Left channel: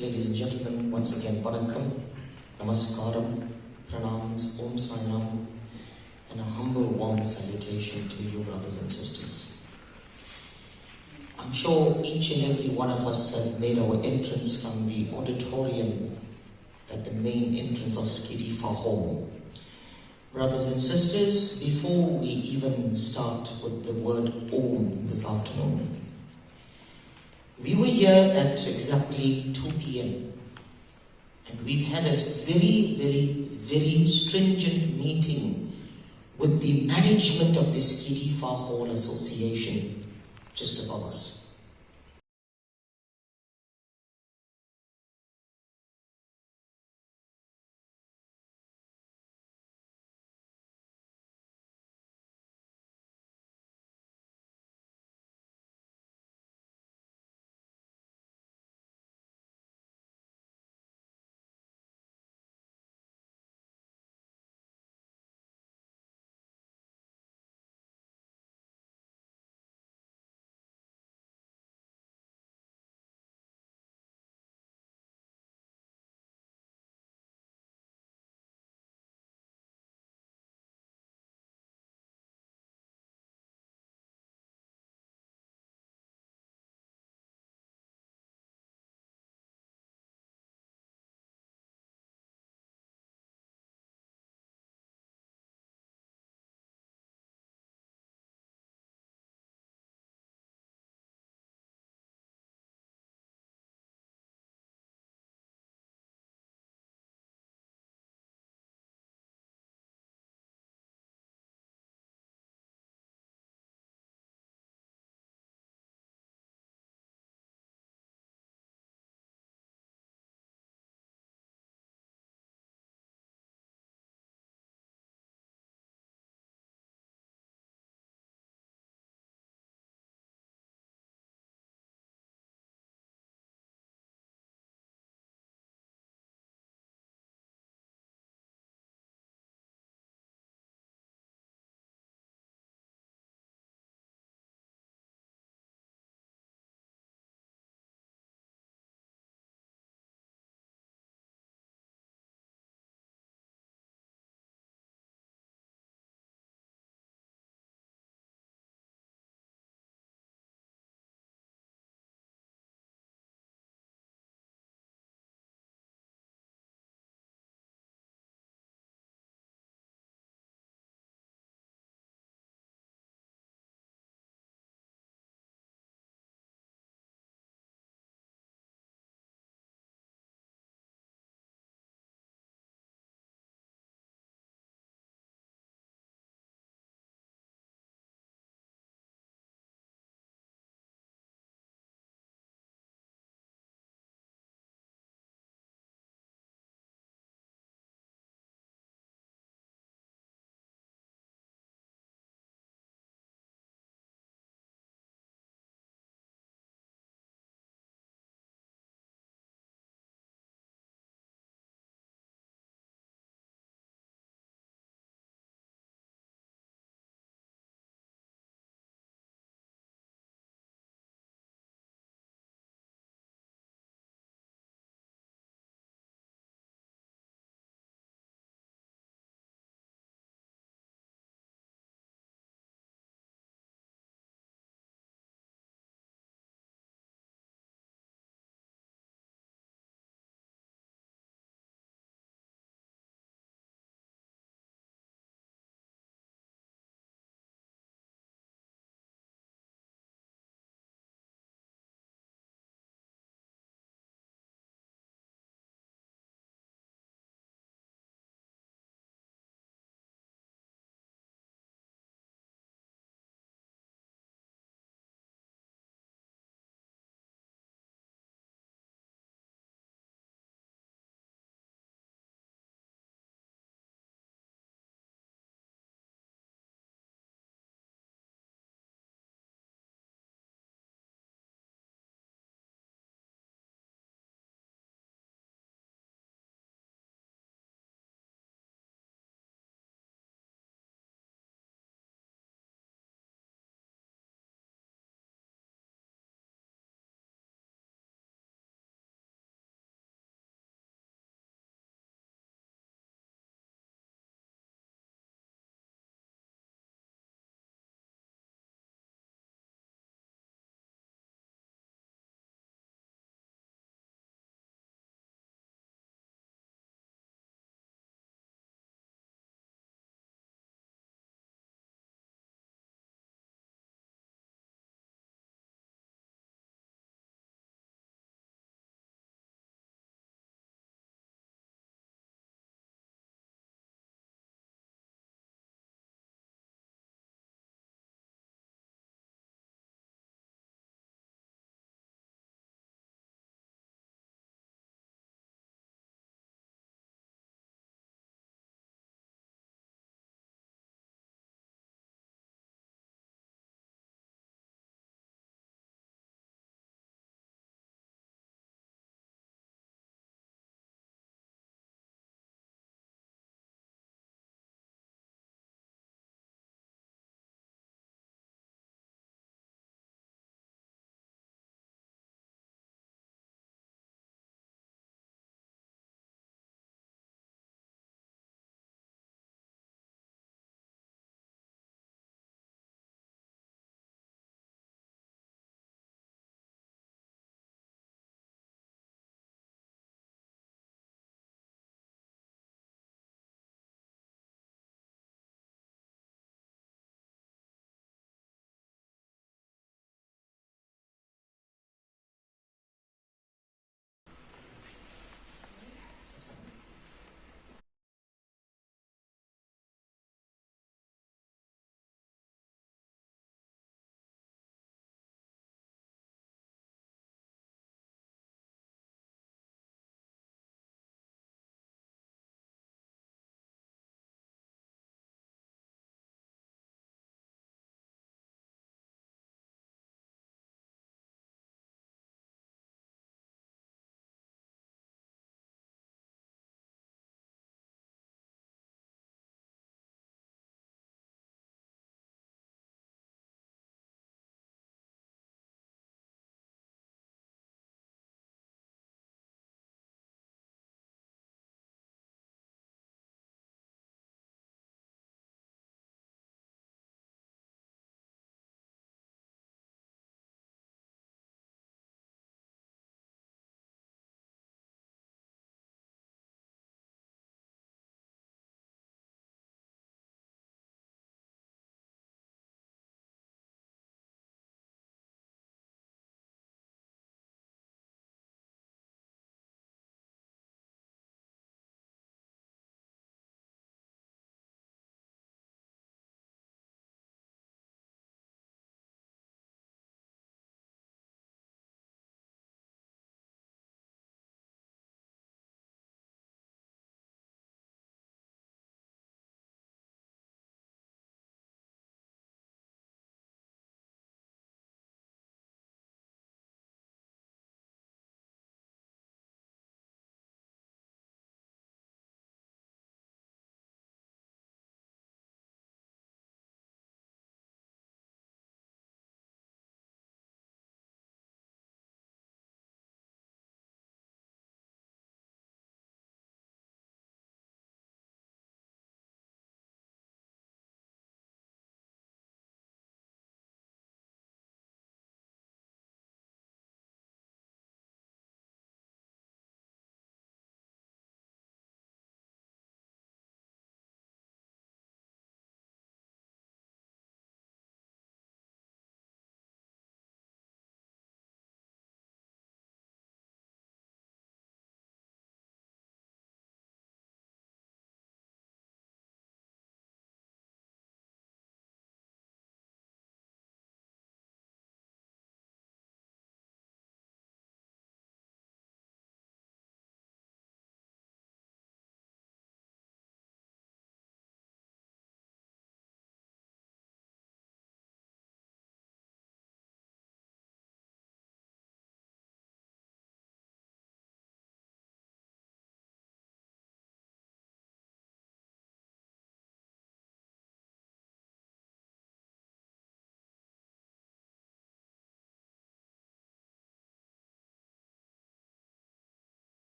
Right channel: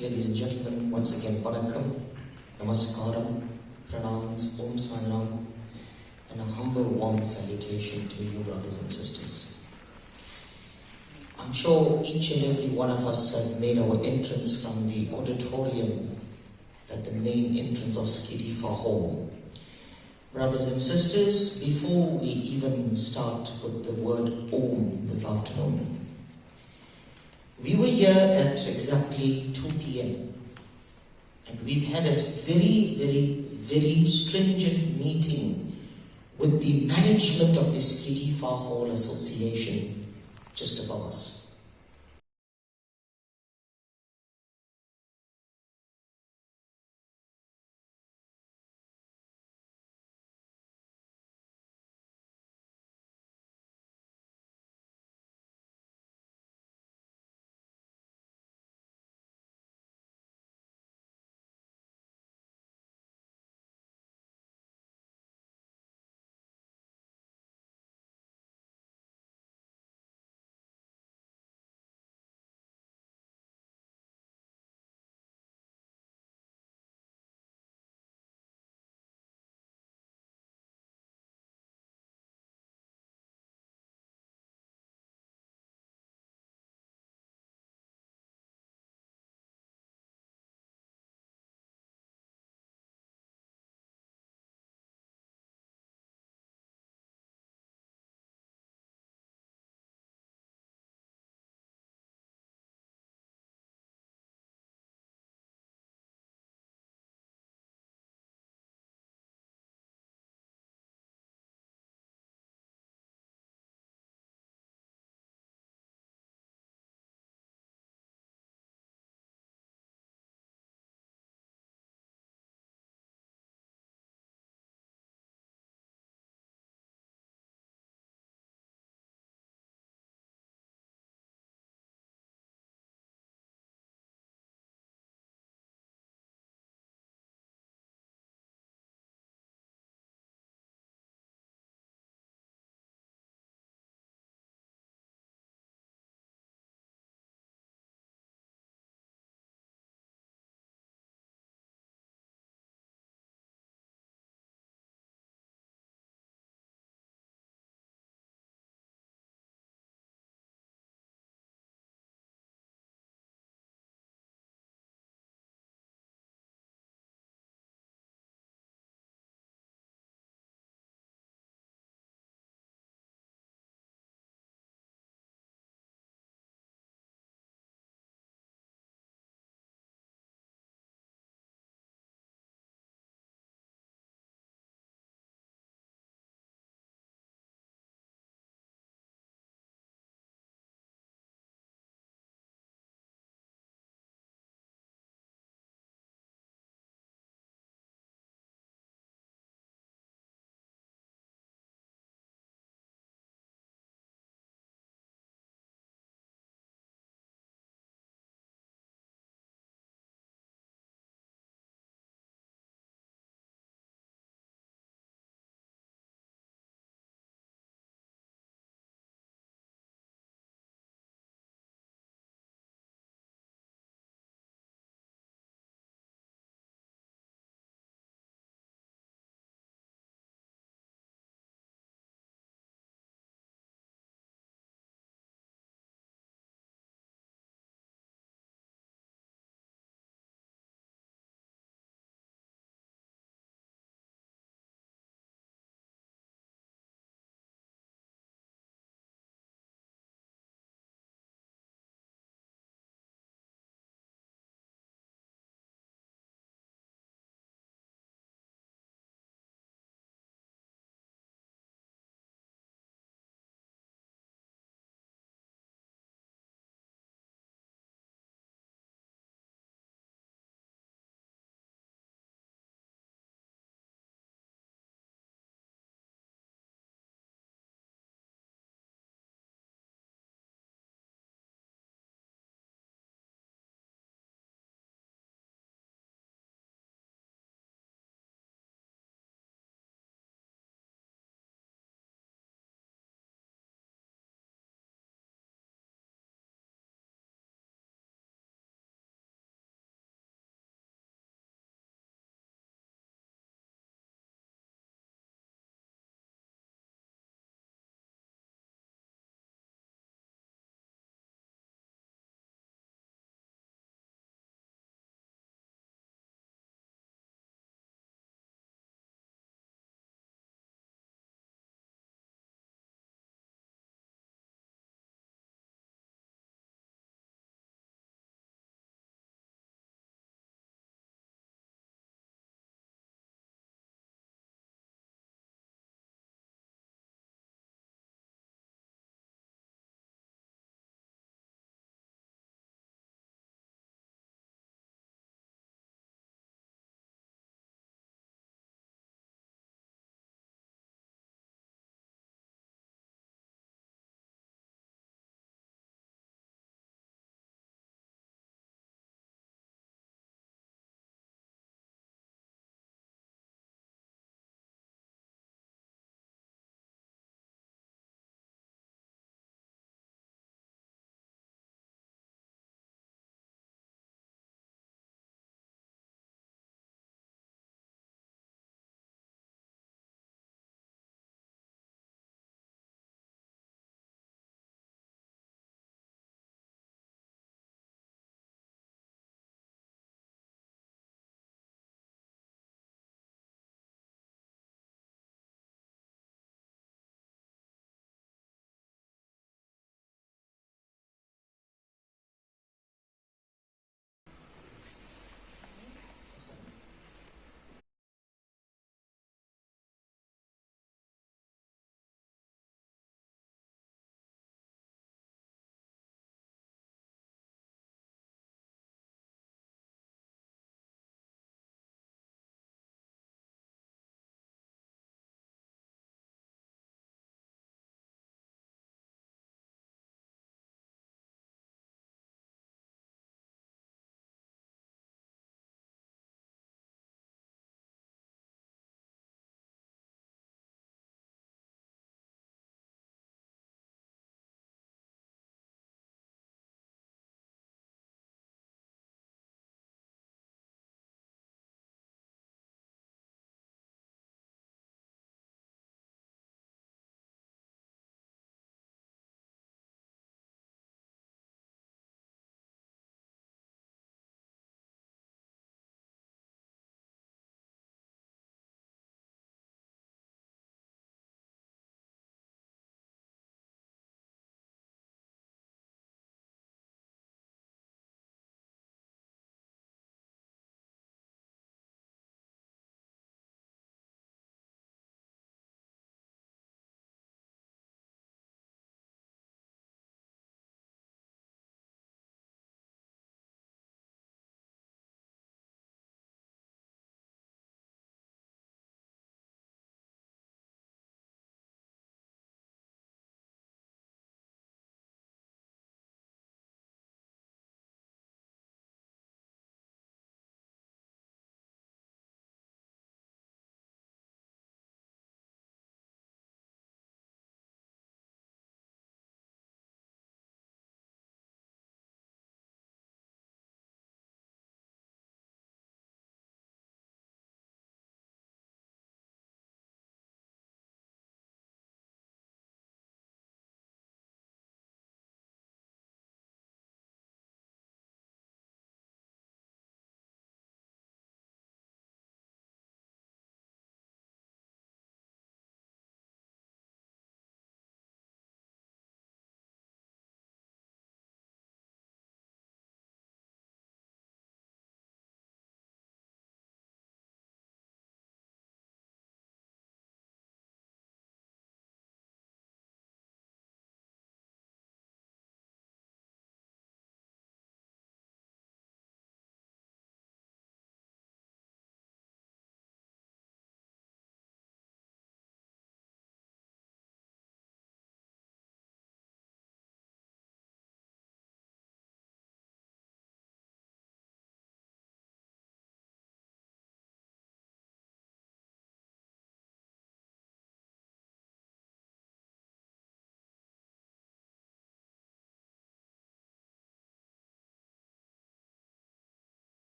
Ladies and gentlemen, once again, Vanakkam, Namaskaram, Pranams, Om Sanam, and a humble warm salutation to you, brothers and sisters. I'm sure each and every one of us have made our entrance from the auditorium at the main entrance of Skidifar Hall. Brothers and sisters, before we even start with the word Om this afternoon, we were here at exactly 2 p.m. and we've had a very stringent meeting with the management of the Skidifar Hall Association just above us.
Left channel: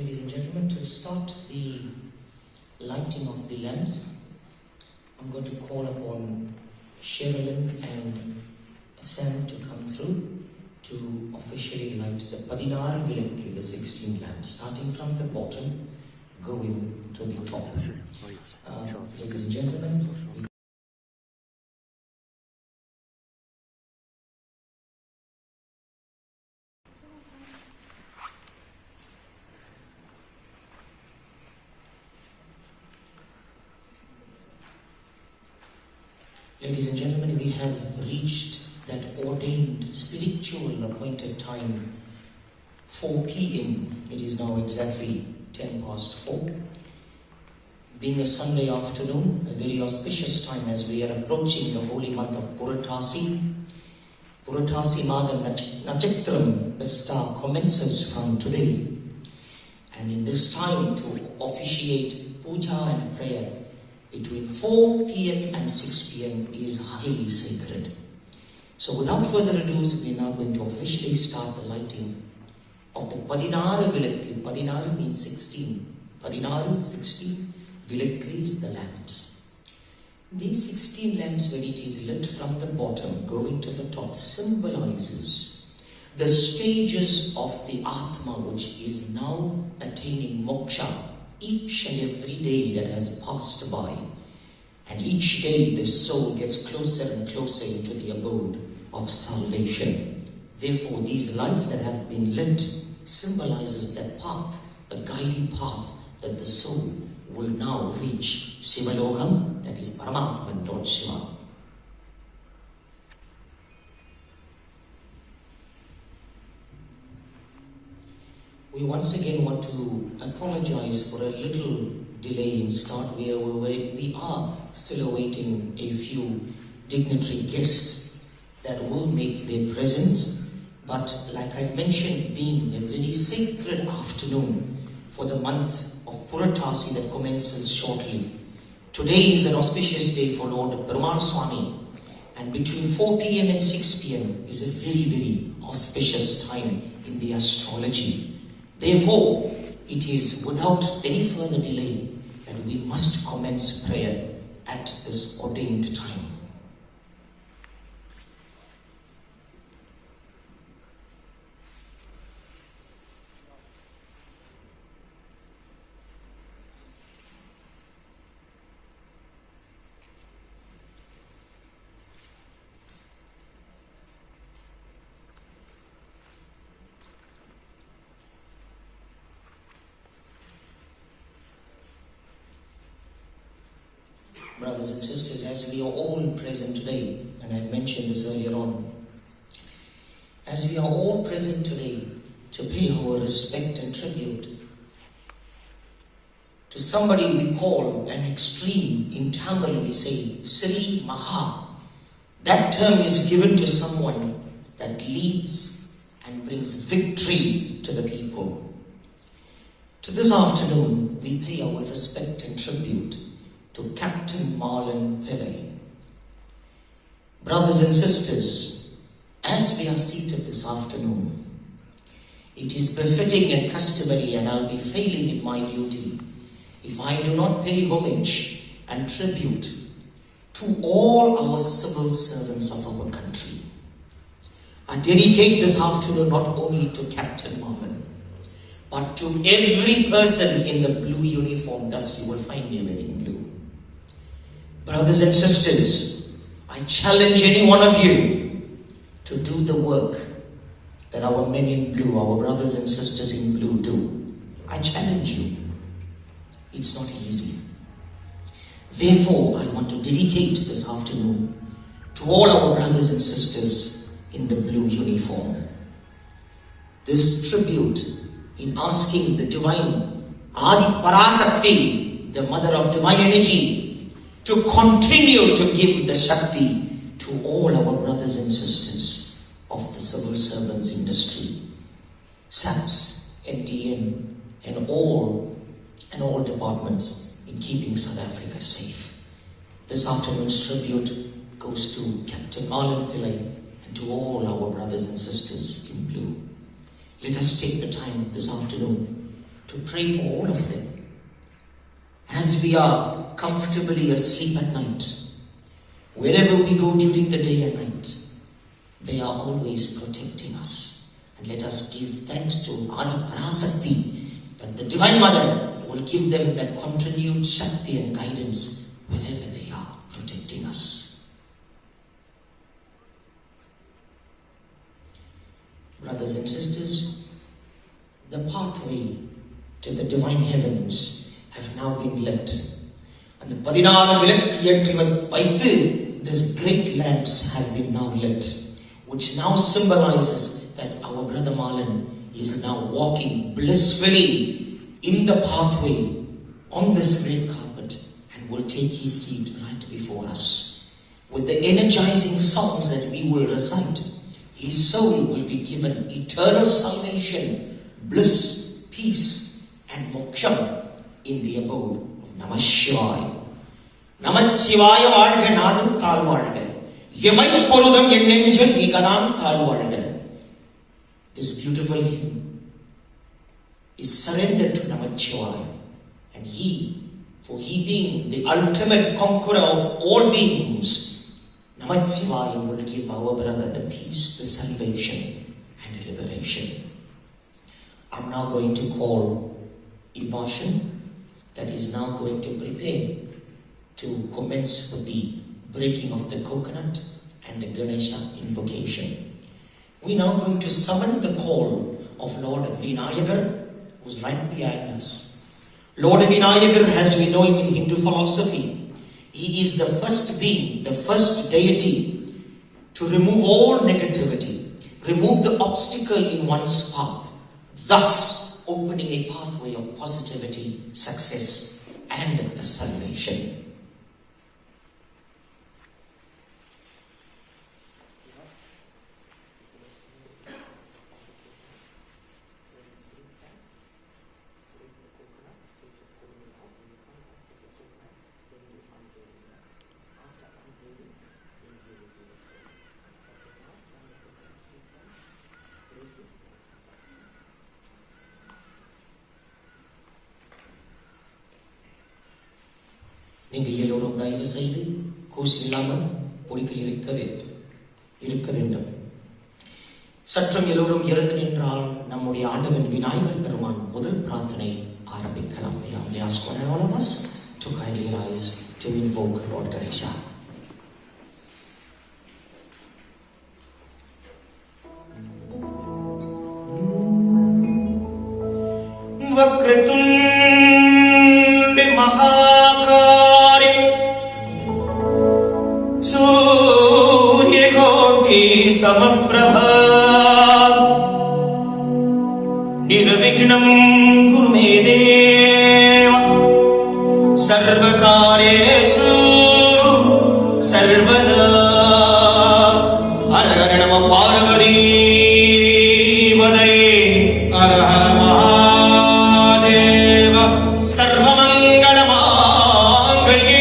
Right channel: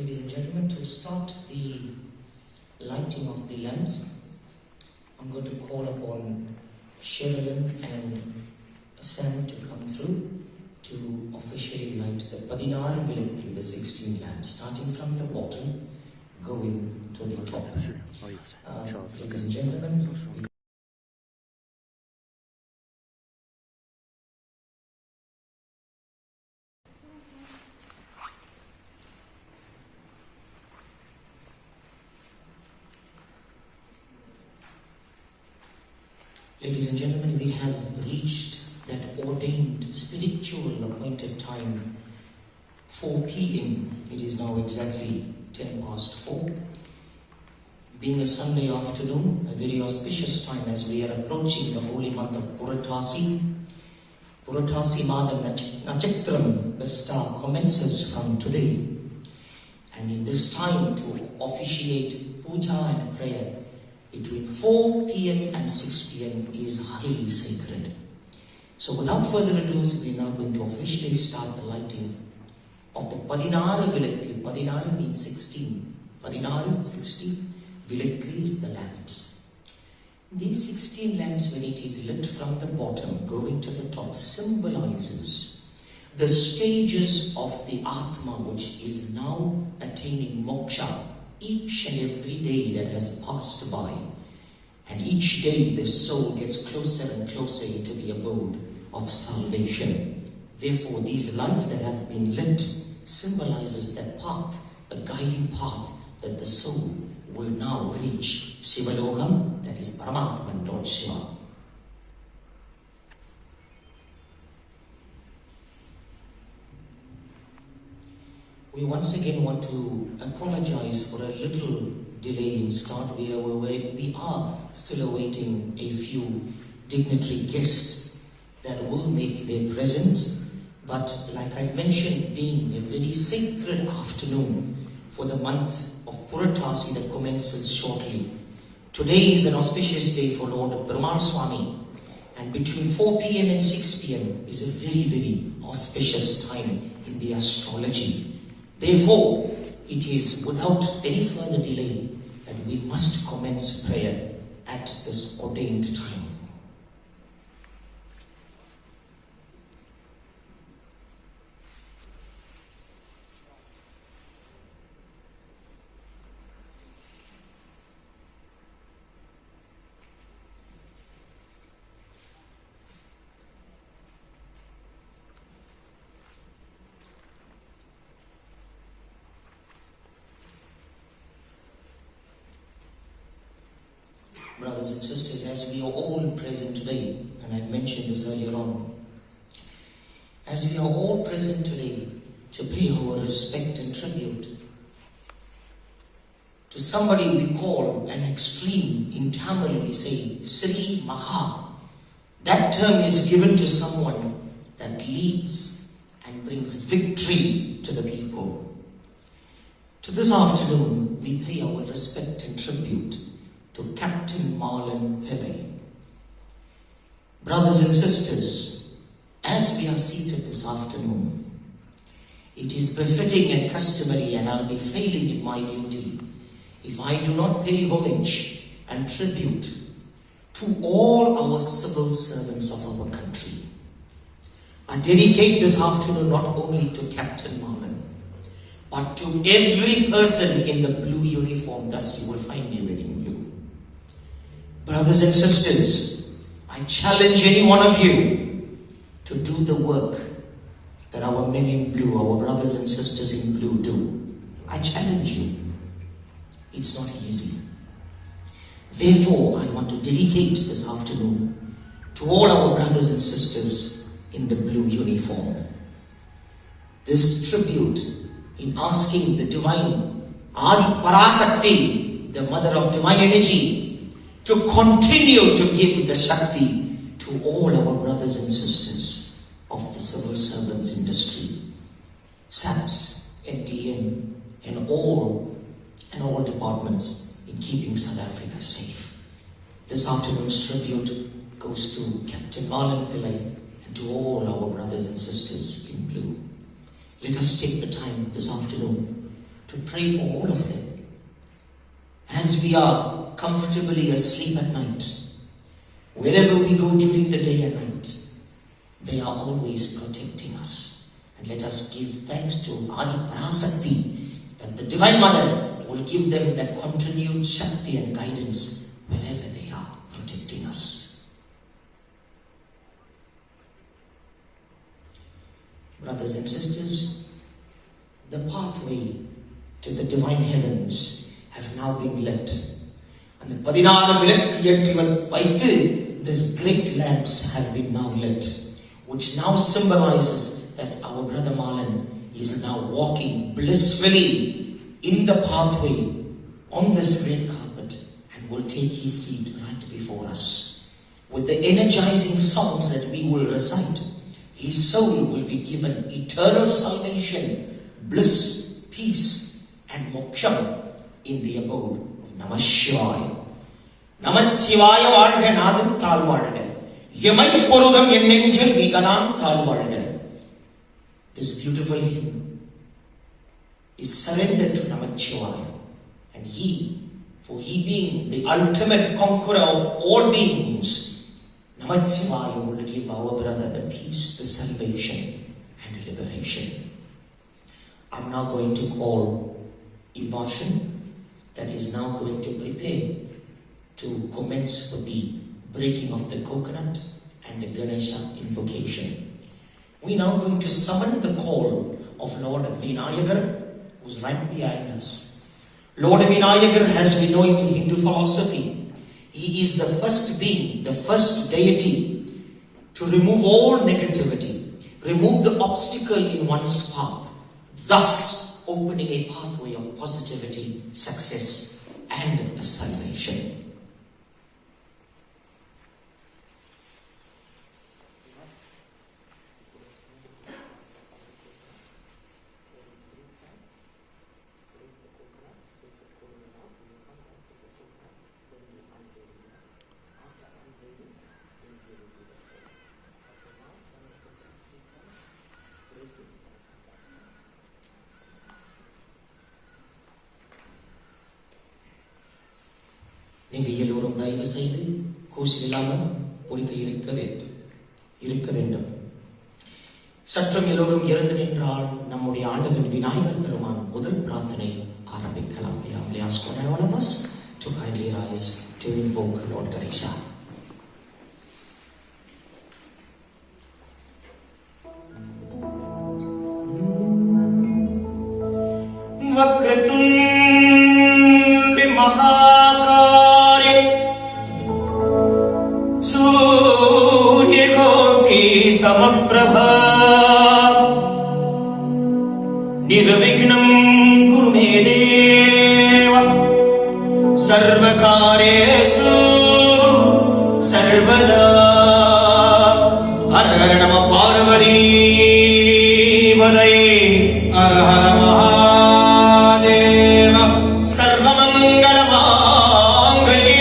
Ladies and gentlemen, to start the lighting of the lamps, I'm going to call upon Sherilyn and Sam to come through to officially light the 16 vilakku, the 16 lamps, starting from the bottom, going to the top. Ladies and gentlemen, we have reached that ordained spiritual appointed time, 4 p.m. It is now exactly 10 past 4. Being a Sunday afternoon, a very auspicious time as we are approaching the holy month of Puratasi. Puratasi Madam Najaktram, the star, commences from today. And in this time to officiate puja and prayer between 4 p.m. and 6 p.m. is highly sacred. So without further ado, we are now going to officially start the lighting of the 16 vilakku. 16 means 16. 16. Vilakku is the lamps. These 16 lamps, when it is lit from the bottom going to the top, symbolizes the stages of the Atma which is now attaining moksha. Each and every day that has passed by, and each day the soul gets closer and closer into the abode of salvation. Therefore, these lights that have been lit symbolizes that path, the guiding path that the soul will now reach Sivalokam, that is Paramatman, Lord Shiva. We once again want to apologize for a little delay in start. We are still awaiting a few dignitary guests that will make their presence. But like I've mentioned, being a very sacred afternoon for the month of Puratasi that commences shortly. Today is an auspicious day for Lord Brahman Swami, and between 4 p.m. and 6 p.m. is a very, very auspicious time in the astrology. Therefore, it is without any further delay that we must commence prayer at this ordained time. Brothers and sisters, as we are all present today, and I've mentioned this earlier on, as we are all present today to pay our respect and tribute to somebody we call an extreme, in Tamil we say Sri Maha. That term is given to someone that leads and brings victory to the people. To this afternoon, we pay our respect and tribute to Captain Marlon Pillay. Brothers and sisters, as we are seated this afternoon, it is befitting and customary, and I'll be failing in my duty if I do not pay homage and tribute to all our civil servants of our country. I dedicate this afternoon not only to Captain Marlon, but to every person in the blue uniform. Thus you will find me wearing blue. Brothers and sisters, I challenge any one of you to do the work that our men in blue, our brothers and sisters in blue do. I challenge you. It's not easy. Therefore, I want to dedicate this afternoon to all our brothers and sisters in the blue uniform this tribute in asking the divine Adi Parasakti, the mother of divine energy, to continue to give the Shakti to all our brothers and sisters of the civil servants industry, SAPS, NTN, and all departments in keeping South Africa safe. This afternoon's tribute goes to Captain Marlon Pillay and to all our brothers and sisters in blue. Let us take the time this afternoon to pray for all of them. As we are comfortably asleep at night, wherever we go during the day and night, they are always protecting us. And let us give thanks to Adi Parasakti that the Divine Mother will give them that continued Shakti and guidance wherever they are, protecting us. Brothers and sisters, the pathway to the divine heavens have now been lit. And the 14 these great lamps have been now lit, which now symbolizes that our brother Marlon is now walking blissfully in the pathway on this great carpet and will take his seat right before us. With the energizing songs that we will recite, his soul will be given eternal salvation, bliss, peace, and moksha in the abode of Namah Shivaya. Namah Shivaya Varga Nadam Thal Varga. Yamai Porudam Yenenjal Vigadam Thal Varga. This beautiful hymn is surrendered to Namah Shivaya. And for he being the ultimate conqueror of all beings, Namah Shivaya will give our brother the peace, the salvation, and liberation. I'm now going to call Ivashan, that is now going to prepare to commence with the breaking of the coconut and the Ganesha invocation. We're now going to summon the call of Lord Vinayagar, who's right behind us. Lord Vinayagar, as we know him in Hindu philosophy, he is the first being, the first deity to remove all negativity, remove the obstacle in one's path, thus opening a pathway of positivity, success, and salvation. நீங்கள் எல்லோரும் தயவு செய்து கூச்சல் இல்லாமல் பொறுக்க இருக்க வேண்டும். சற்றம் எல்லோரும் இறந்து நின்றால் நம்முடைய ஆண்டவன் விநாயகர் பெருமான் முதல் பிரார்த்தனை ஆரம்பிக்கலாம். I ask for all of us to kindly rise to invoke Lord Ganesha. निर्विघ्नं कुरु मे देव सर्वकार्येषु सर्वदा हर हर नमः पार्वती पतये हर हर महादेव सर्वमङ्गलमाङ्गल्ये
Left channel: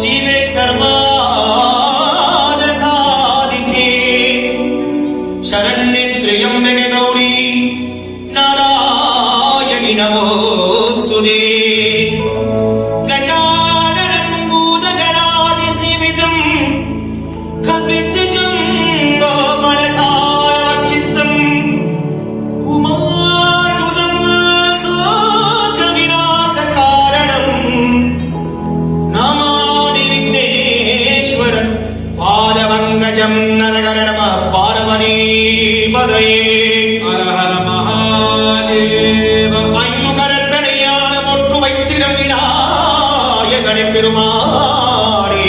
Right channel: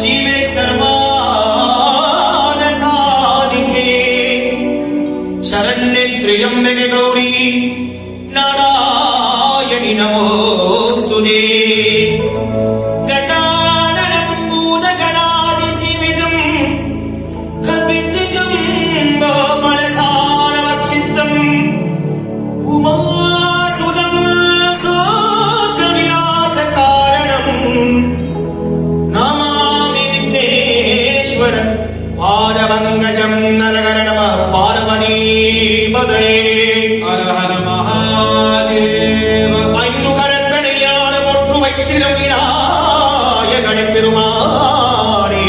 शिवे सर्वार्थसाधिके शरण्ये त्र्यम्बके गौरी नारायणि नमोस्तुते गजाननं भूतगणाधिसेवितं कपितजम्बोफलसारभक्षितम् उमासुतं शोकविनाशकारणम् नमामि विघ्नेश्वर पादपङ्कजं नरहर नमः पार्वती पतये हर हर महादेव ஐந்து கரத்தனையான ஒன்று வைத்திடும் விநாயகனே பெருமாளே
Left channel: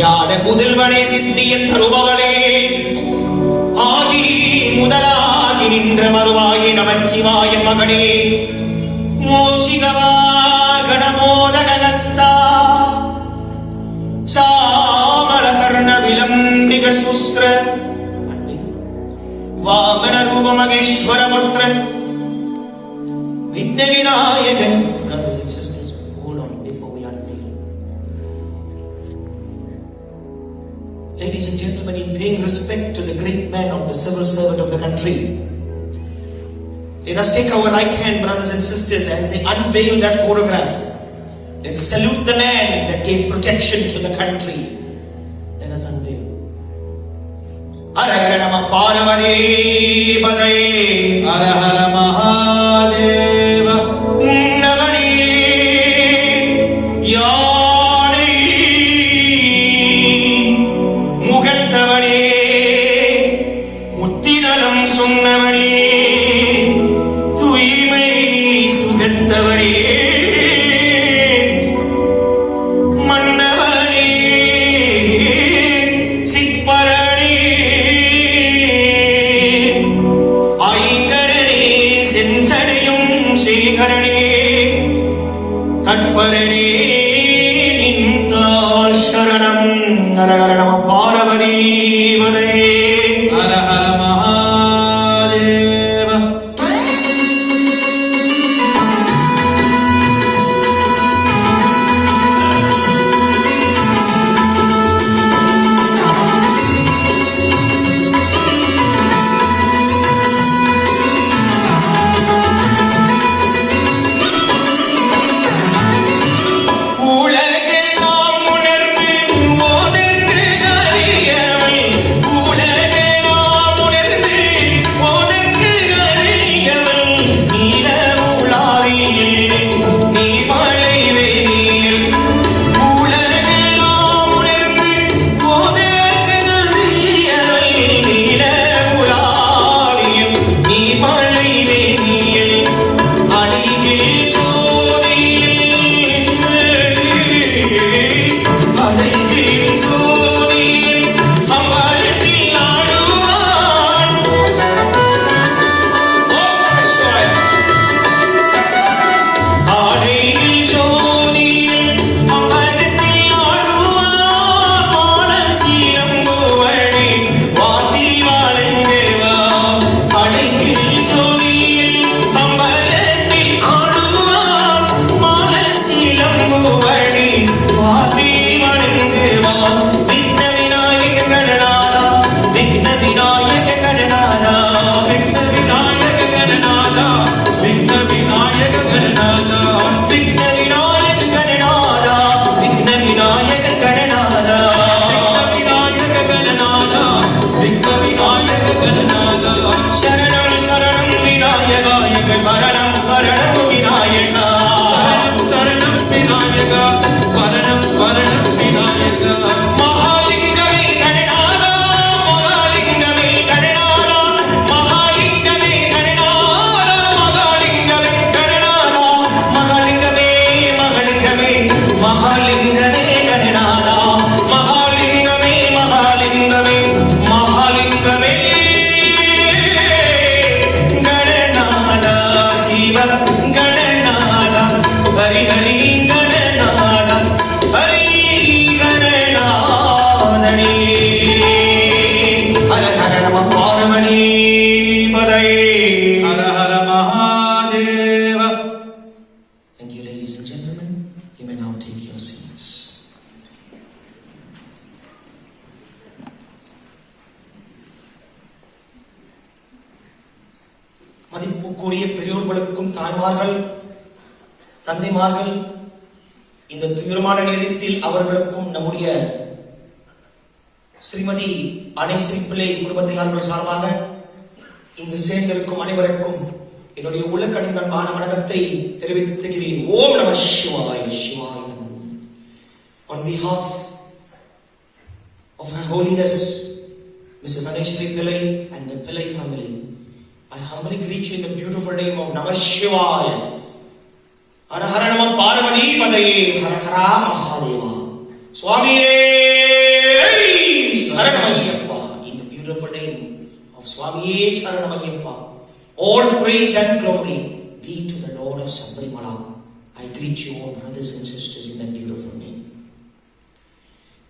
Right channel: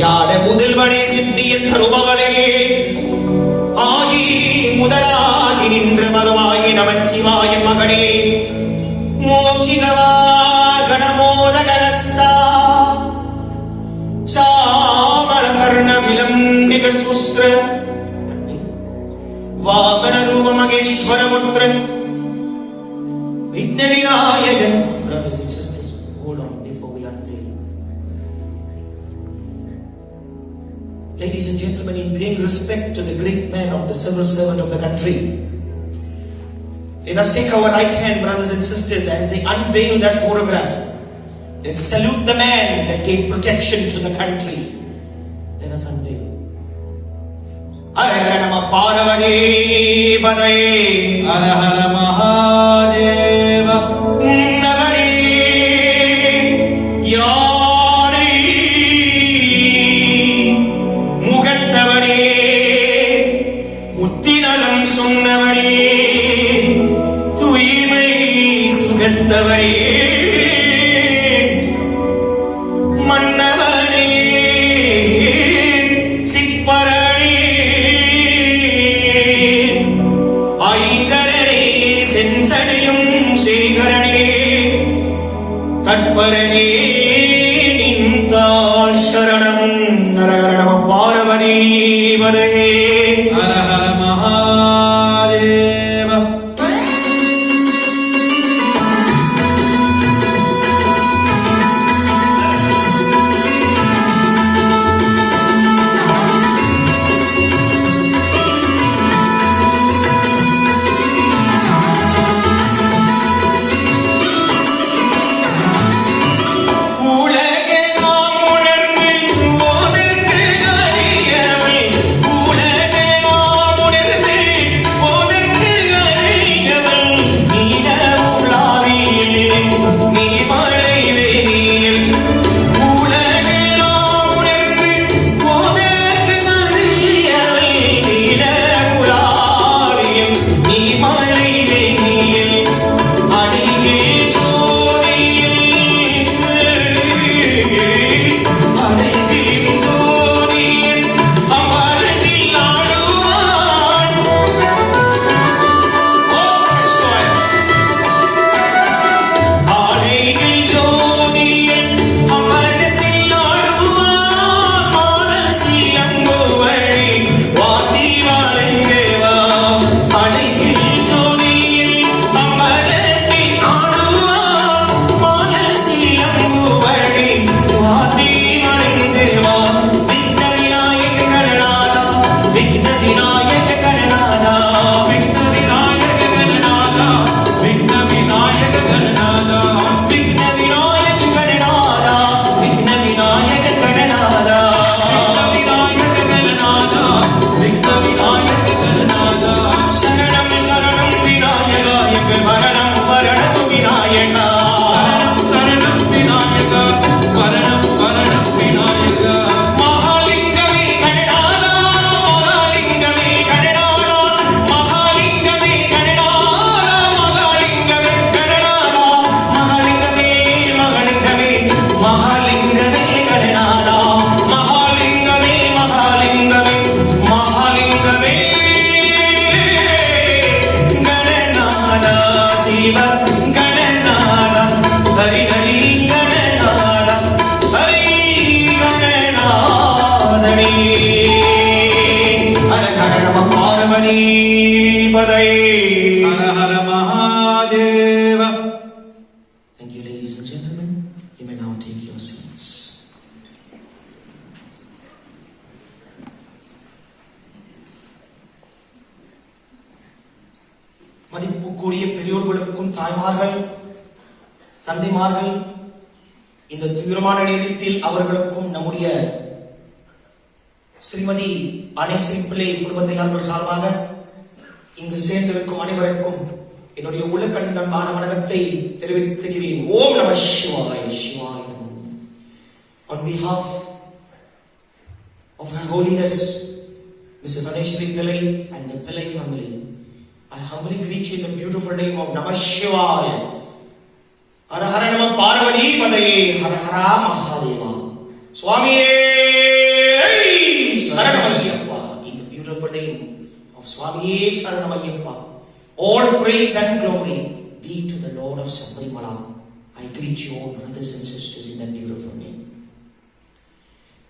யாத முதல்வனே சித்தியன் தருபவனே ஆதி முதலாகி நின்ற மறுவாகி நமச்சிவாய மகனே மோசிகவா கணமோதகரஸ்தா சாமள கர்ண விலம்பிக சுஸ்கிர வாமன ரூப மகேஸ்வரமுற்ற விக்ன Vinayagan. Brothers and sisters, hold on before we unveil. Ladies and gentlemen, in paying respect to the great man of the civil servant of the country, Let us take our right hand, brothers and sisters, as they unveil that photograph. Let's salute the man that gave protection to the country. Let us unveil. Hara Hara Nama Parvati Padaye. Hara Hara Mahadeva. Navani Yari Mugattavani Muttidalam Sunnavani Tuimai Sugattavani மதிப்புக்குரிய பெரியோர்களுக்கும் தாய்மார்கள் தந்தைமார்கள் இந்த துயரமான நேரத்தில் அவர்களுக்கும் நம்முடைய ஸ்ரீமதி அனேஸ்வரி பிள்ளை குடும்பத்தினர்கள் சார்பாக இங்கு சேர்ந்திருக்கும் அனைவருக்கும் என்னுடைய உள்ளக்கணிதமான வணக்கத்தை தெரிவித்துகிறேன். ஓம் நம சிவாய சிவாய நமோ. On behalf of Her Holiness Mrs. Aneshwari Pillay and the Pillay family, I humbly greet you in the beautiful name of Namah Shivaya. Hara Hara Nama Parvati Padaye. Hara Hara Mahadeva. Swamiye Saranamayappa. In the beautiful name of Swamiye Saranamayappa, all praise and glory be to the Lord of Sabarimala. I greet you all brothers and sisters in that beautiful name.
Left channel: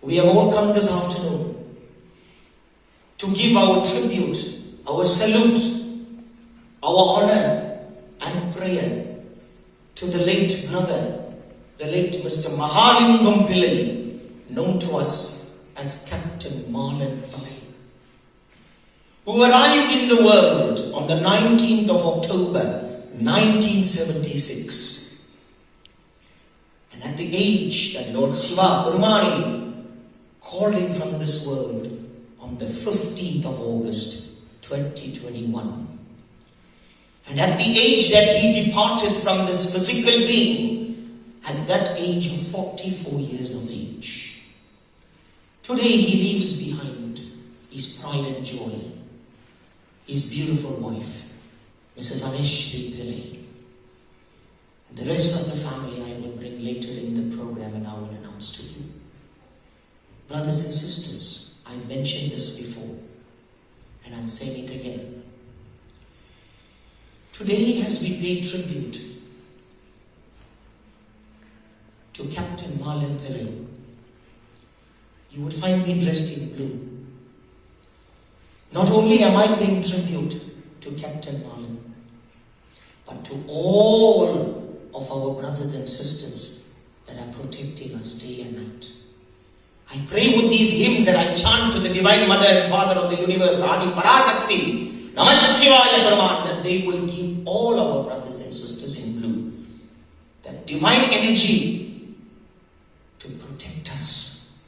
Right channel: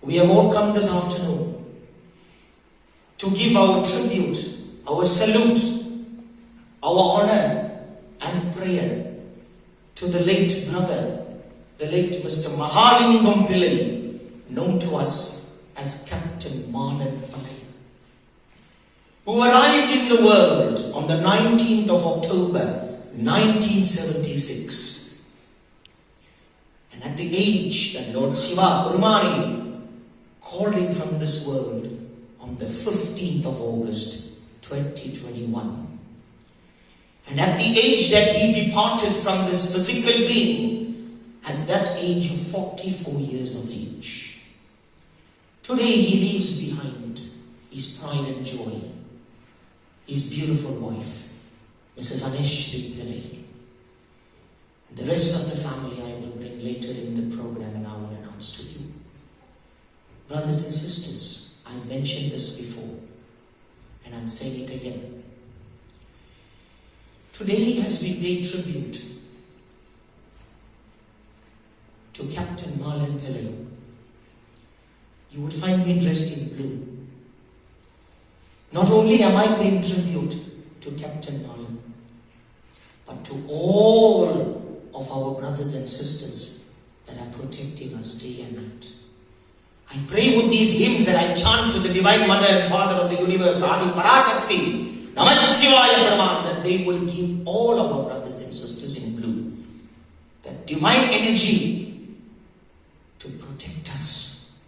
We have all come this afternoon to give our tribute, our salute, our honor and prayer to the late brother, the late Mr. Mahalingum Pillay, known to us as Captain Marlon. who arrived in the world on the 19th of October 1976. And at the age that Lord Siva Burmani called him from this world on the 15th of August 2021. And at the age that he departed from this physical being, at that age of 44 years of age. Today he leaves behind his pride and joy, his beautiful wife, Mrs. Aneshri Pillay. And the rest of the family I will bring later in the program and I will announce to you. Brothers and sisters, I've mentioned this before and I'm saying it again. Today, as we pay tribute to Captain Marlon Pillay, you will find me dressed in blue. Not only am I paying tribute to Captain Marlon, but to all of our brothers and sisters that are protecting us day and night. I pray with these hymns and I chant to the Divine Mother and Father of the Universe, Adi Parasakti, that they will give all our brothers and sisters in blue that divine energy to protect us.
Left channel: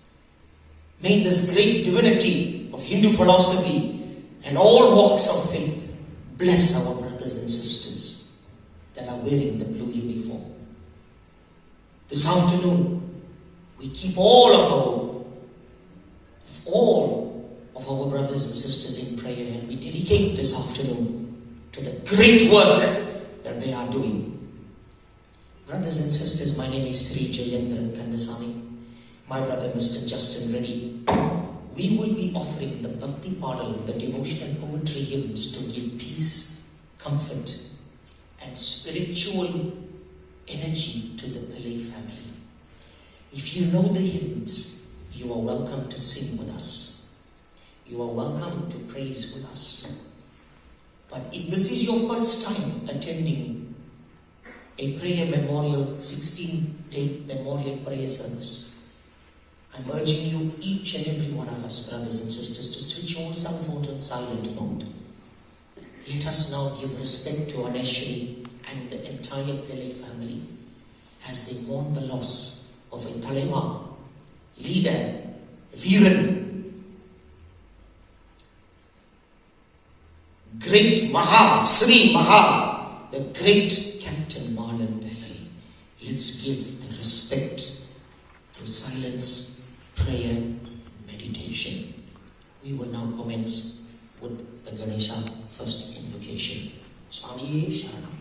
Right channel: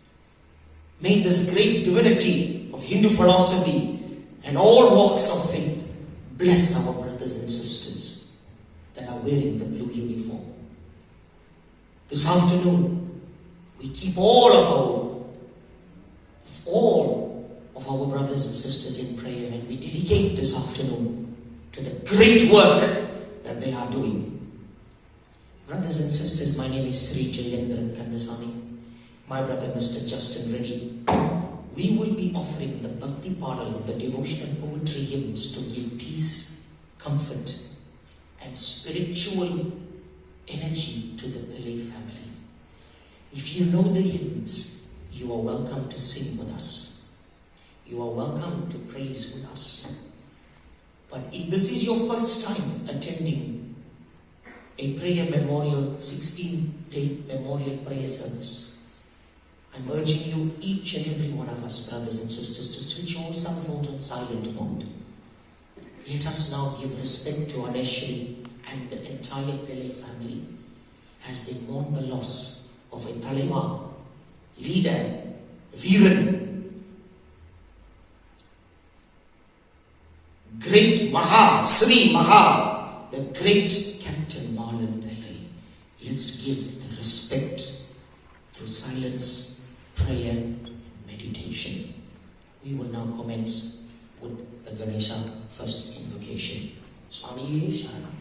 May this great divinity of Hindu philosophy and all walks of faith bless our brothers and sisters that are wearing the blue uniform. This afternoon, we keep all of our brothers and sisters in prayer, and we dedicate this afternoon to the great work that they are doing. Brothers and sisters, my name is Sri Jayendran Kandasamy. My brother Mr. Justin Reddy. We will be offering the Bhakti Paral, the devotional poetry hymns to give peace, comfort and spiritual energy to the Pillay family. If you know the hymns, you are welcome to sing with us. You are welcome to praise with us. But if this is your first time attending a prayer memorial, 16-day memorial prayer service, I'm urging you, each and every one of us, brothers and sisters, to switch all cell phones on silent mode. Let us now give respect to Aneshri and the entire Pillay family as they mourn the loss of a Talema, leader, Viran, great Sri Maha, the great Captain Marlon Pillay. Let's give the respect through silence, prayer, meditation. We will now commence with the Ganesha first invocation. Swami Sharanam.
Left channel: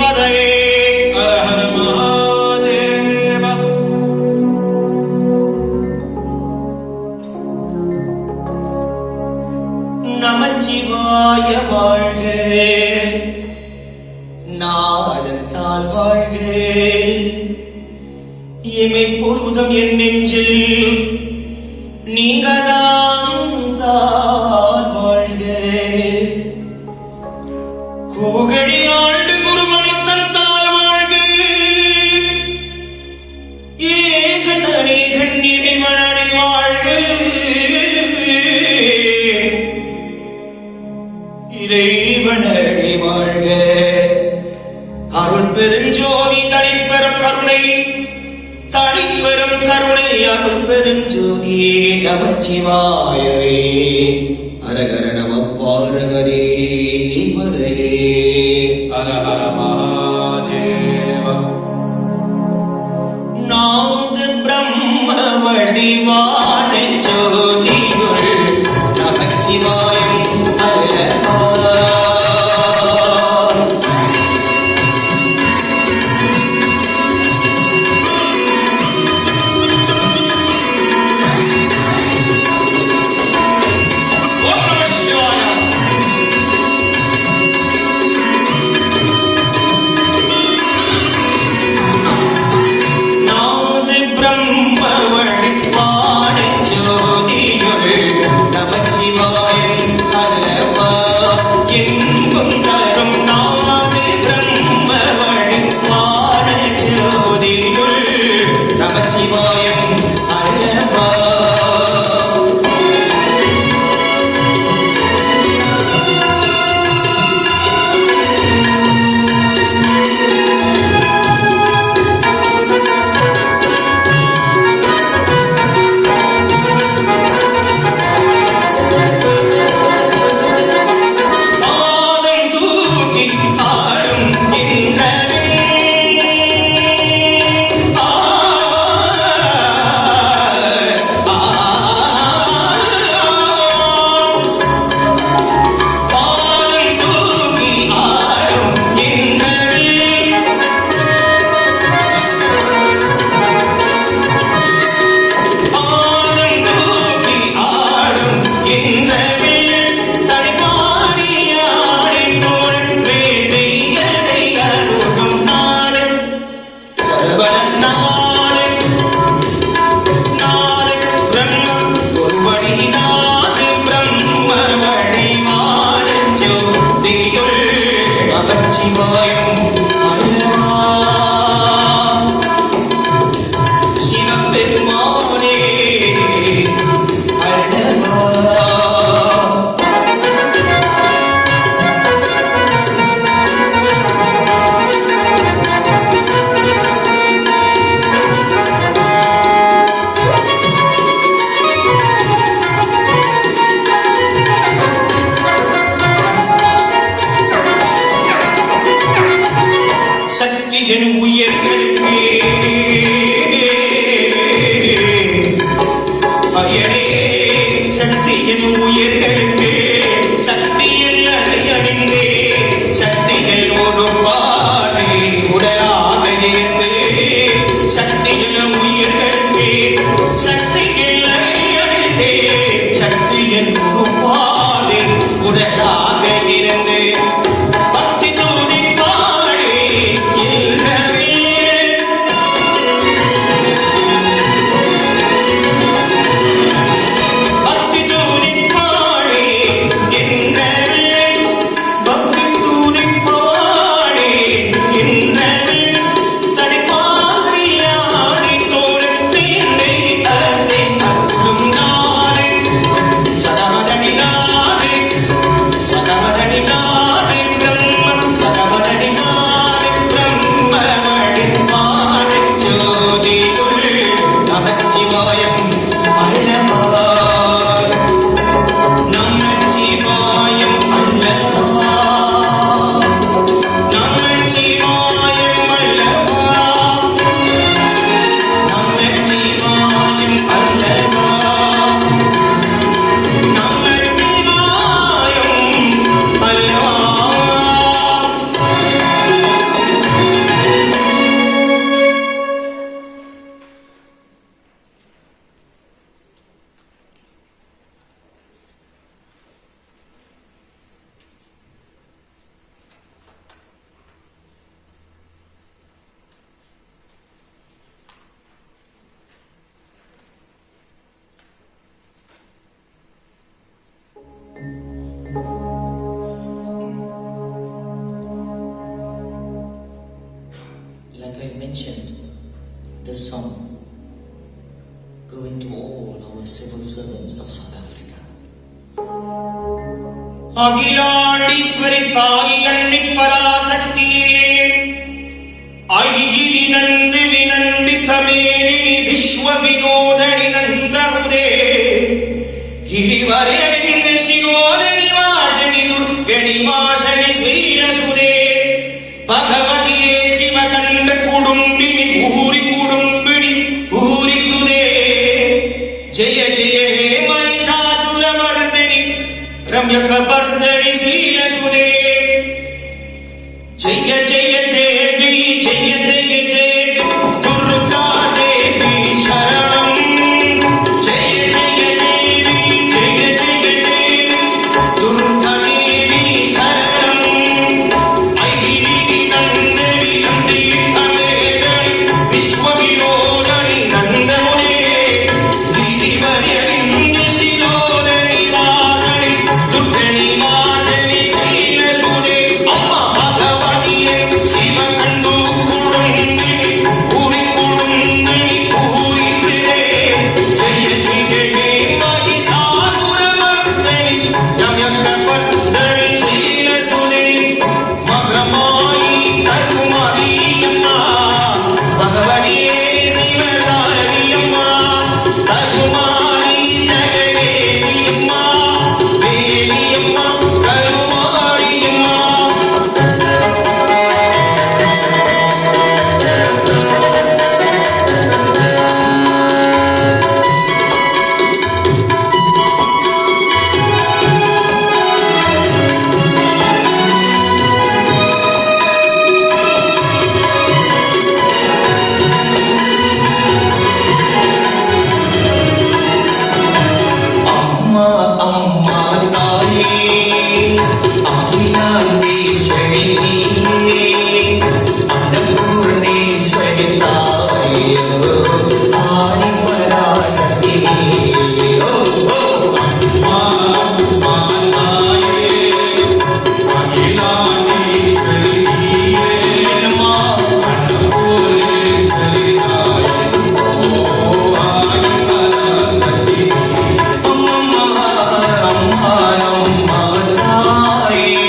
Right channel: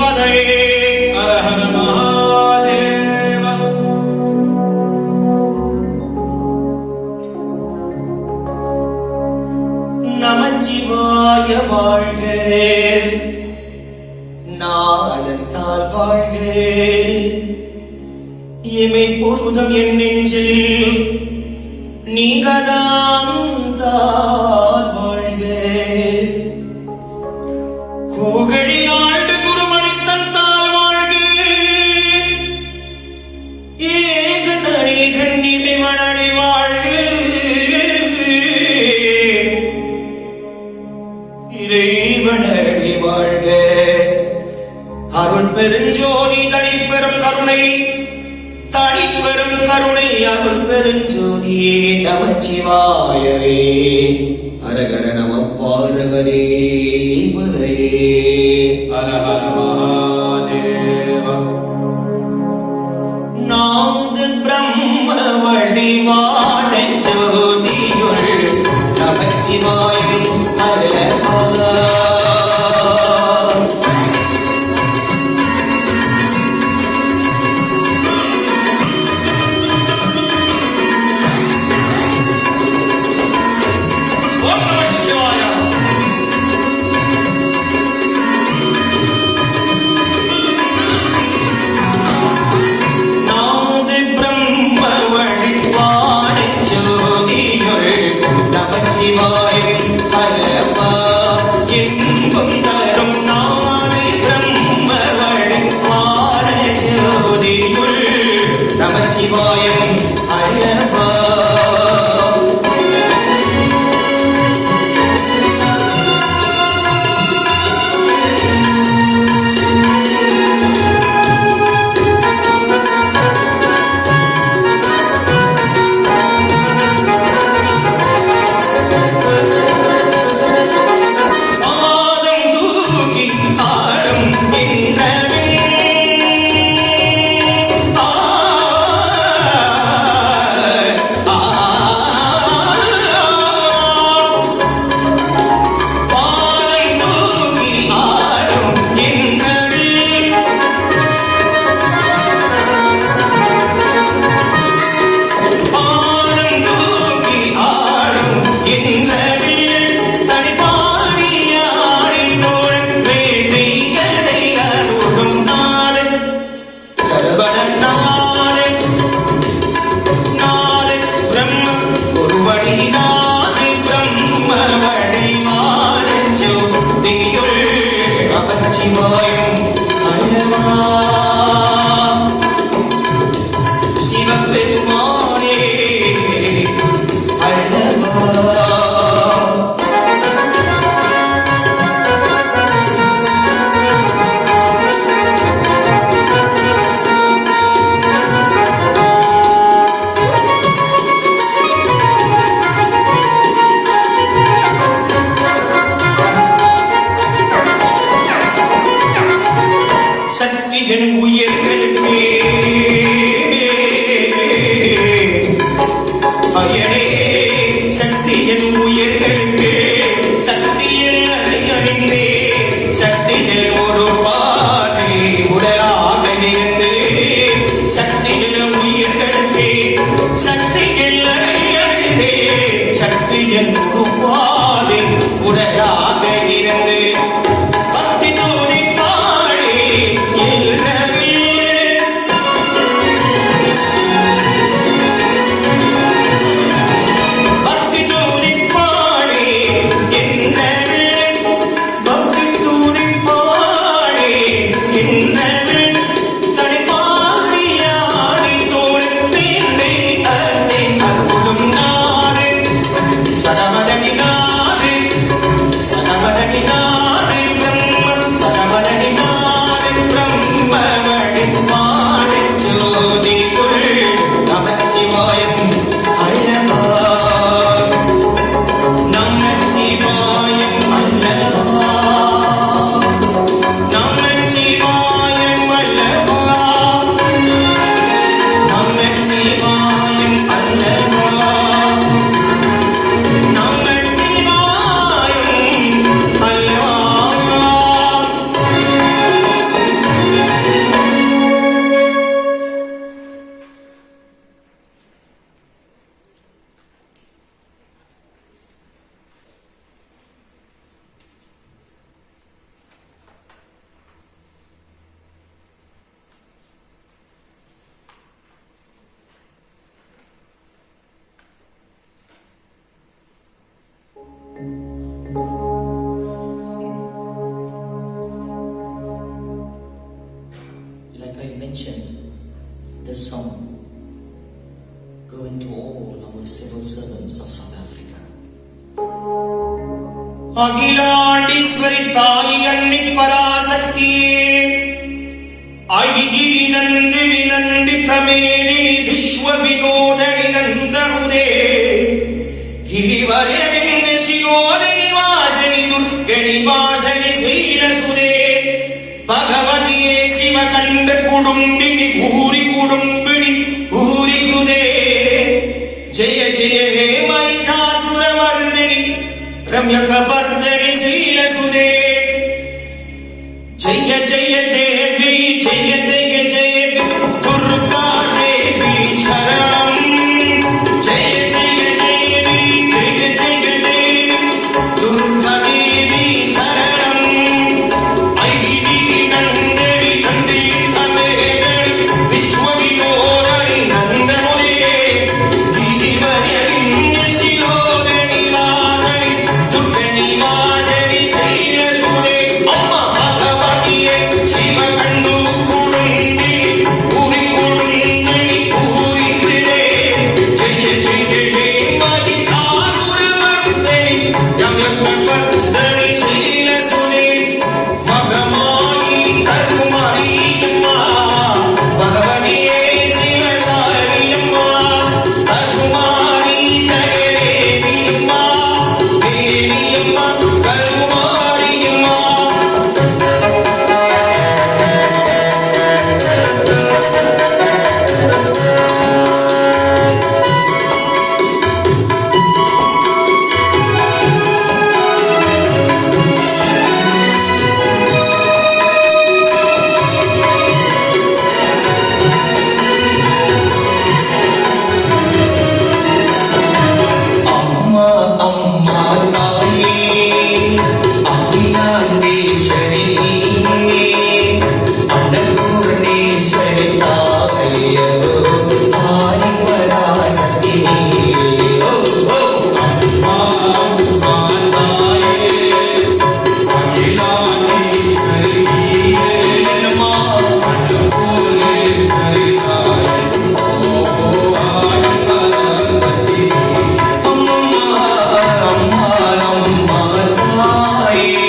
பதையே. ஹர ஹர மகாதேவ. நமச்சிவாய வாழ்க, நாதத்தால் வாழ்க, இமை பொருதம் என் நெஞ்சில் நீங்கதான் தான் வாழ்க. கோகழி ஆண்டு குருமணித்தன் தாழ் வாழ்க, ஏகனே கண்ணீரை மழை வாழ்க. இறைவனடி வாழ்க, அருள் பெருஞ்சோதி தனிப்பெரும் கருணை, தனிப்பெரும் கருணை அருள் பெருஞ்சோதி நமச்சிவாயவே. அரகர நம பார்வதி பதையே. ஹர ஹர மகாதேவ. நாத பிரம்ம வடிவான ஜோதிகள் நமச்சிவாயம் அழகா. என் உயிர்களுக்கு அரியணே சக்தி என் உயிர்களுக்கு சக்தியில் அடையவில்லை சக்தியில் ஒரு பாதை உடலாக இருந்து சக்தியில் உயிர்களுக்கு சக்தியில் அடையவில்லை சக்தியில் ஒரு பாதை உடலாக இருந்து பக்தி தூவி பாடி இல்லவே this song going to all our civil servants of South Africa. Akilandeswari தாய் அன்னி பராசக்தியே ஐகிரி நந்தினி நந்தித மேதினி விஸ்வ வினோதனி நந்தமுதே கிரிவரவிந்த சிரோதனி வாசனி துர்கணி வாசனி ஸ்ரீரசுதே பகவதியே சிவகண்ட குடும்பினி பூரி குடும்பினி பூரி குதே ஜெய ஜெய ஹே மகிஷாசுரமர்தினி ரம்யகபர்தனி ஸ்ரீரசுதே ஜெய ஜெய தேவி ஜெய ஜெய தேவி துர்கா தேவி சரணம் ஜெய ஜெய தேவி ஜெய ஜெய தேவி துர்கா தேவி சரணம் ஐகிரி நந்தினி நந்தித மேதினி விஸ்வ வினோதனி நந்தமுதே கிரிவரவிந்த சிரோதனி வாசனி துர்கணி வாசனி ஸ்ரீரசுதே பகவதியே சிவகண்டு குடும்பினி பூரி குடும்பினி பூரி குதே ஜெய ஜெய ஹே மகிஷாசுரமர்தினி ரம்யகபர்தனி ஸ்ரீரசுதே மகமாயி கருமாரியம்மா பகவதியே சிவகாரியம்மா கருமாரி ஜெகதேவியம்மா தேவியம்மா கருமாரியம்மா அம்மா அம்மா தாயே அகிலாண்டீஸ்வரி அன்னபூர்ணேஸ்வரி தாயே ஆதி பராசக்தி ஓ ஓ அம்மா தாயே அகிலாண்டீஸ்வரி நீயே அம்மா அன்னபூர்ணேஸ்வரி தாயே ஓ ஆதிபராசக்தி அம்மா அம்மா அம்மா தாயே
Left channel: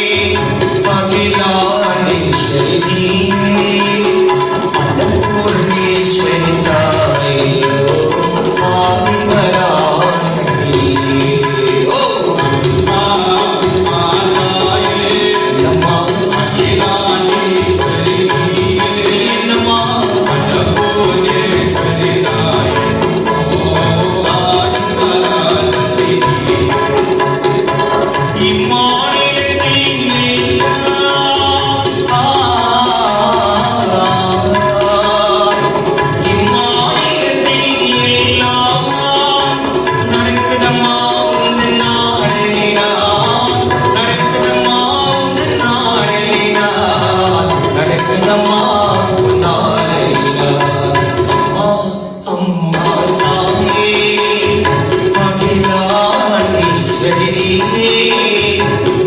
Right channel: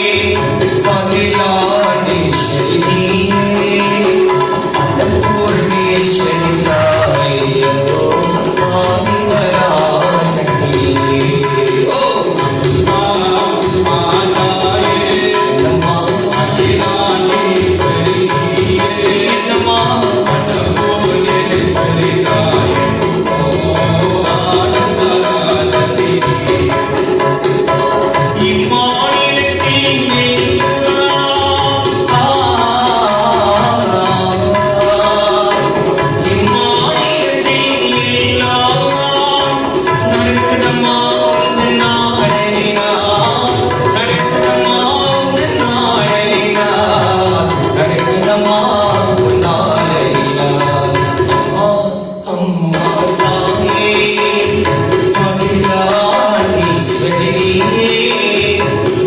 அகிலாண்டீஸ்வரி அன்னபூர்ணேஸ்வரி தாயே ஆதி பராசக்தி ஓ அம்மா தாயே அம்மா அகிலாண்டீஸ்வரி நீயே என்னம்மா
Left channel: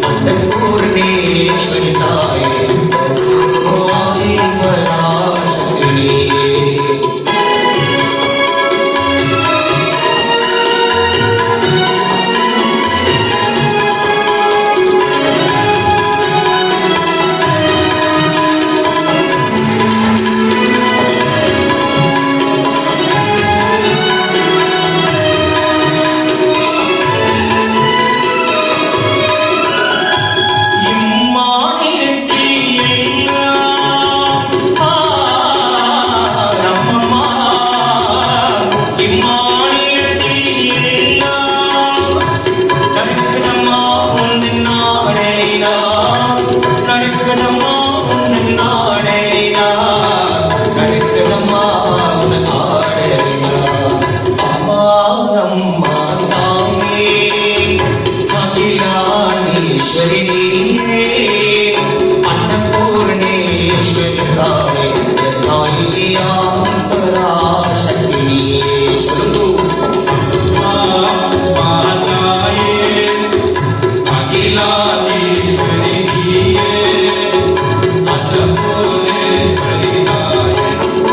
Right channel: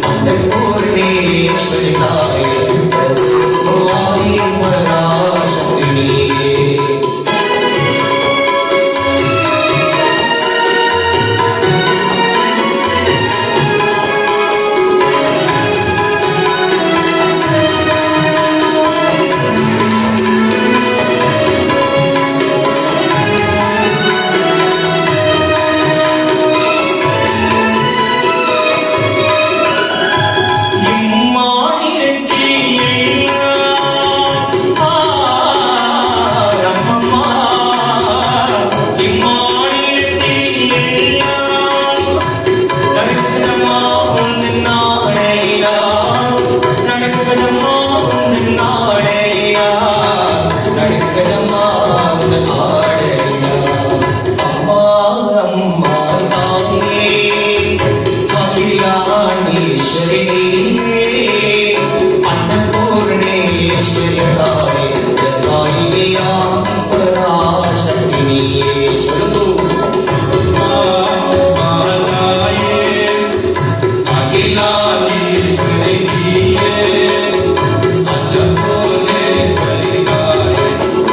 அன்னபூர்ணேஸ்வரி தாயே ஓ ஆதிபராசக்தி இம்மாநிலத்தில் நடக்குதம்மா உந்த நாடலினா நடக்குதம்மா உந்த நாடலினா நடக்குதம்மா உந்த நாடலினா அம்மா தாயே அகிலாண்டீஸ்வரி அன்னபூர்ணேஸ்வரி தாயே ஆதி பராசக்தி அன்னபூர்ணேஸ்வரி தாயே ஓ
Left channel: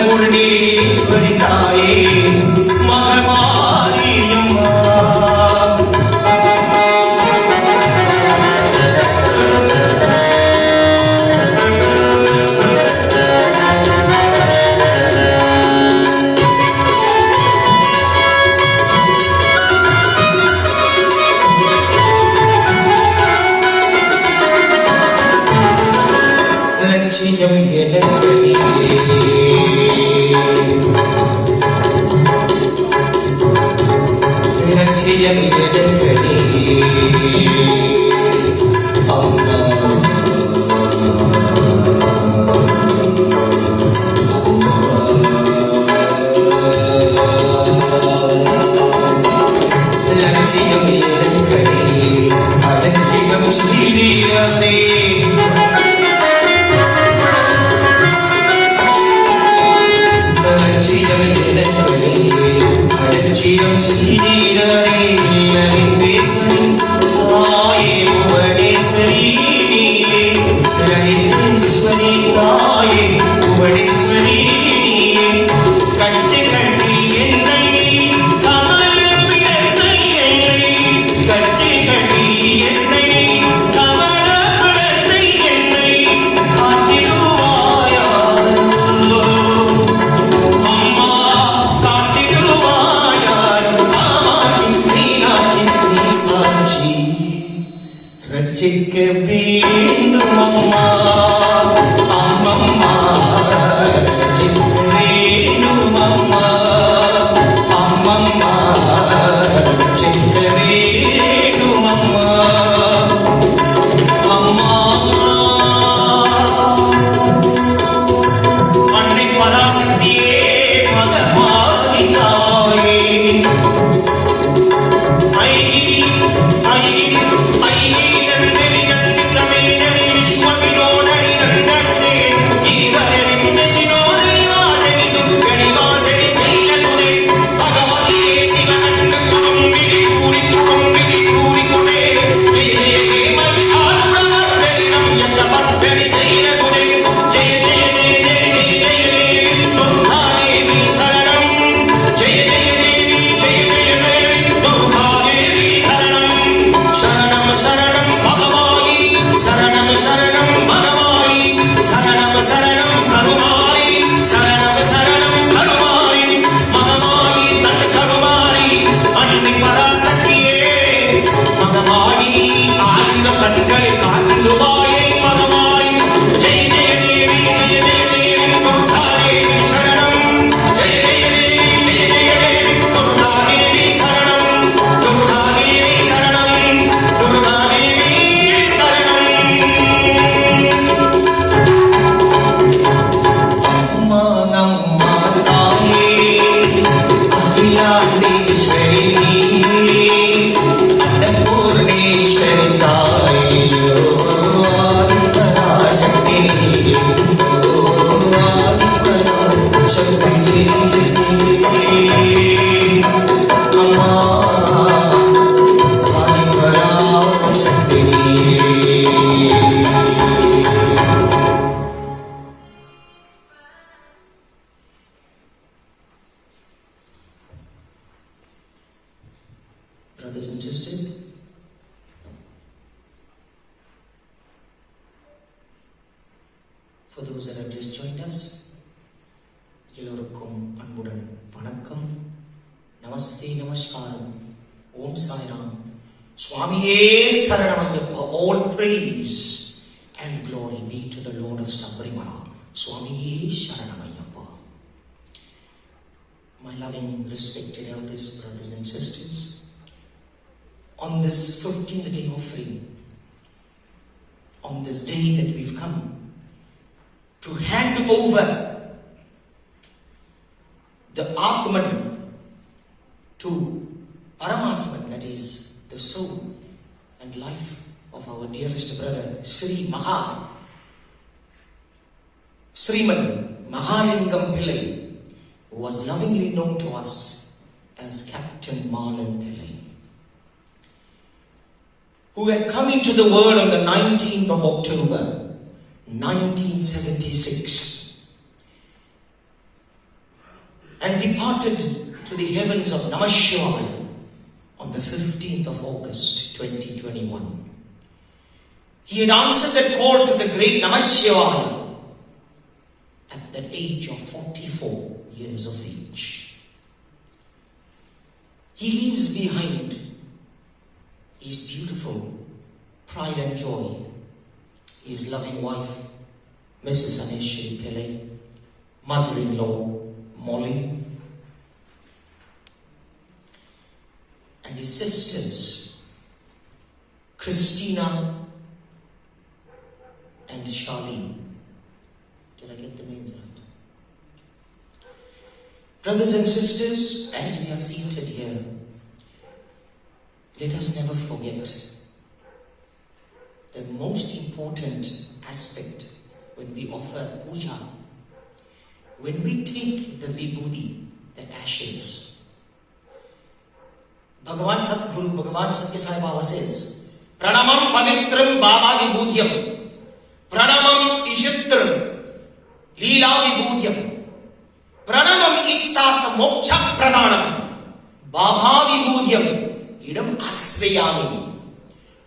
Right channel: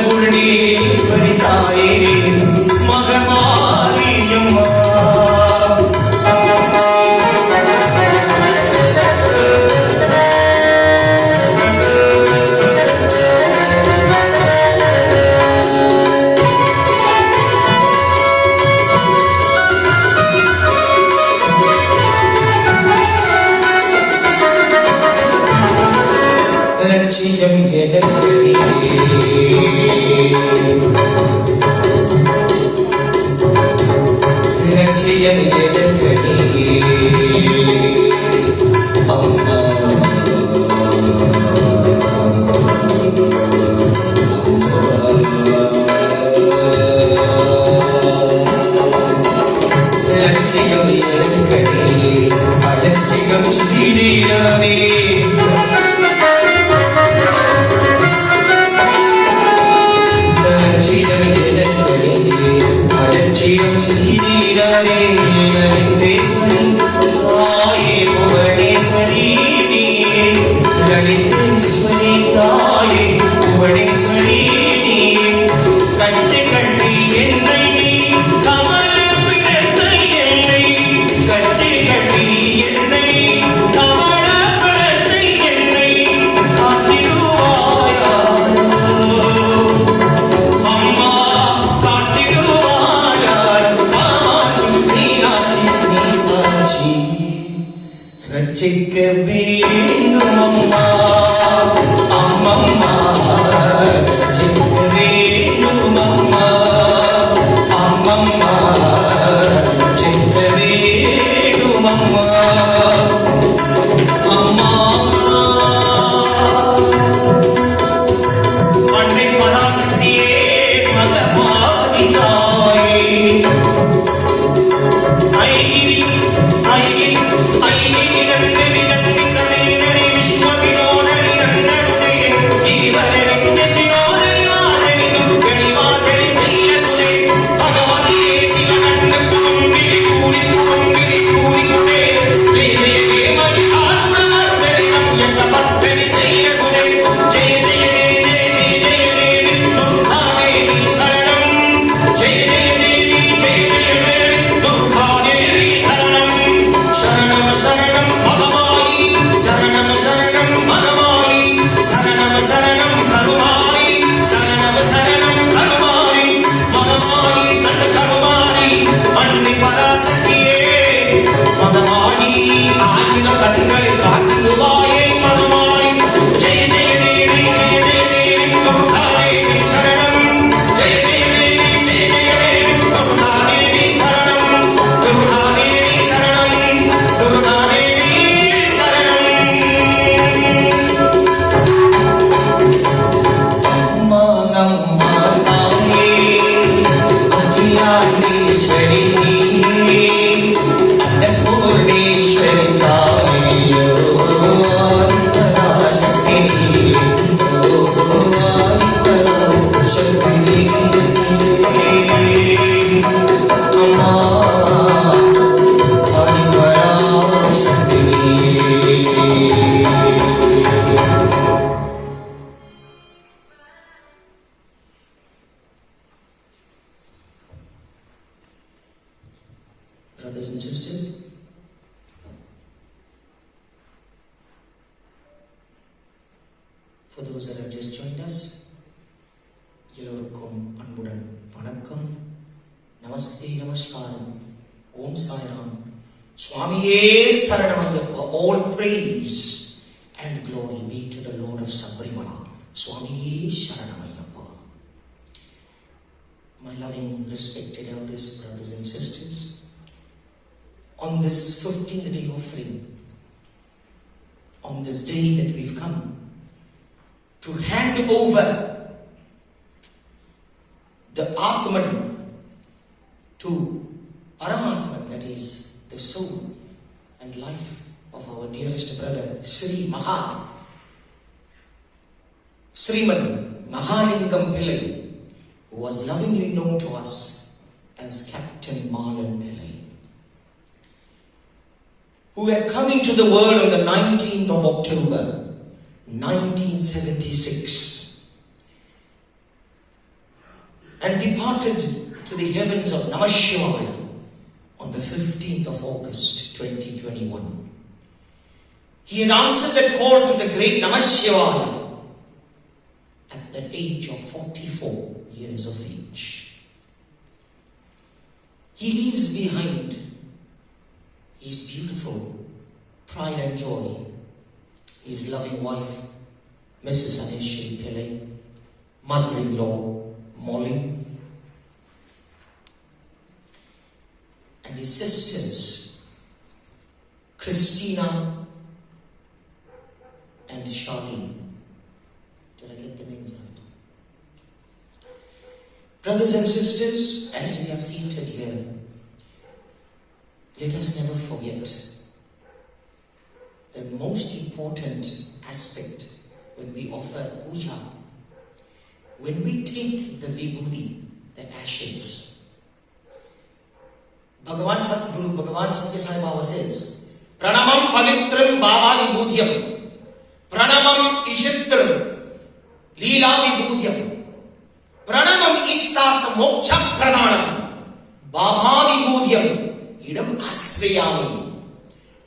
அன்னபூர்ணேஸ்வரி தாயே மகமாரியம்மா லட்சியம் எனக்கு லட்சியம் எனக்கு அம்மா லட்சியம் எனக்கு அலட்சியம் செய்தே அலட்சியம் செய்தீராதே லலிதேஸ்வரி தாயே புவனேஸ்வரி நீயே லலிதேஸ்வரி தாயே புவனேஸ்வரி நீயே கச்சை கட்டி என்னை கமல பிறந்த என்னை கச்சை கட்டி என்னை கமல பிறந்த என்னை காத்திடுவாயா அம்மா ரட்சிக்க வேண்டும் அம்மா அம்மம்மா ரட்சிக்க வேண்டும் அம்மா அம்மம்மா ரட்சிக்க வேண்டும் அம்மா அம்மா அன்னை பராசக்தியே மகமாரி தாயே Brothers and sisters, for those that have just joined us, எல்லோருக்கும் அன்புடன் வணக்கம், நமஸ்தே, நமஸ்காரம், ஓம் சாய்ராம், சுவாமியே சரணமையப்பா. All praise and glory be to the Lord of Sabrimala. சுவாமியே சரணமையப்பா. My loving, respected elders, brothers and sisters, on this 15th day offering, on this day that we've come to hand over the Atman to Paramatman, that is the soul and life of our dearest brother, Sriman Mahalingum Pillay, who was lovingly known to us as Captain Marlon Pillay, who had come into the world on the 19th of October, 1976, and departed to the heavens of Namashivaya on the 15th of August, 2021. He had answered the call to the great Namashivaya at the age of 44 years of age. He leaves behind his beautiful pride and joy, his loving wife, Mrs. Aneshwari Pillay, mother-in-law, Molly, and his sisters, Christina and Charlene. Did I get the names right? Brothers and sisters, as we are seated here, let us never forget the most important aspect when we offer puja, when we take the vibhuti, the ashes. Bhagavan Satguru, Bhagavan Satya Sai Baba says, Pranamam Pavitram Baba Vibhudhyam, Pranamam Ishitram, Leela Vibhudhyam, Pranamam Istat Moksha Pradhanam, Baba Vibhudhyam, Idam Asrayami.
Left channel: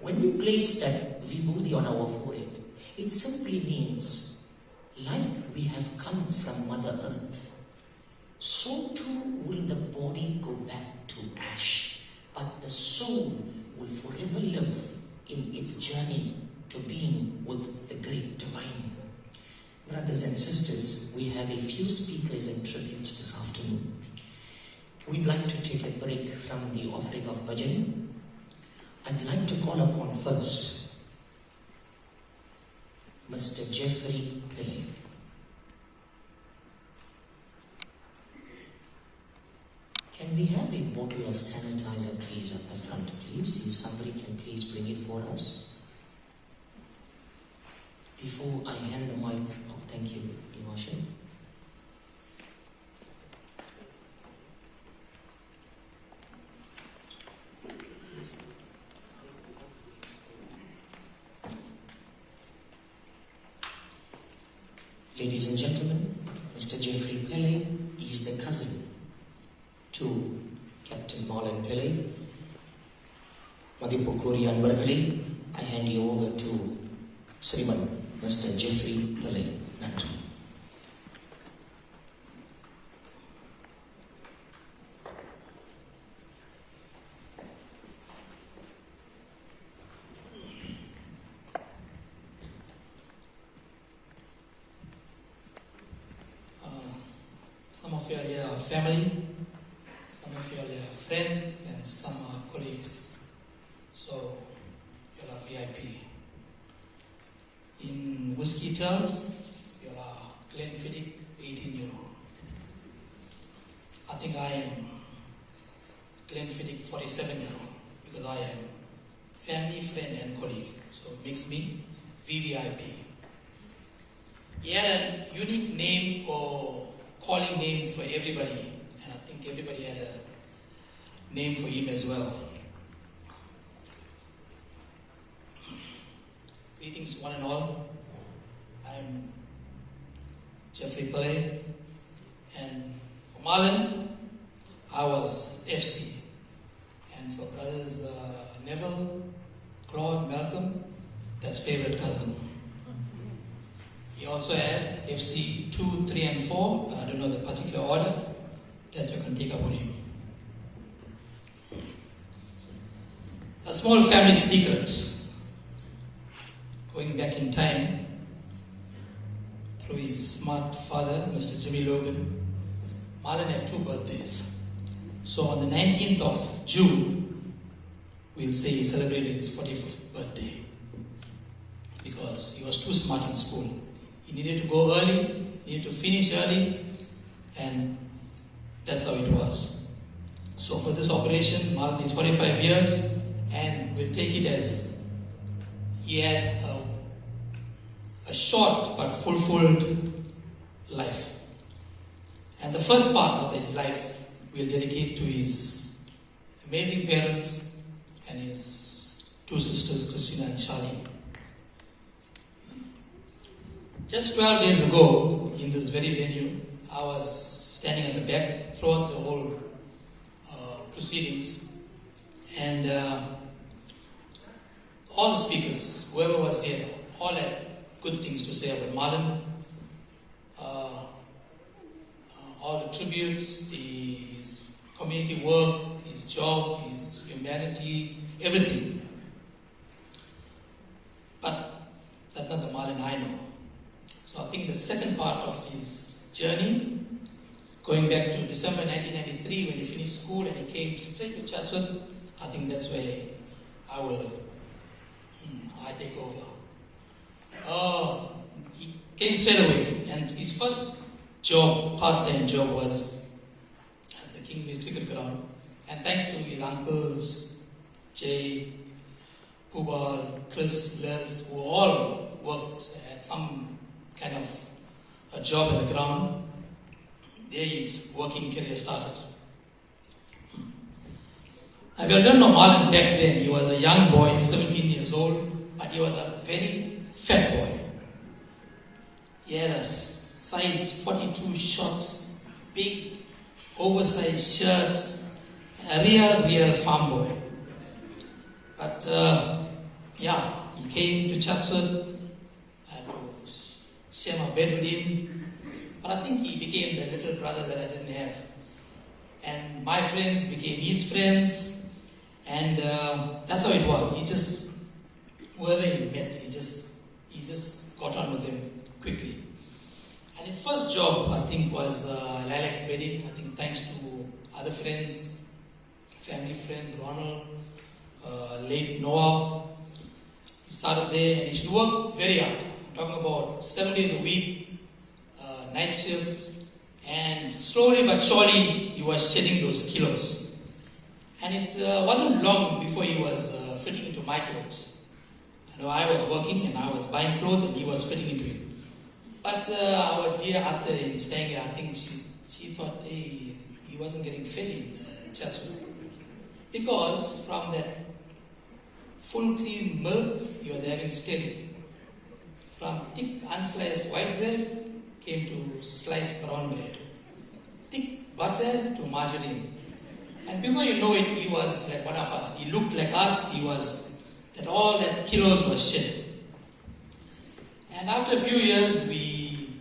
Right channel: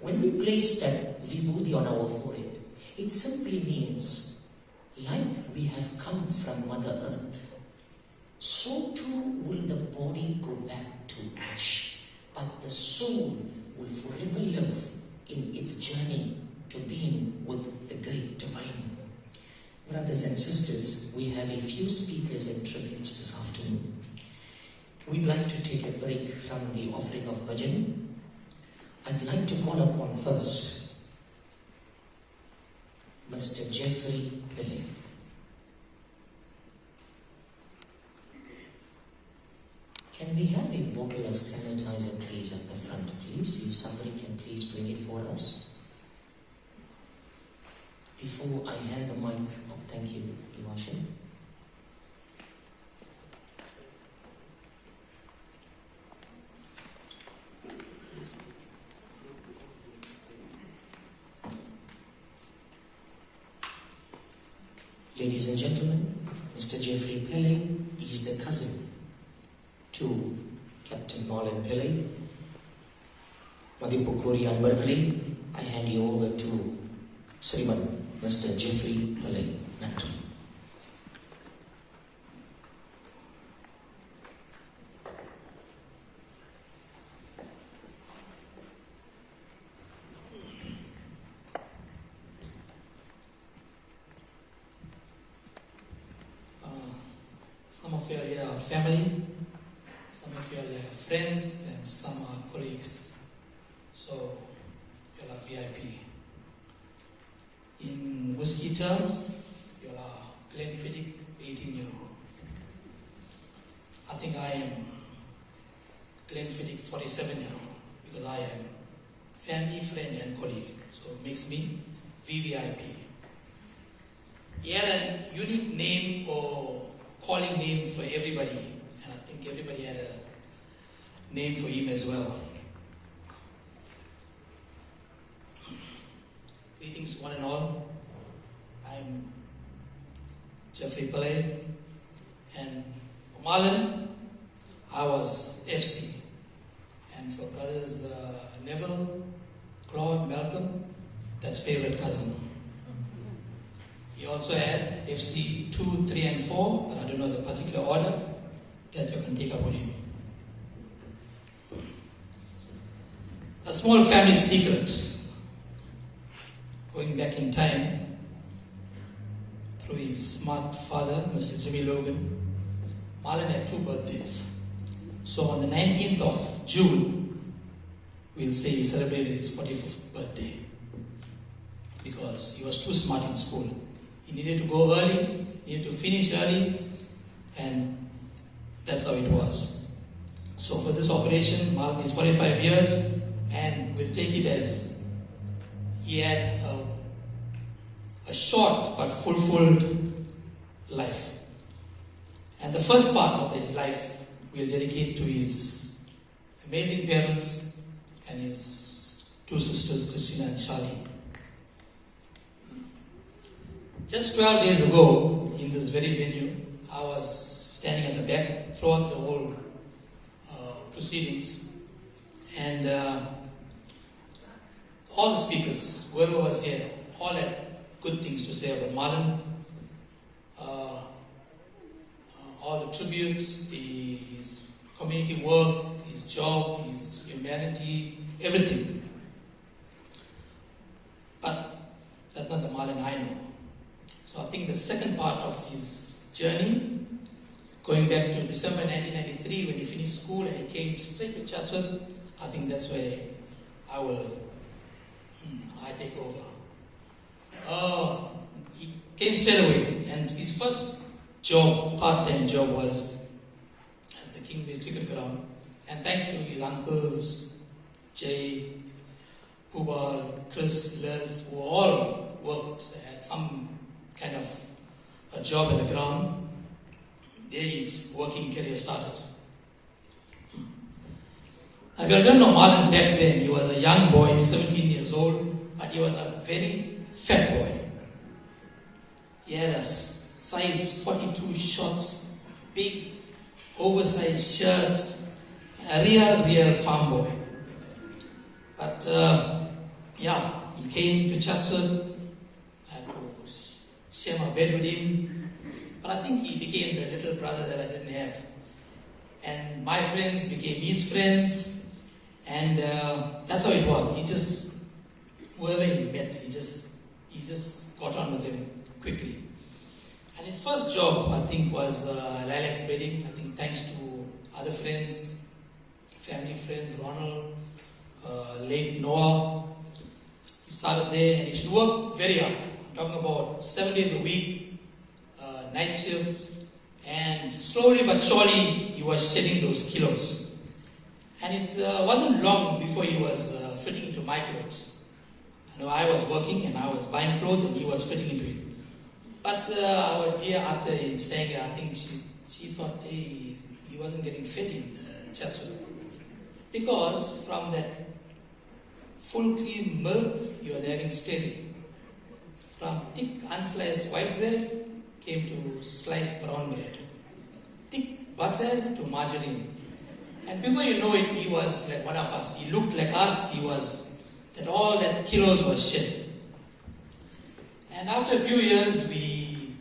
When we place that vibhuti on our forehead, it simply means, like we have come from Mother Earth, so too will the body go back to ash, but the soul will forever live in its journey to being with the great divine. Brothers and sisters, we have a few speakers and tributes this afternoon. We'd like to take a break from the offering of bhajan. I'd like to call upon first Mr. Jeffrey Pillay. Can we have a bottle of sanitizer, please, at the front, please? If somebody can please bring it for us. Before I hand the mic, thank you, Devashin. Ladies and gentlemen, Mr. Jeffrey Pillay is the cousin to Captain Marlon Pillay. Madhipukuri Anbargali, I hand you over to Sriman Mr. Jeffrey Pillay. Thank you. Some of you are family, some of you are friends, and some are colleagues. So, you are VIP. In hospitals, you are Glenn Philip, 18-year-old. I think I am Glenn Philip, 47-year-old, because I am family, friend, and colleague. So, it makes me VVIP. He had a unique name or calling names for everybody, and I think everybody had a name for him as well. Greetings, one and all. I'm Jeffrey Pillay, and for Marlon, I was SC, and for brothers Neville, Claude, Malcolm, that's favorite cousin. He also had FC 2, 3, and 4, but I don't know the particular order that you can take up on him. A small family secret. Going back in time, through his smart father, Mr. Jimmy Logan, Marlon had 2 birthdays. So on the 19th of June, we'll say he celebrated his 45th birthday, because he was too smart in school. He needed to go early, he needed to finish early, and that's how it was. So for this operation, Marlon is 45 years, and we'll take it as he had a short but fulfilled life. And the first part of his life we'll dedicate to his amazing parents and his two sisters, Christina and Charlie. Just 12 days ago, in this very venue, I was standing at the back throughout the whole proceedings, and all the speakers, whoever was here, all had good things to say about Marlon. All the tributes, his community work, his job, his humanity, everything. But that's not the Marlon I know. So I think the second part of his journey, going back to December 1993 when he finished school and he came straight to Chatsworth, I think that's where I take over. He came straight away, and his first job, part-time job, was at the Pillay cricket ground. And thanks to his uncles, Jay, Pubal, Chris, Les, who all worked at some kind of a job at the ground, there his working career started. If you don't know Marlon back then, he was a young boy, 17 years old, but he was a very fat boy. He had a size 42 shorts, big oversized shirts, a real farm boy. But he came to Chatsworth. I had to share my bed with him. But I think he became the little brother that I didn't have. And my friends became his friends. And that's how it was. He just, whoever he met, he just got on with him quickly. And his first job, I think, was Lilac's wedding. I think thanks to other friends, family friends, Ronald, late Noah. He started there and he should work very hard. I'm talking about 7 days a week, night shift. And slowly but surely, he was shedding those kilos. And it wasn't long before he was fitting into my clothes. I was working and I was buying clothes and he was fitting into it. But our dear after in staying, I think she thought he wasn't getting fed in Chatsworth. Because from that full cream milk, you were having steady. From thick unsliced white bread came to sliced brown bread. Thick butter to margarine. And before you know it, he was like one of us. He looked like us. He was, that all that kilos was shed. And after a few years, we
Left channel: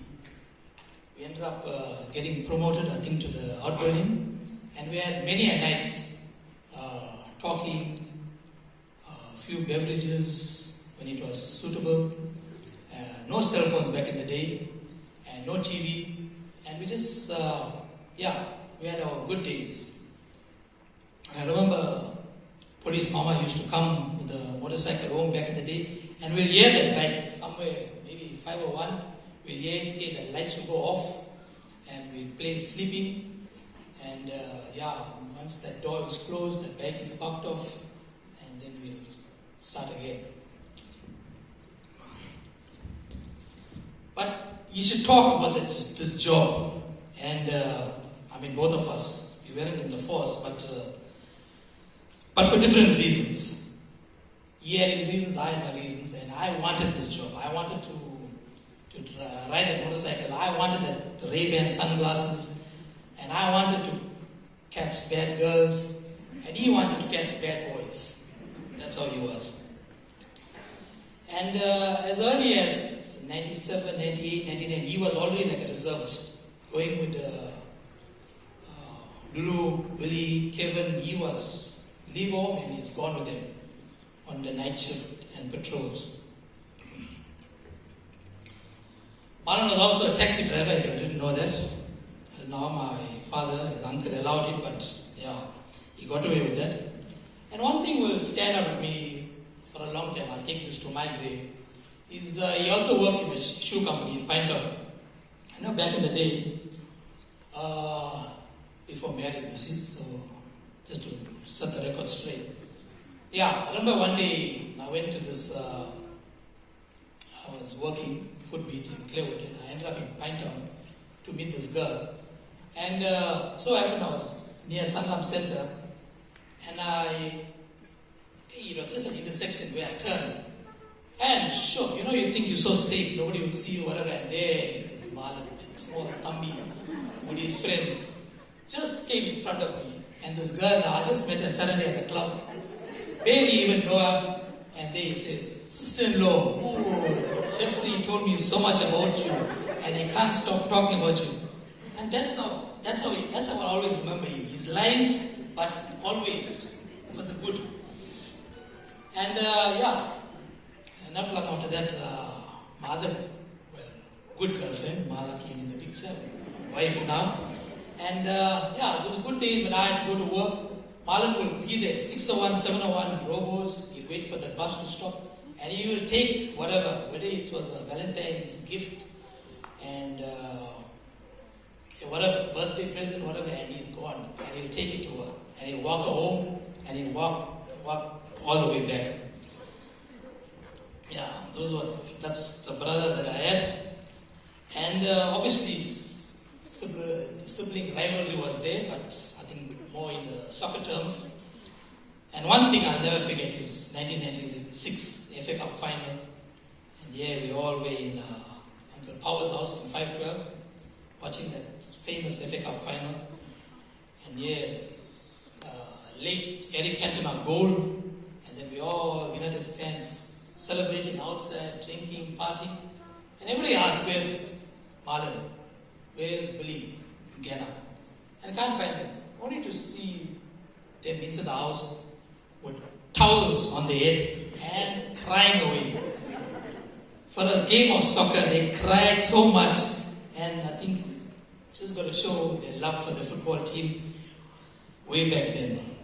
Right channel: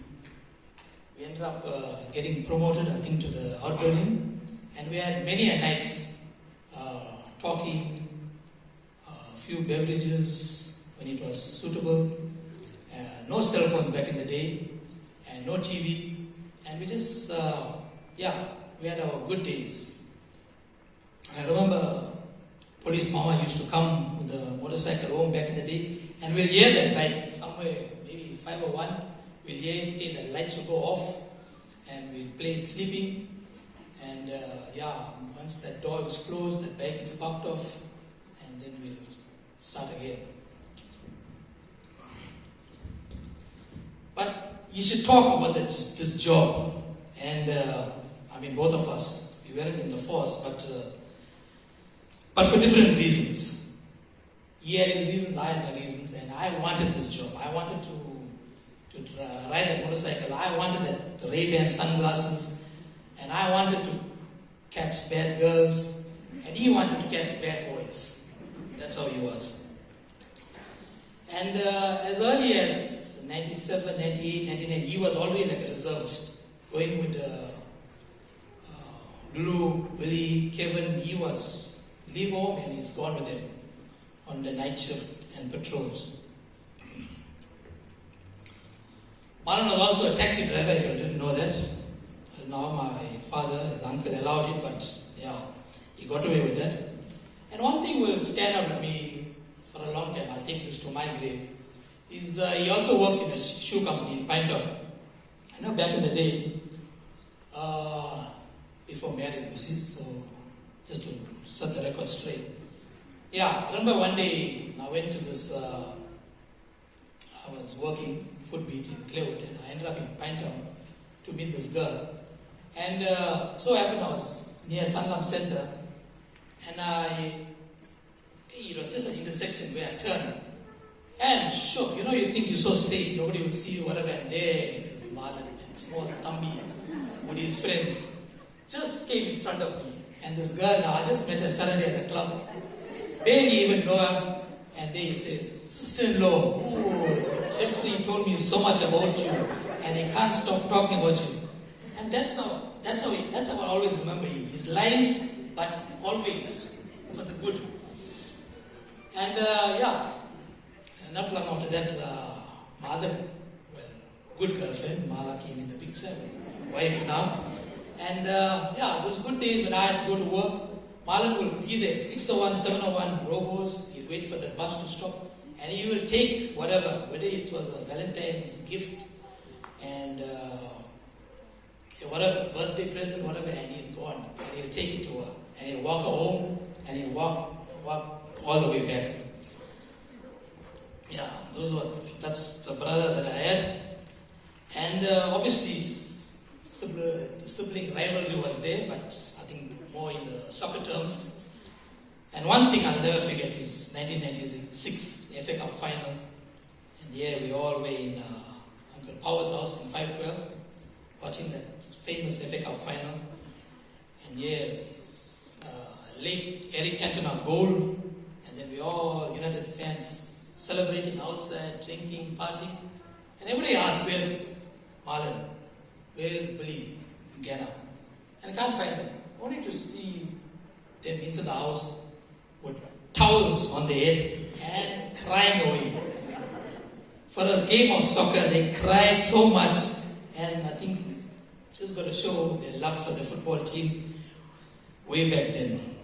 ended up getting promoted, I think, to the outgoing. And we had many nights talking, a few beverages when it was suitable. No cell phones back in the day, and no TV. And we just, we had our good days. I remember police mama used to come with a motorcycle home back in the day, and we'll hear that bike somewhere, maybe 501, we'll hear the lights will go off, and we'll play sleeping, and once that door is closed, the bike is popped off, and then we'll start again. But you should talk about this job, and both of us, we weren't in the force, but for different reasons. He had his reasons, I had my reasons, and I wanted this job. I wanted to ride a motorcycle. I wanted the Ray-Ban sunglasses, and I wanted to catch bad girls, and he wanted to catch bad boys. That's how he was. And as early as 97, 98, 99, he was already like a reservist, going with Lulu, Billy, Kevin. He was leave home and he's gone with them on the night shift and patrols. Marlon was also a taxi driver, if I didn't know that. Now my father, his uncle allowed it, but he got away with that. And one thing will stand out with me for a long time, I'll take this to my grave, is he also worked in a shoe company in Pinetown. Back in the day, before marriage, so just to set the record straight. I remember one day I went to this, I was working food meet in Claywood, and I ended up in Pinetown to meet this girl. And so happened I was near Sangam Center, and just an intersection where I turn. And sure, you think you're so safe, nobody will see you, whatever, and there is Marlon, his small tummy, with his friends, just came in front of me. And this girl now, I just met her suddenly at the club. Barely even know her, and they say, sister-in-law, oh, Jeffrey told me so much about you, and he can't stop talking about you. And that's how I always remember him. His lies, but always for the good. And not long after that, my other good girlfriend, Marlon, came in the picture, wife now. And those good days when I had to go to work, Marlon would be there, 601, 701, robos, he'd wait for the bus to stop, and he would take whatever, whether it was a Valentine's gift, and whatever, birthday present, whatever, and he'd go on, and he'd take it to her, and he'd walk her home, and he'd walk all the way back. Yeah, that's the brother that I had. And obviously, sibling rivalry was there, but I think more in the soccer terms. And one thing I'll never forget is 1996 FA Cup final. And yeah, we all were in the Powers House in 512, watching that famous FA Cup final. And yes, late Eric Cantona goal, and then we all United fans celebrating outside, drinking, partying. And everybody asked, where's Marlon? Where's Billy? Ghana? And I can't find them. Only to see them into the house with towels on their head and crying away. For a game of soccer, they cried so much, and I think it's just got to show their love for the football team way back then.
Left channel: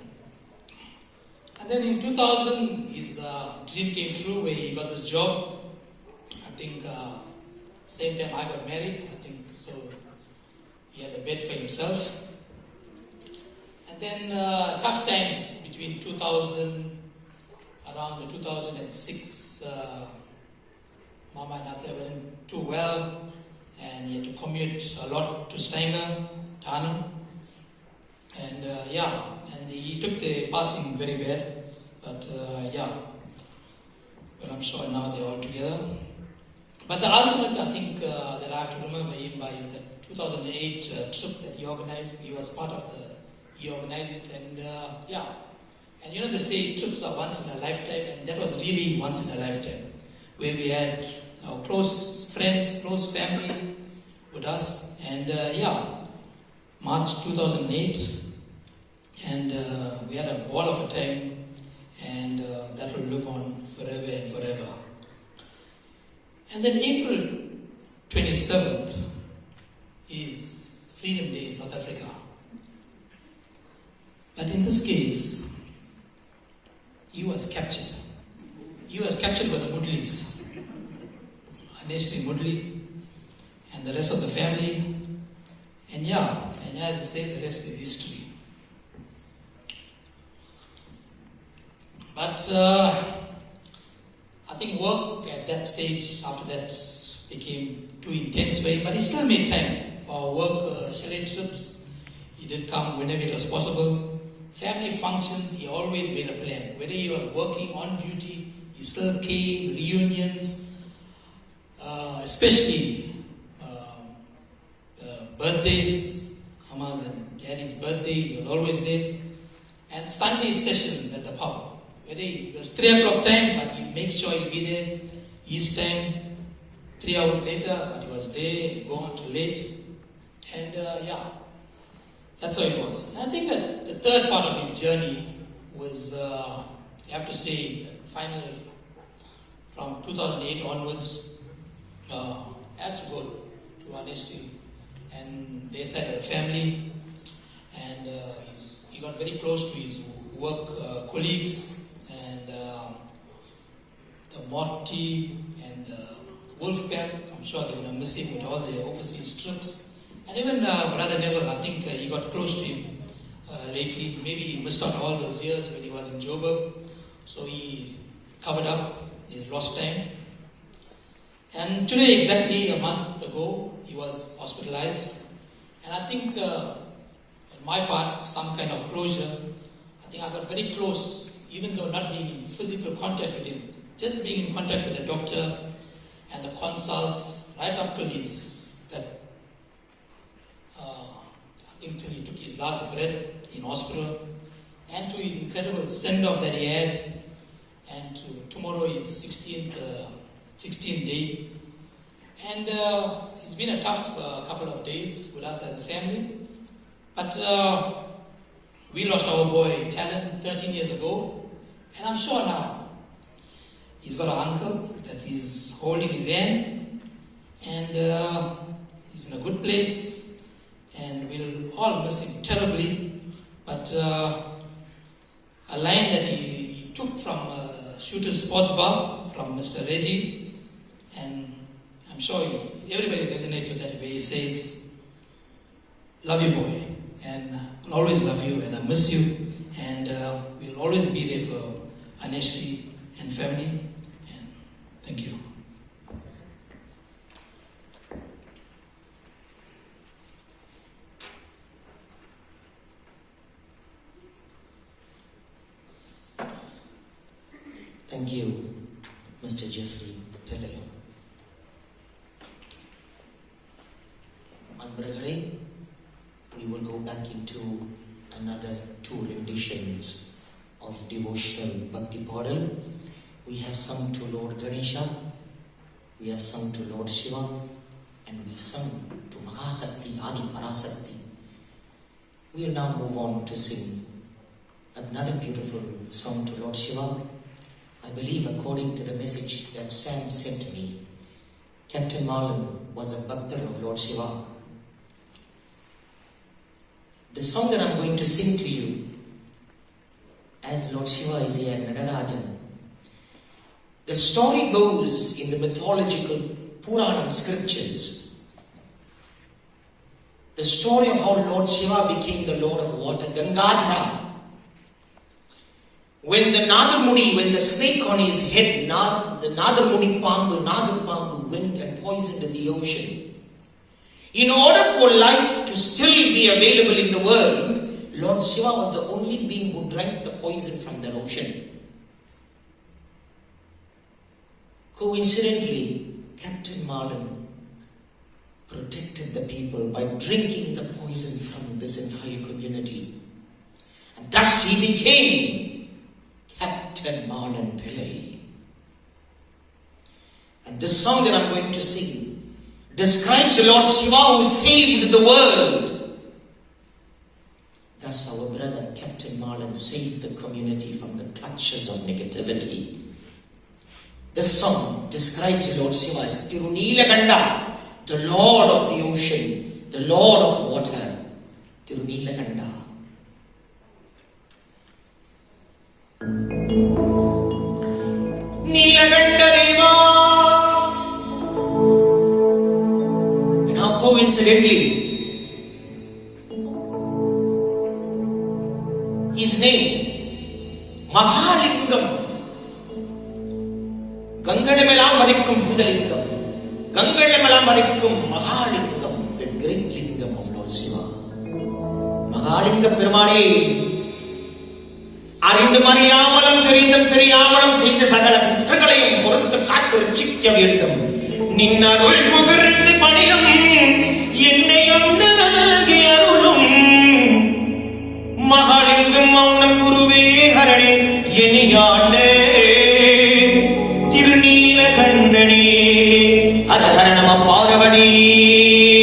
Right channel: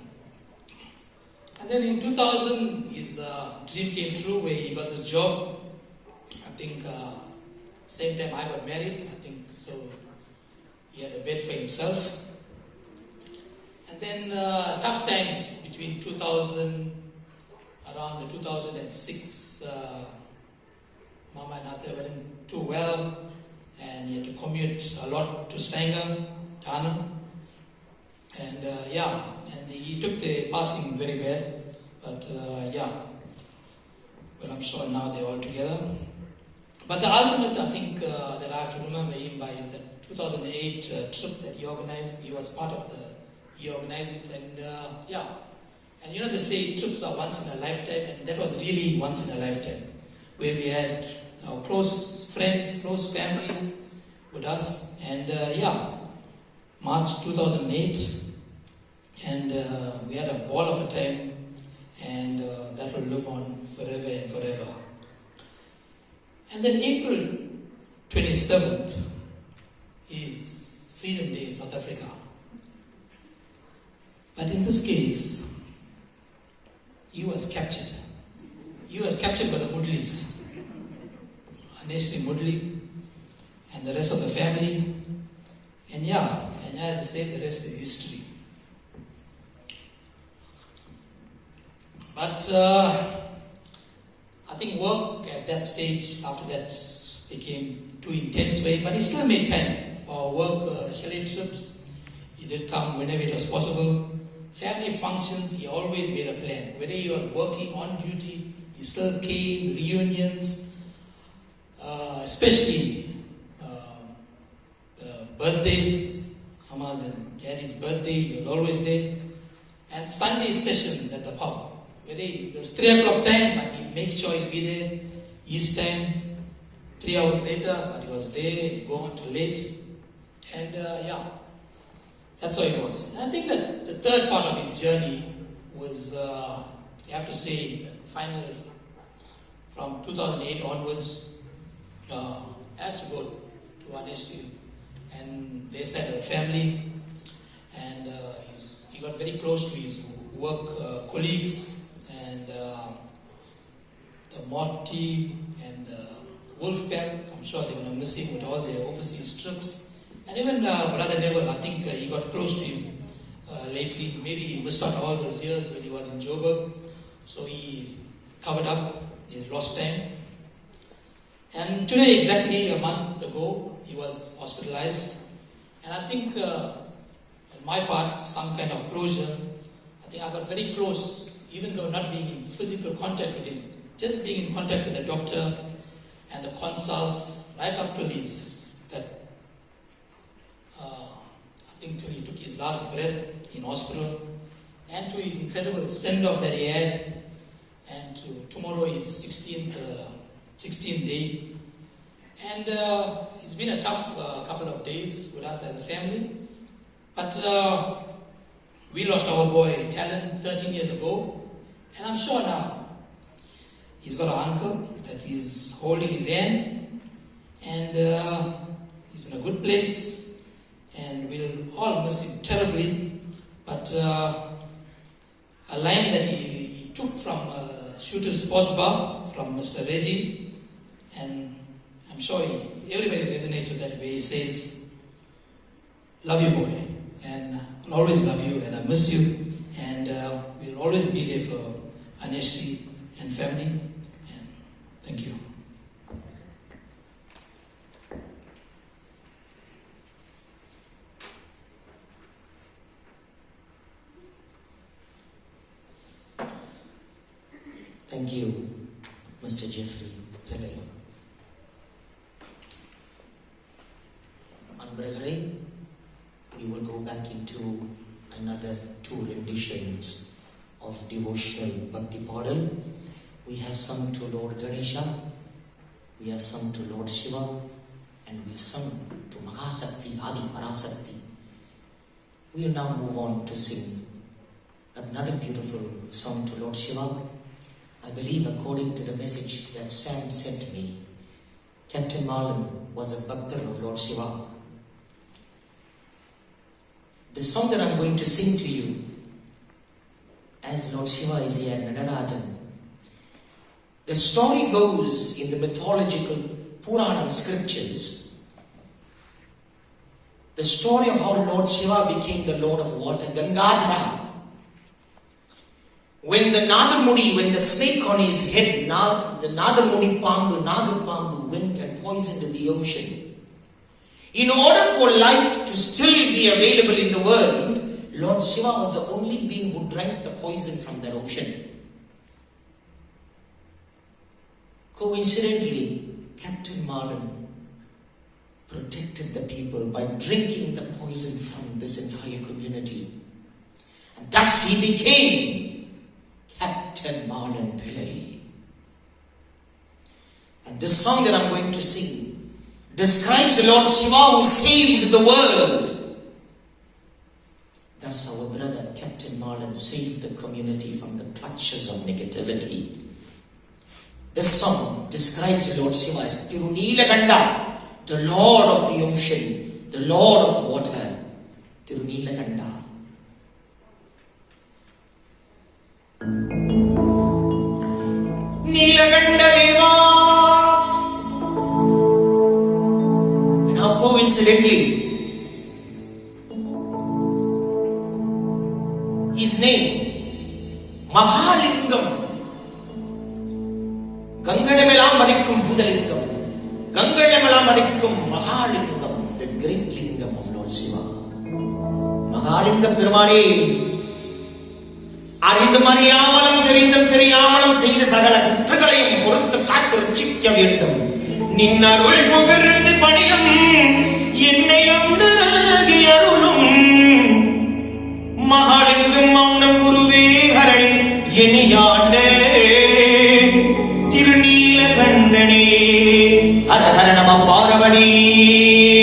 And then in 2000, his dream came true where he got this job. I think same time I got married. I think so. He had a bed for himself. And then tough times between 2000, around the 2006, Mama and Ate weren't too well, and he had to commute a lot to Steiner, Tarnan. And and he took the passing very bad. But but I'm sure now they're all together. But the ultimate, I think, that I have to remember him by the 2008 trip that he organized. He was part of he organized it, and and they say trips are once in a lifetime, and that was really once in a lifetime, where we had our close friends, close family with us, and March 2008, and we had a ball of a time, and that will live on forever and forever. And then April 27th is Freedom Day in South Africa. But in this case, he was captured. He was captured by the Mudlis, Aneshri Mudli, and the rest of the family. And as I say, the rest is history. But I think work at that stage, after that, became too intense for him. But he still made time for our work, charade trips. He did come whenever it was possible. Family functions, he always made a plan. Whether he was working on duty, he still came, reunions, especially the birthdays, Mama's and Daddy's birthday, he was always there. And Sunday sessions at the pub. Whether it was 3 o'clock time, but he made sure he'd be there. His time, 3 hours later, but he was there, he'd go on too late. And that's how it was. And I think that the third part of his journey was, you have to say, finally, from 2008 onwards, I have to go to Aneshri. And they had a family, and he got very close to his work colleagues, and Morty and Wolfgang. I'm sure they're going to miss him with all the overseas trips. And even Brother Neville, I think he got close to him lately. Maybe he missed out all those years when he was in Joburg. So he covered up his lost time. And today, exactly a month ago, he was hospitalized. And I think, on my part, some kind of closure. I think I got very close, even though not being in physical contact with him. Just being in contact with the doctor and the consults, right up to his, I think till he took his last breath in hospital, and to his incredible send-off that he had, and tomorrow is 16th day. And it's been a tough couple of days with us as a family, but we lost our boy Talon 13 years ago, and I'm sure now he's got an uncle that is holding his hand, and he's in a good place, and we'll all miss him terribly. But a line that he took from Shooter's Sports Bar from Mr. Reggie, and I'm sure everybody resonates with that way. He says, "Love you, boy, and I'll always love you, and I miss you, and we'll always be there for Aneshri and family." And thank you. Thank you, Mr. Jeffrey Pillay. Neighborhood, we will go back into another two renditions of devotional Bhakti Paral. We have sung to Lord Ganesha, we have sung to Lord Shiva, and we've sung to Mahasakti, Adi Parasakti. We will now move on to sing another beautiful song to Lord Shiva. I believe, according to the message that Sam sent to me, Captain Marlon was a Bhakta of Lord Shiva. The song that I'm going to sing to you, as Lord Shiva is here, Nadarajan, the story goes in the mythological Puranam scriptures. The story of how Lord Shiva became the Lord of Water, Gangadhara. When the Nagamudi, when the snake on his head, the Nagamudi Pambu went and poisoned the ocean. In order for life to still be available in the world, Lord Shiva was the only being who drank the poison from the ocean. Coincidentally, Captain Marlon protected the people by drinking the poison from this entire community. And thus he became Captain Marlon Pillay. And this song that I'm going to sing describes the Lord Shiva who saved the world. Thus our brother Captain Marlon saved the community from the clutches of negativity. This song describes the Lord Shiva as Tirunilaganda, the Lord of the ocean, the Lord of water. Tirunilaganda. Nilagandadeva. And how coincidentally, his name, Mahalingum, Gangalamala Marikum Budalingam, Gangalamala Marikum Mahalingam, the great lingam of Lord Shiva. Mahalingam Perumalai, அறிந்து மறியாமலும் தெரிந்தும் தெரியாமலும் செய்த சகல குற்றங்களையும் பொறுத்து காத்து ரட்சிக்க வேண்டும். நின்னருள் புகழ்ந்து பணியும் என்னை ஒன்றாகி அருளும் மகாலிங்கம் மௌனம் குருவே ஹரை எனியாண்டே திருநீலகண்டனே ஹர நம பார்வதி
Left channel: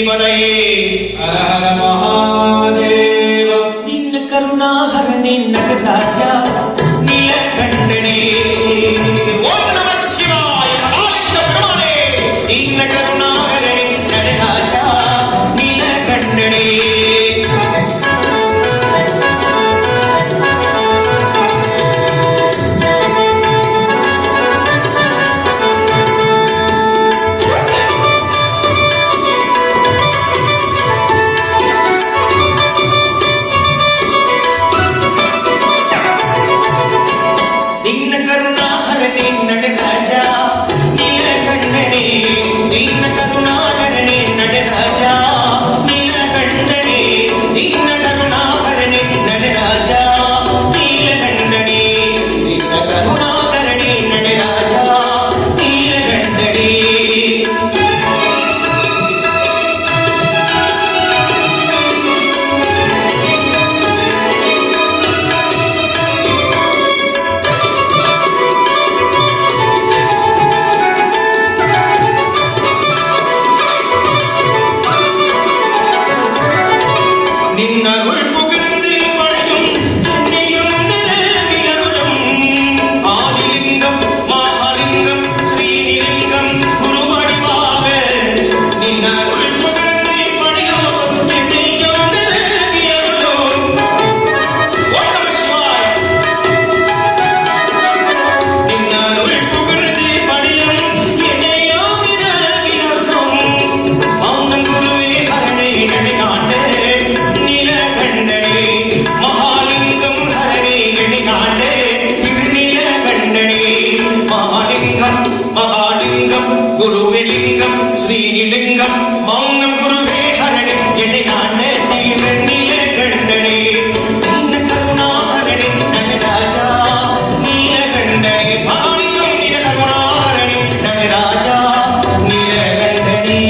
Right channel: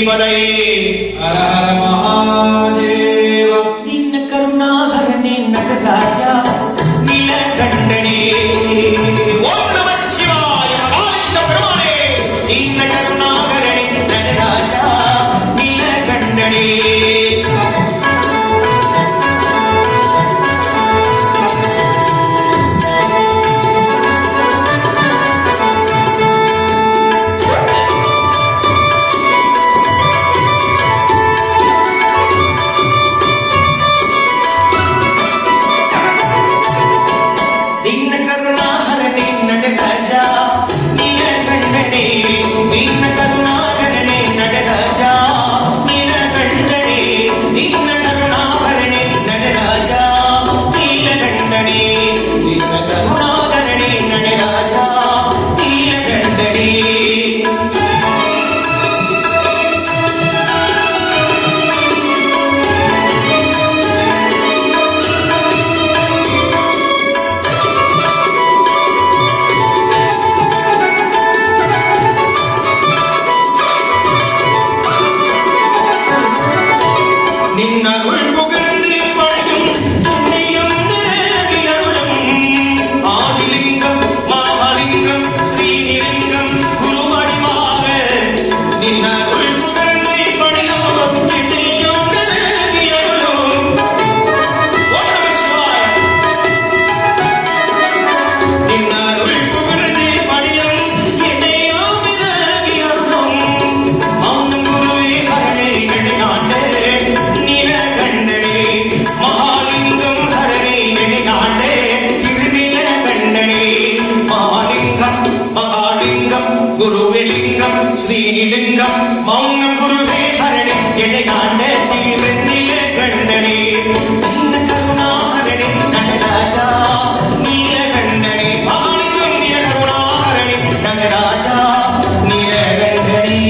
பதையே ஹர மகாதேவ நின்ன கருணாகரனே நகராஜா நீலகண்டனே ஓம் நம சிவாய ஆனந்த பிரபுவே நின்ன கருணாகரனே நகராஜா நீலகண்டனே. ശ്രീലിംഗം മൗനം ഗുരുവേ ഹരണി എന്നെയാണ് തീരന്നിലെ കണ്ണനെ നീല കരുണാകരനെ നടരാജ നീലകണ്ഠനെ മാണിക്യം നീല കരുണാകരനെ നടരാജ നീലകണ്ഠനെ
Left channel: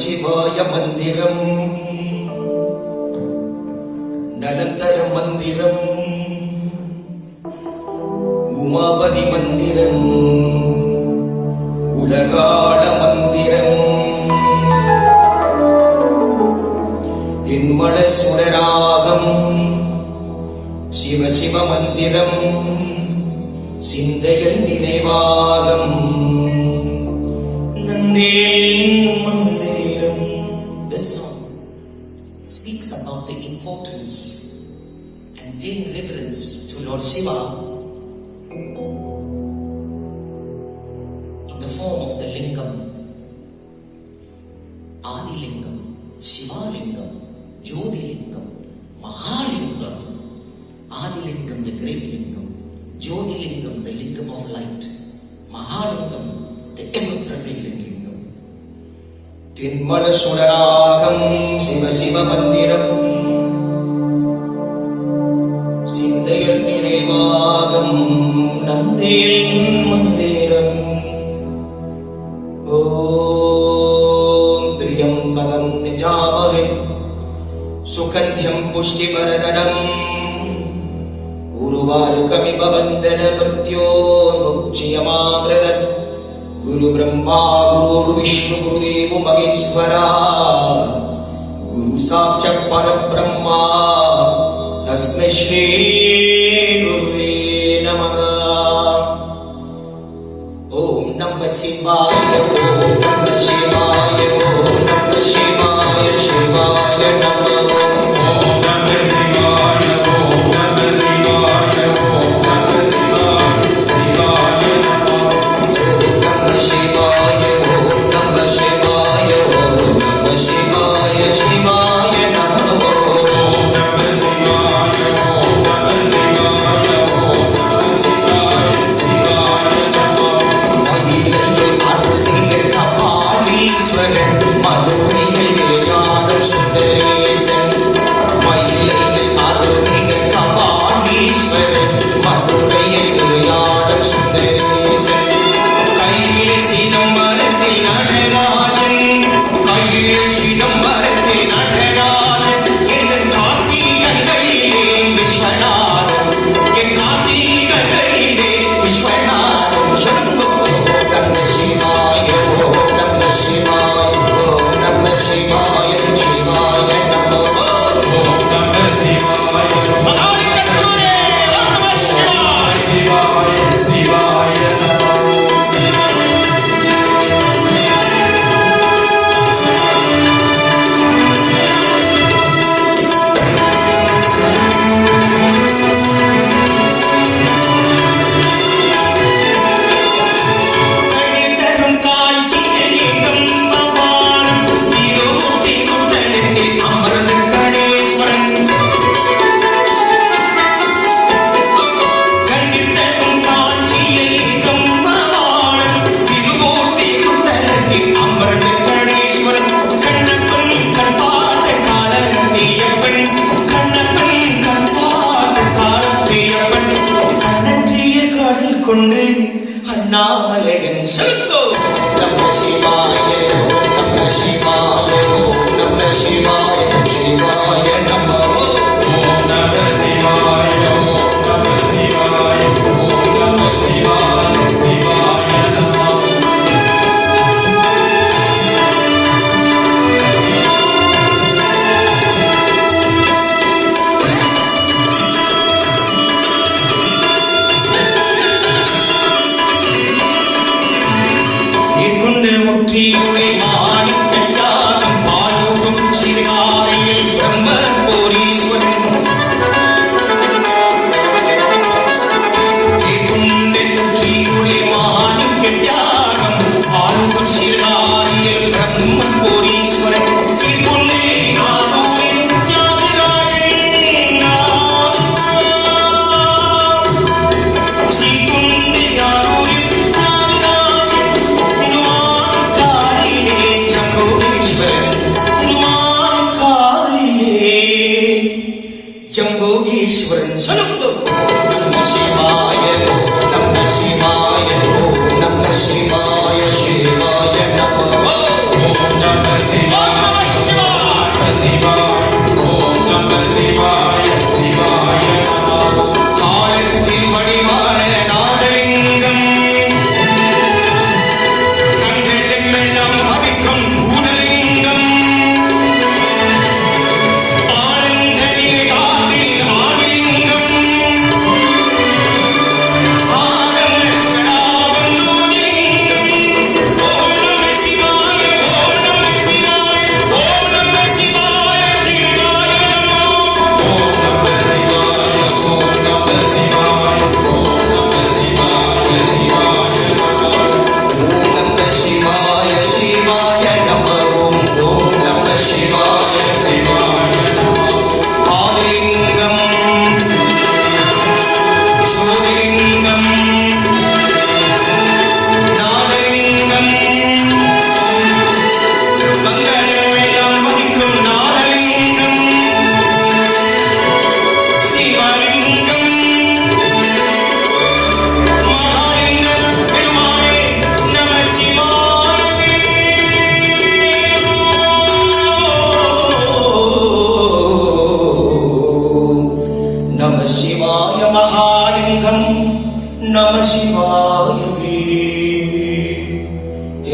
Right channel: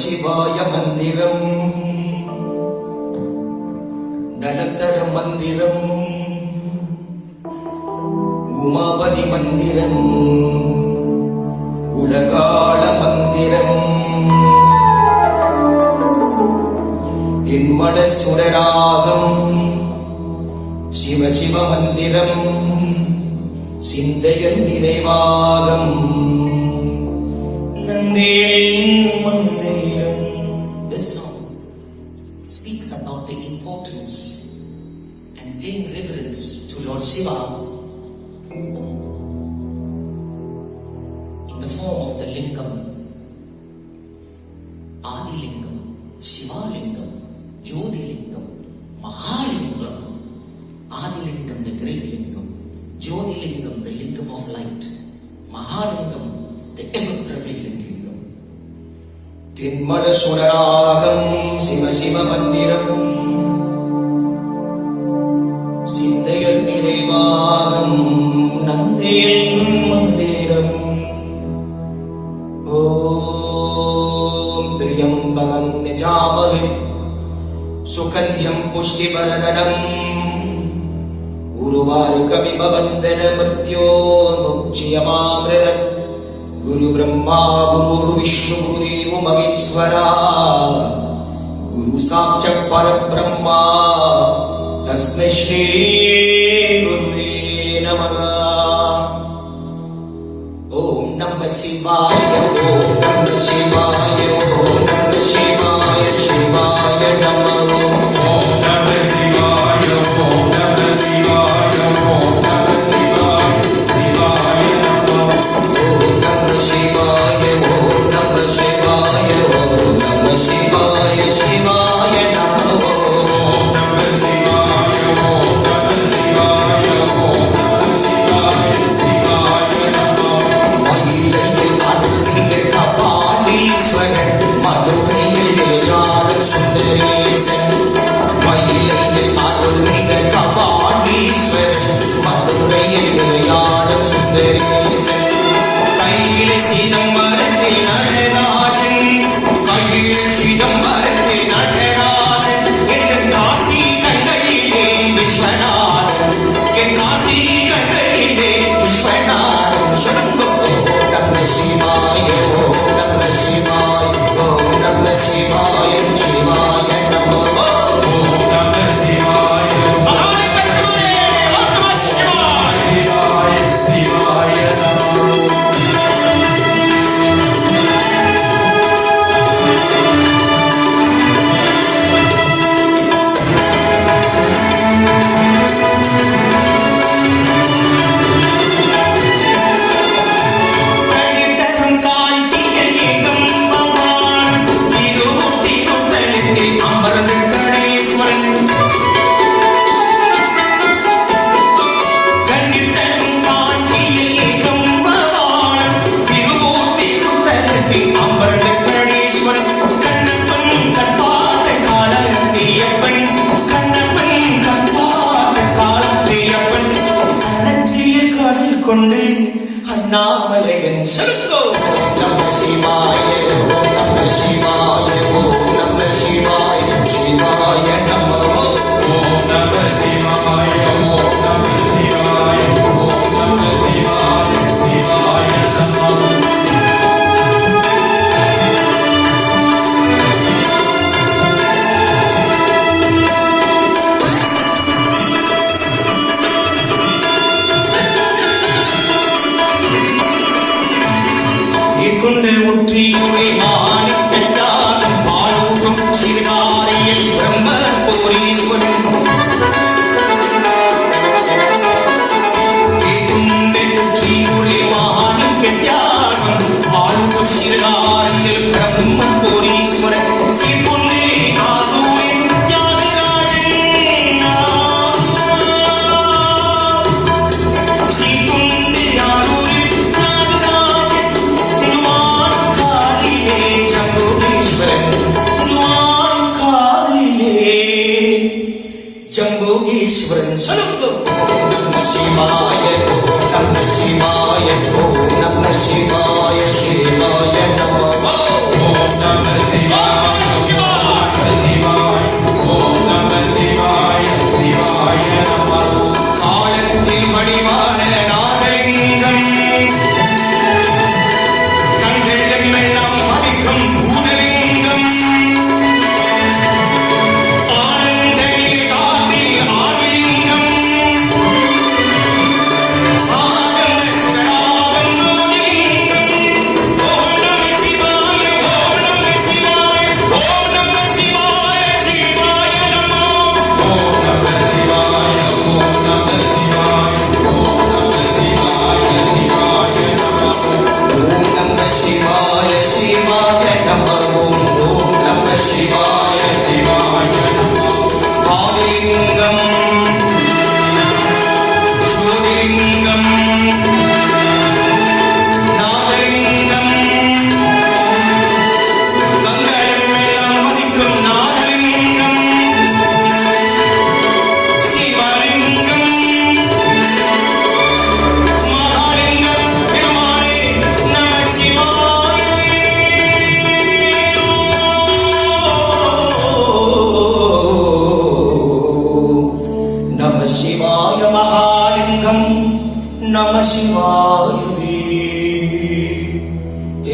சிவாய மந்திரம், நடந்தர மந்திரம், உமாபதி மந்திரம், உலகாள மந்திரம், தின்மல சுடராகம், சிவ சிவ மந்திரம், சிந்தையல் நிறைவாகம், நந்தேன் மந்திரம். This song speaks about the importance and paying reverence to Lord Shiva in the form of the Lingam, Adi Lingam, Shiva Lingam, Jyoti Lingam, Mahalingum. Adi Lingam, the great Lingam, Jyoti Lingam, the Lingam of light, Mahalingam, the ever-prevailing Lingam. Tinmala Suragam, Siva Siva Mandiram, Sindayal Nirevagam, Nandin Mandiram. Om Triyambagam Nijamahe, Sukhantyam Pushtivaradhanam, Uruvarukamiva Vandana Mrityormukchiyamamridat, Guru Brahma Guru Vishnu Guru Devo Maheshwara, Guru Sakshak Parabrahma, Tasmai Shri Gurave Namaha. Om Namah Shivaya, Om Namah Shivaya, Om Namah Shivaya, Shivaya Namah. Om Namah Shivaya, Om Namah Shivaya, Om Namah Shivaya, Shivaya Namah. Om Namah Shivaya, Om Namah Shivaya, Om Namah Shivaya, Shivaya Namah. Om Namah Shivaya, Om Namah Shivaya, Om Namah Shivaya, Shivaya Namah. மயிலையில் அருளிய கபாலீஸ்வரன், மதுரையில் இளையாட சுந்தரேசன். மயிலையில் அருளிய கபாலீஸ்வரன், மதுரையில் இளையாட சுந்தரேசன். கையிலே சிதம்பரத்தில் நடராஜன், கையிலே சிதம்பரத்தில் நடராஜன். என் காசி கண்களிலே விஸ்வநாதன், என் காசி கண்களிலே Viswanathan. Shanmugam. Namah Shivaya, Om Namah Shivaya, Om Namah Shivaya, Shivaya Namah. Om Namah Shivaya, Om Namah Shivaya, Shivaya கடிதரும் காஞ்சியில் ஏகம்பவான், தியோதி குந்தலத்தில் அமர்ந்து கணேஸ்வரன். கடிதரும் காஞ்சியில் ஏகம்பவான், தியோதி குந்தலத்தில் அமர்ந்து கணேஸ்வரன். கண்ணப்பன் கண்பாத காலத்தியப்பன், கண்ணப்பன் கண்பாத காலத்தியப்பன். கண்ணற்றிய கடல் கொண்டு அண்ணாமலையன் செலுத்தோ. நம சிவாய, ஓம் நம சிவாய, ஓம் நம சிவாய, சிவாய நம. Om Namah Shivaya, Om Namah Shivaya, Om Namah Shivaya, Shivaya Namah. நீக்குண்டு ஒற்றியுரை மாணிக்க ஜாலம், பாலூரும் சிறுகாலையில் பிரம்ம போரீஸ்வரன். நீக்குண்டு ஒற்றியுரை மாணிக்க ஜாலம், பாலூரும் சிறுகாலையில் பிரம்ம போரீஸ்வரன். ஸ்ரீகுண்டே நாகூரின் தியாகராஜன், ஸ்ரீகுண்டே நாகூரின் தியாகராஜன். திருவாரூர் காளி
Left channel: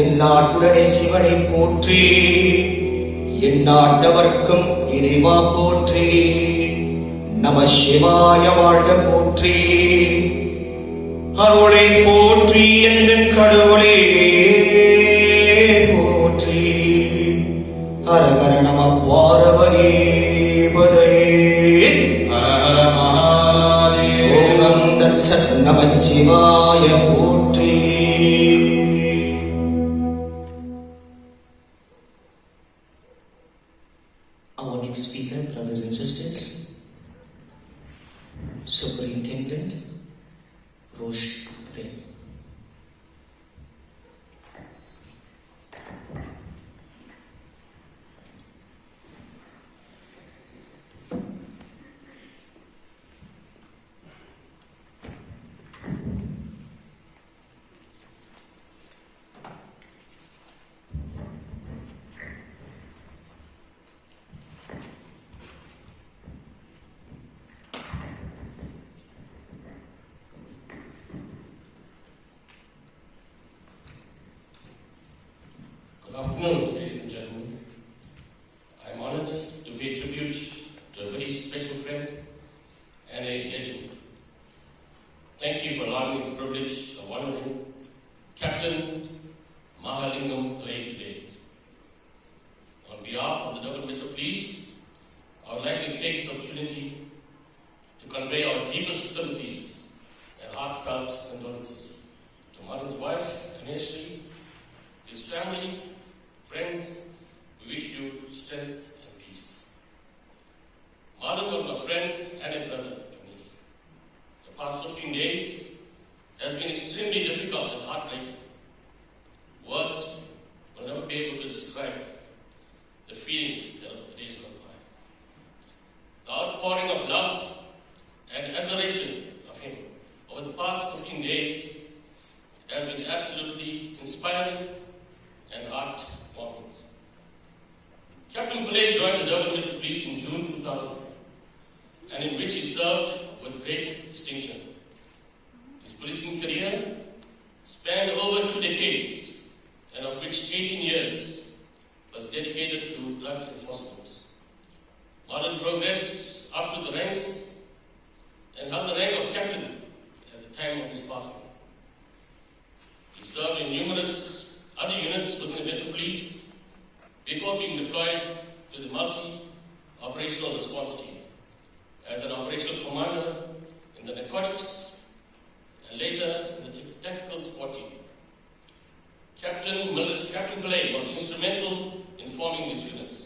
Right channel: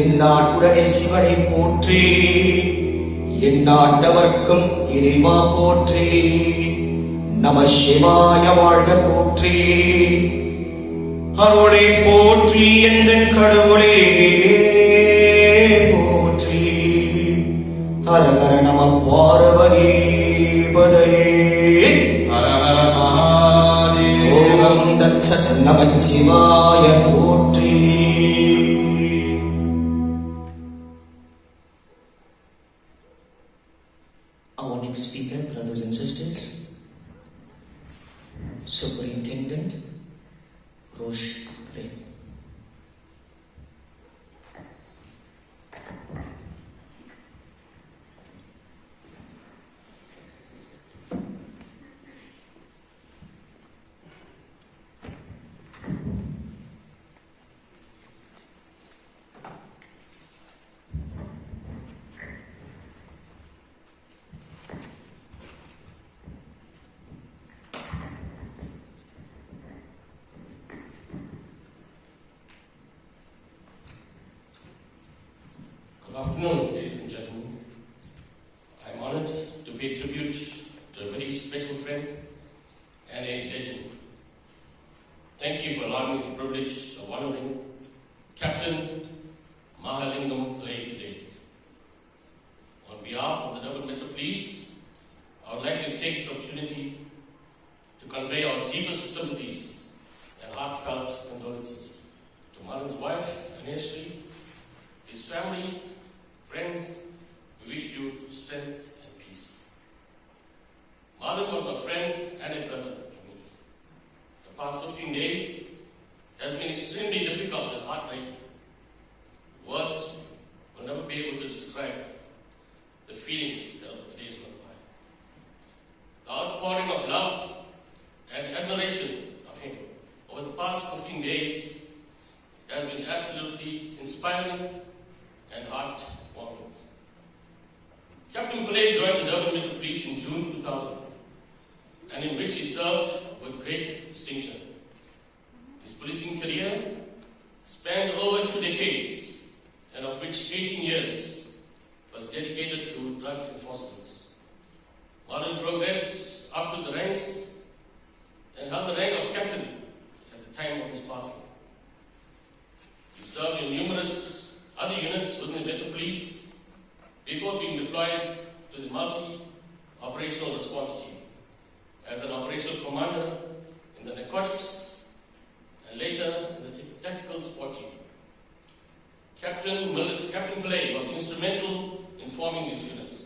எந்நாட்டுடனே சிவனை போற்றி, எந்நாட்டவர்க்கும் இறைவா போற்றி, நம சிவாய வாழ்க போற்றி, அருளை போற்றி எந்தன் கடவுளே போற்றி, ஹரஹர நம பார்வதி பதையே. ஓம் தத் சத் நமச்சிவாய போற்றி. Our next speaker, brothers and sisters, Superintendent Rosh Pillay. Good afternoon, ladies and gentlemen. I am honored to pay tribute to a very special friend and a legend. Thank you for allowing me the privilege of honoring Captain Mahalingum today. On behalf of the Double Measure Police, I would like to take this opportunity to convey our deepest sympathies and heartfelt condolences to Marlon's wife, Ashley, his family, friends. We wish you strength and peace. Marlon was my friend and a brother to me. The past 15 days has been extremely difficult and heartbreaking. Words will never be able to describe the feelings that the days went by. The outpouring of love and admiration of him over the past 15 days has been absolutely inspiring and heartwarming. Captain Pillay joined the Durban Metro Police in June 2000, and in which he served with great distinction. His policing career spanned over 2 decades, and of which 18 years was dedicated to drug enforcement. Marlon progressed up to the ranks and held the rank of captain at the time of his passing. He served in numerous other units within the Metro Police before being deployed to the multi-operational response team as an operational commander in the narcotics and later in the tactical support team. Captain Pillay was instrumental in forming these units.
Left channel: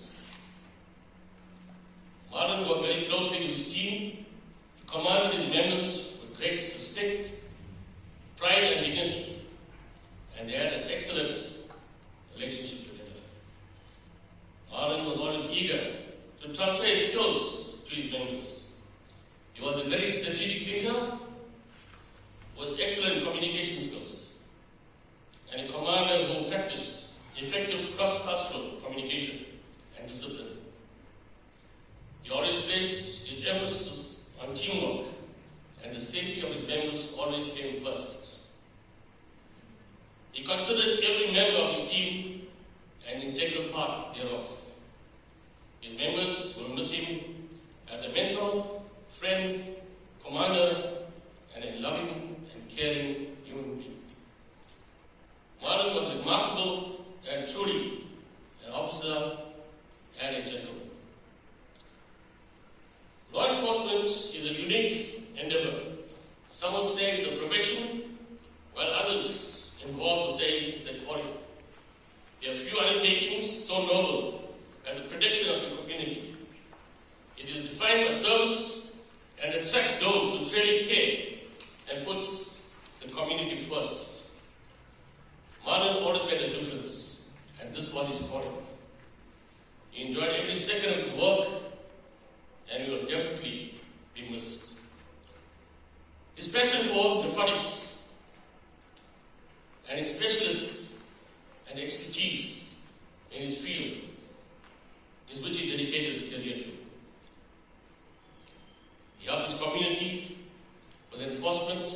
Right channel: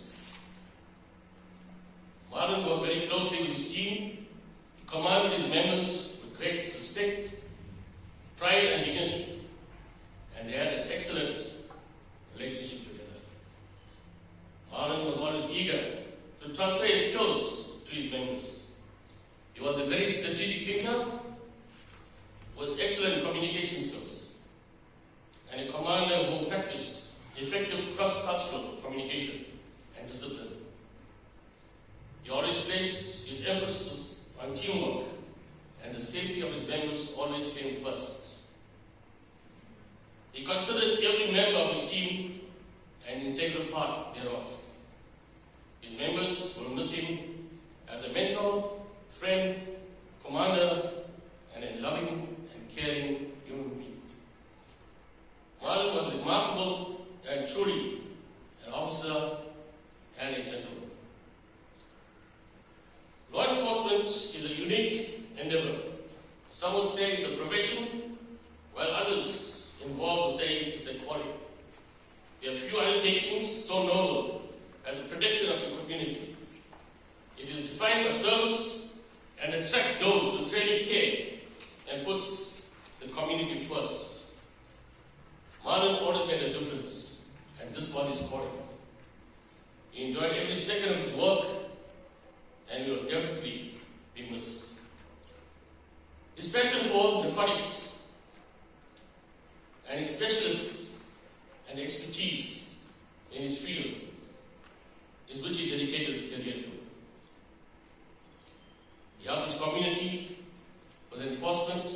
Marlon worked very closely with his team. He commanded his members with great respect, pride and dignity, and they had an excellent relationship together. Marlon was always eager to transfer his skills to his members. He was a very strategic thinker with excellent communication skills and a commander who practiced effective cross-cultural communication and discipline. He always placed his emphasis on teamwork, and the safety of his members always came first. He considered every member of his team an integral part thereof. His members will miss him as a mentor, friend, commander, and a loving and caring human being. Marlon was remarkable and truly an officer and a gentleman. Law enforcement is a unique endeavor. Some will say it's a profession, while others involved will say it's a calling. There are few undertakings so noble as the protection of your community. It is defined by service and attracts those who truly care and puts the community first. Marlon always made a difference, and this was his calling. He enjoyed every second of his work, and he will definitely be missed. His passion for narcotics and his specialists and expertise in his field is which he dedicated his career to. He helped his community with enforcement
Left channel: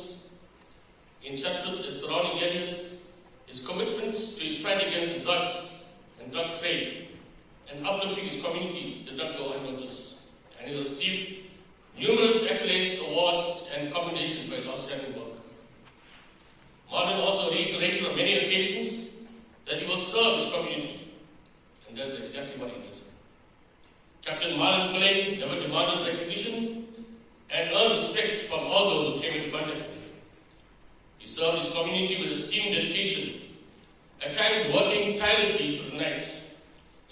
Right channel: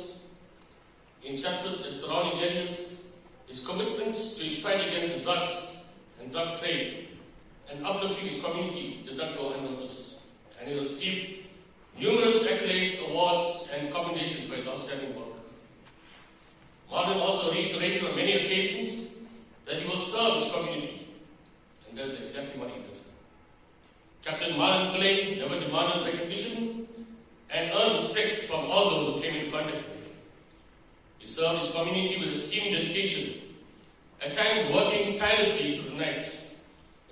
in Chatwood and surrounding areas. His commitment to his fight against drugs and drug trade and uplifting his community did not go unnoticed, and he received numerous accolades, awards, and commendations for his outstanding work. Marlon also reiterated on many occasions that he will serve his community, and that's exactly what he did. Captain Marlon Pillay never demanded recognition and earned respect from all those who came into contact with him. He served his community with esteemed dedication, at times working tirelessly through the night,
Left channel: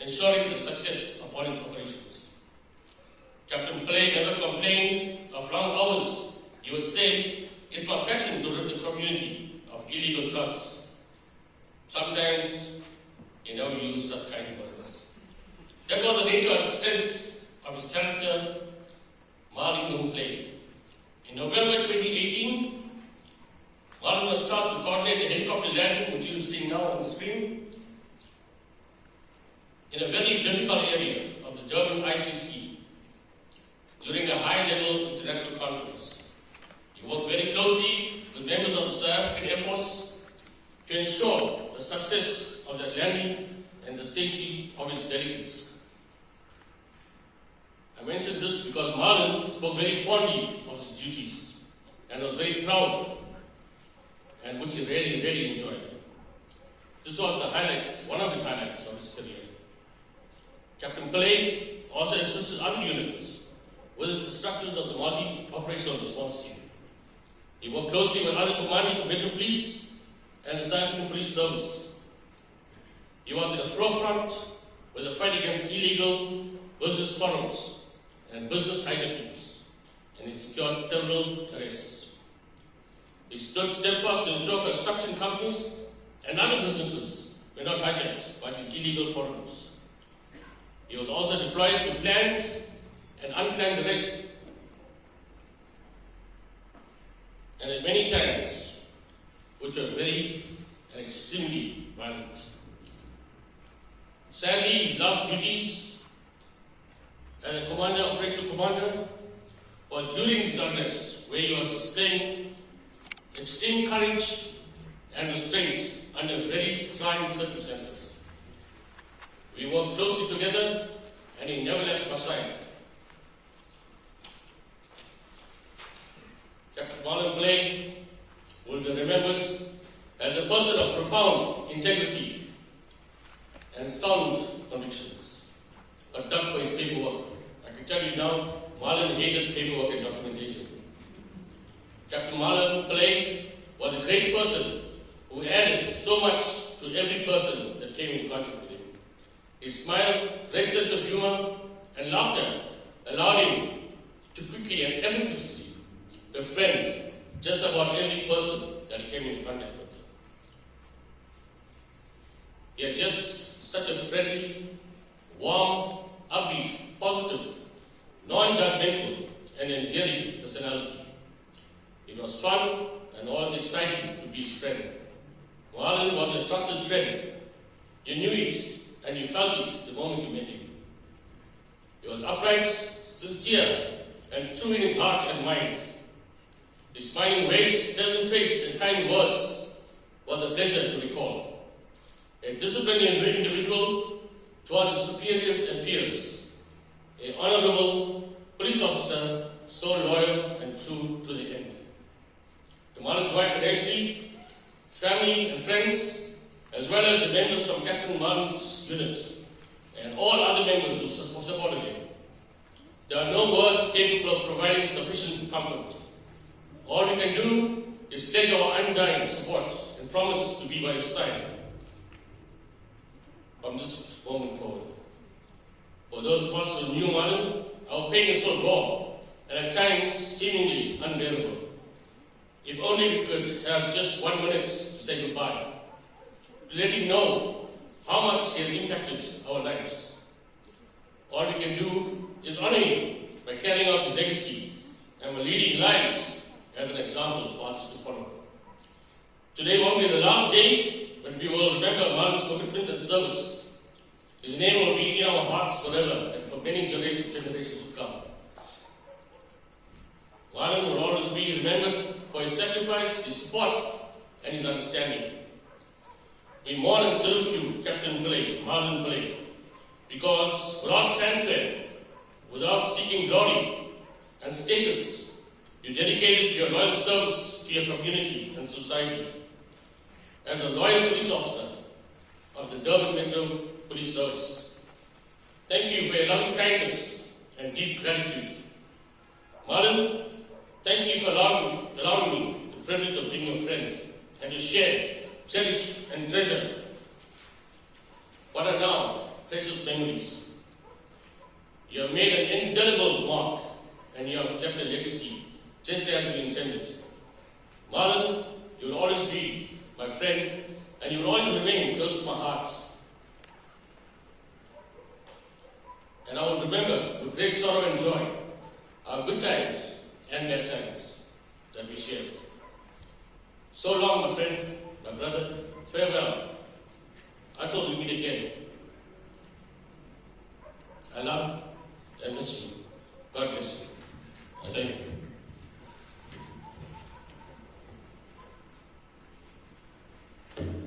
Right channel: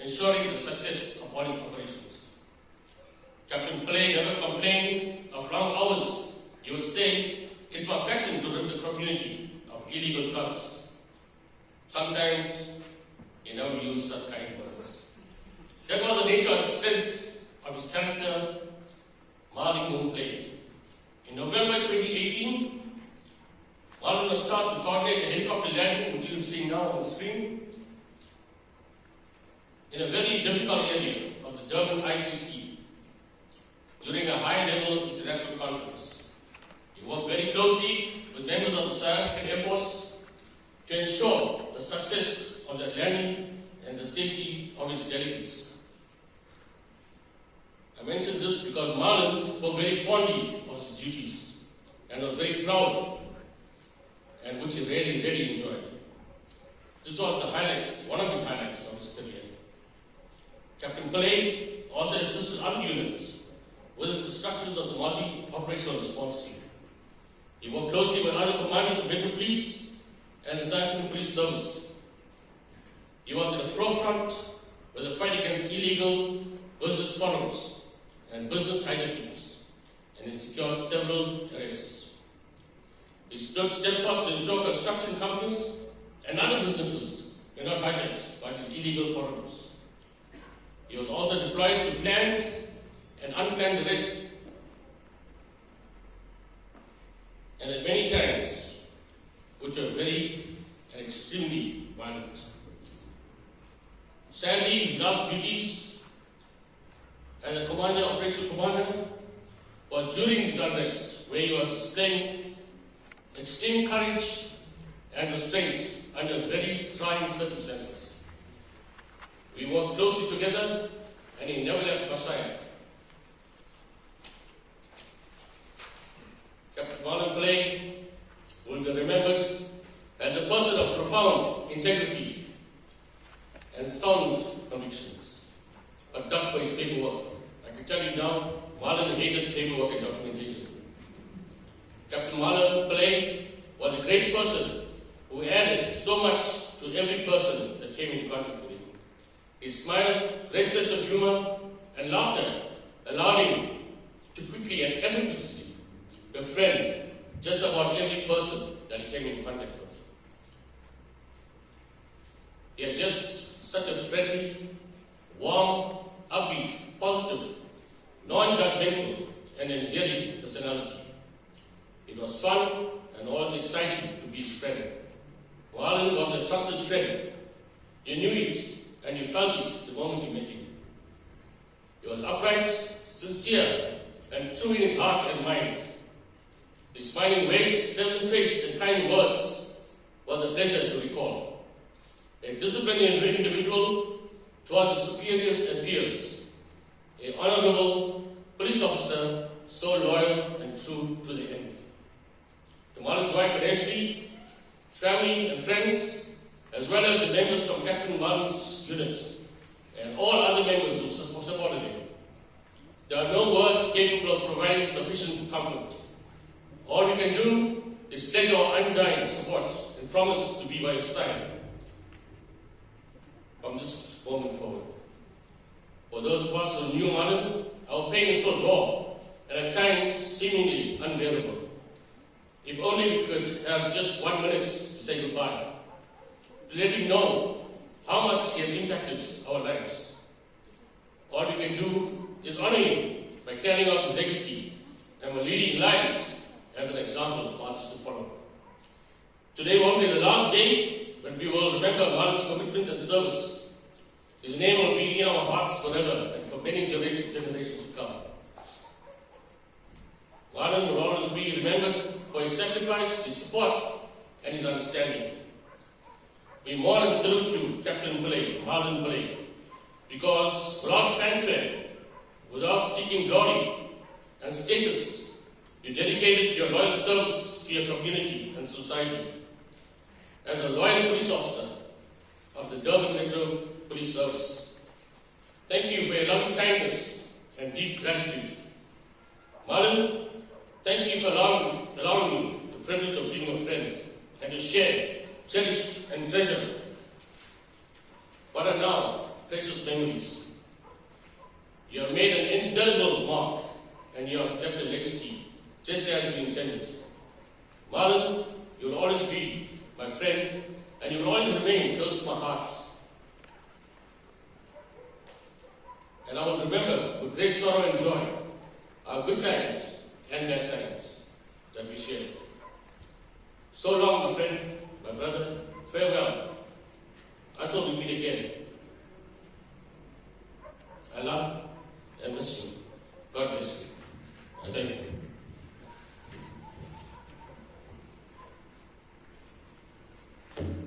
ensuring the success of all his operations. Captain Pillay never complained of long hours. He would say, "It's my passion to rid the community of illegal drugs." Sometimes he never used such kind words. That was the nature of the strength of his character, Mahalingum Pillay. In November 2018, Marlon was tasked to coordinate a helicopter landing, which you see now on the screen, in a very difficult area of the Durban ICC during a high-level international conference. He worked very closely with members of the South African Air Force to ensure the success of that landing and the safety of its delegates. I mention this because Marlon spoke very fondly of his duties and was very proud, and which he really, really enjoyed. This was one of his highlights of his career. Captain Pillay also assisted other units with the structures of the multi-operational response team. He worked closely with other commanders of Metro Police and the South African Police Service. He was at the forefront with the fight against illegal business forums and business hijackings, and he secured several arrests. He stood steadfast to ensure construction companies and other businesses were not hijacked by these illegal forums. He was also deployed to planned and unplanned arrests, and at many times, which were very and extremely violent. Sadly, his last duties as a operational commander, was during his unrest, where he was displaying extreme courage and restraint under very trying circumstances. We worked closely together, and he never left my side. Captain Marlon Pillay will be remembered as a person of profound integrity and sound convictions, but dug for his paperwork. I can tell you now, Marlon hated paperwork and documentation. Captain Marlon Pillay was a great person who added so much to every person that came into contact with him. His smile, great sense of humor, and laughter allowed him to quickly and effortlessly befriend just about every person that he came into contact with. He had just such a friendly, warm, upbeat, positive, non-judgmental, and endearing personality. It was fun and always exciting to be his friend. Marlon was a trusted friend. You knew it, and you felt it the moment you met him. He was upright, sincere, and true in his heart and mind. His smiling ways, pleasant face, and kind words was a pleasure to recall. A disciplined individual towards his superiors and peers. An honorable police officer, so loyal and true to the end. To Marlon's wife and Ashley, family and friends, as well as the members from Captain Marlon's unit, and all other members who supported him. There are no words capable of providing sufficient comfort. All we can do is pledge our undying support and promise to be by his side from this moment forward. For those of us who knew Marlon, our pain is so raw and at times seemingly unbearable. If only we could have just 1 minute to say goodbye, to let him know how much he has impacted our lives. All we can do is honor him by carrying out his legacy and by leading lives as an example of others to follow. Today won't be the last day when we will remember Marlon's commitment and service. His name will be in our hearts forever and for many generations to come. Marlon will always be remembered for his sacrifice, his support, and his understanding. we mourn and salute you, Captain Pillay, Marlon Pillay, because without fanfare, without seeking glory and status, you dedicated your loyal service to your community and society. As a loyal police officer of the Durban Metro Police Service, thank you for your loving kindness and deep gratitude. Marlon, thank you for allowing me the privilege of being your friend and to share, cherish and treasure what are now precious memories. You have made an indelible mark and you have left a legacy just as you intended. Marlon, you will always be my friend and you will always remain close to my heart. And I will remember with great sorrow and joy our good times and bad times that we shared. So long, my friend, my brother, farewell. Until we meet again. I love and miss you. God bless you. Thank you. Thank you.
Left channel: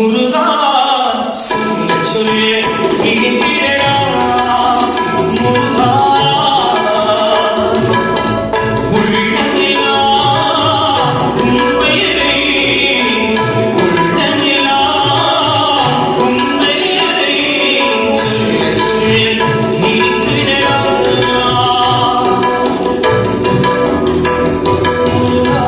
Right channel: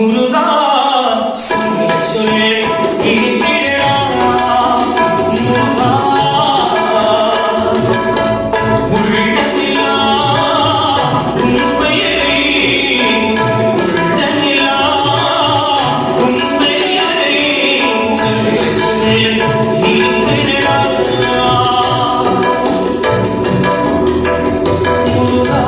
முருகா சொல்ல சொல்ல கேட்கிறடா முருகா உள்ளமெல்லாம் உண்மையை சொல்ல சொல்ல கேட்கிறடா முருகா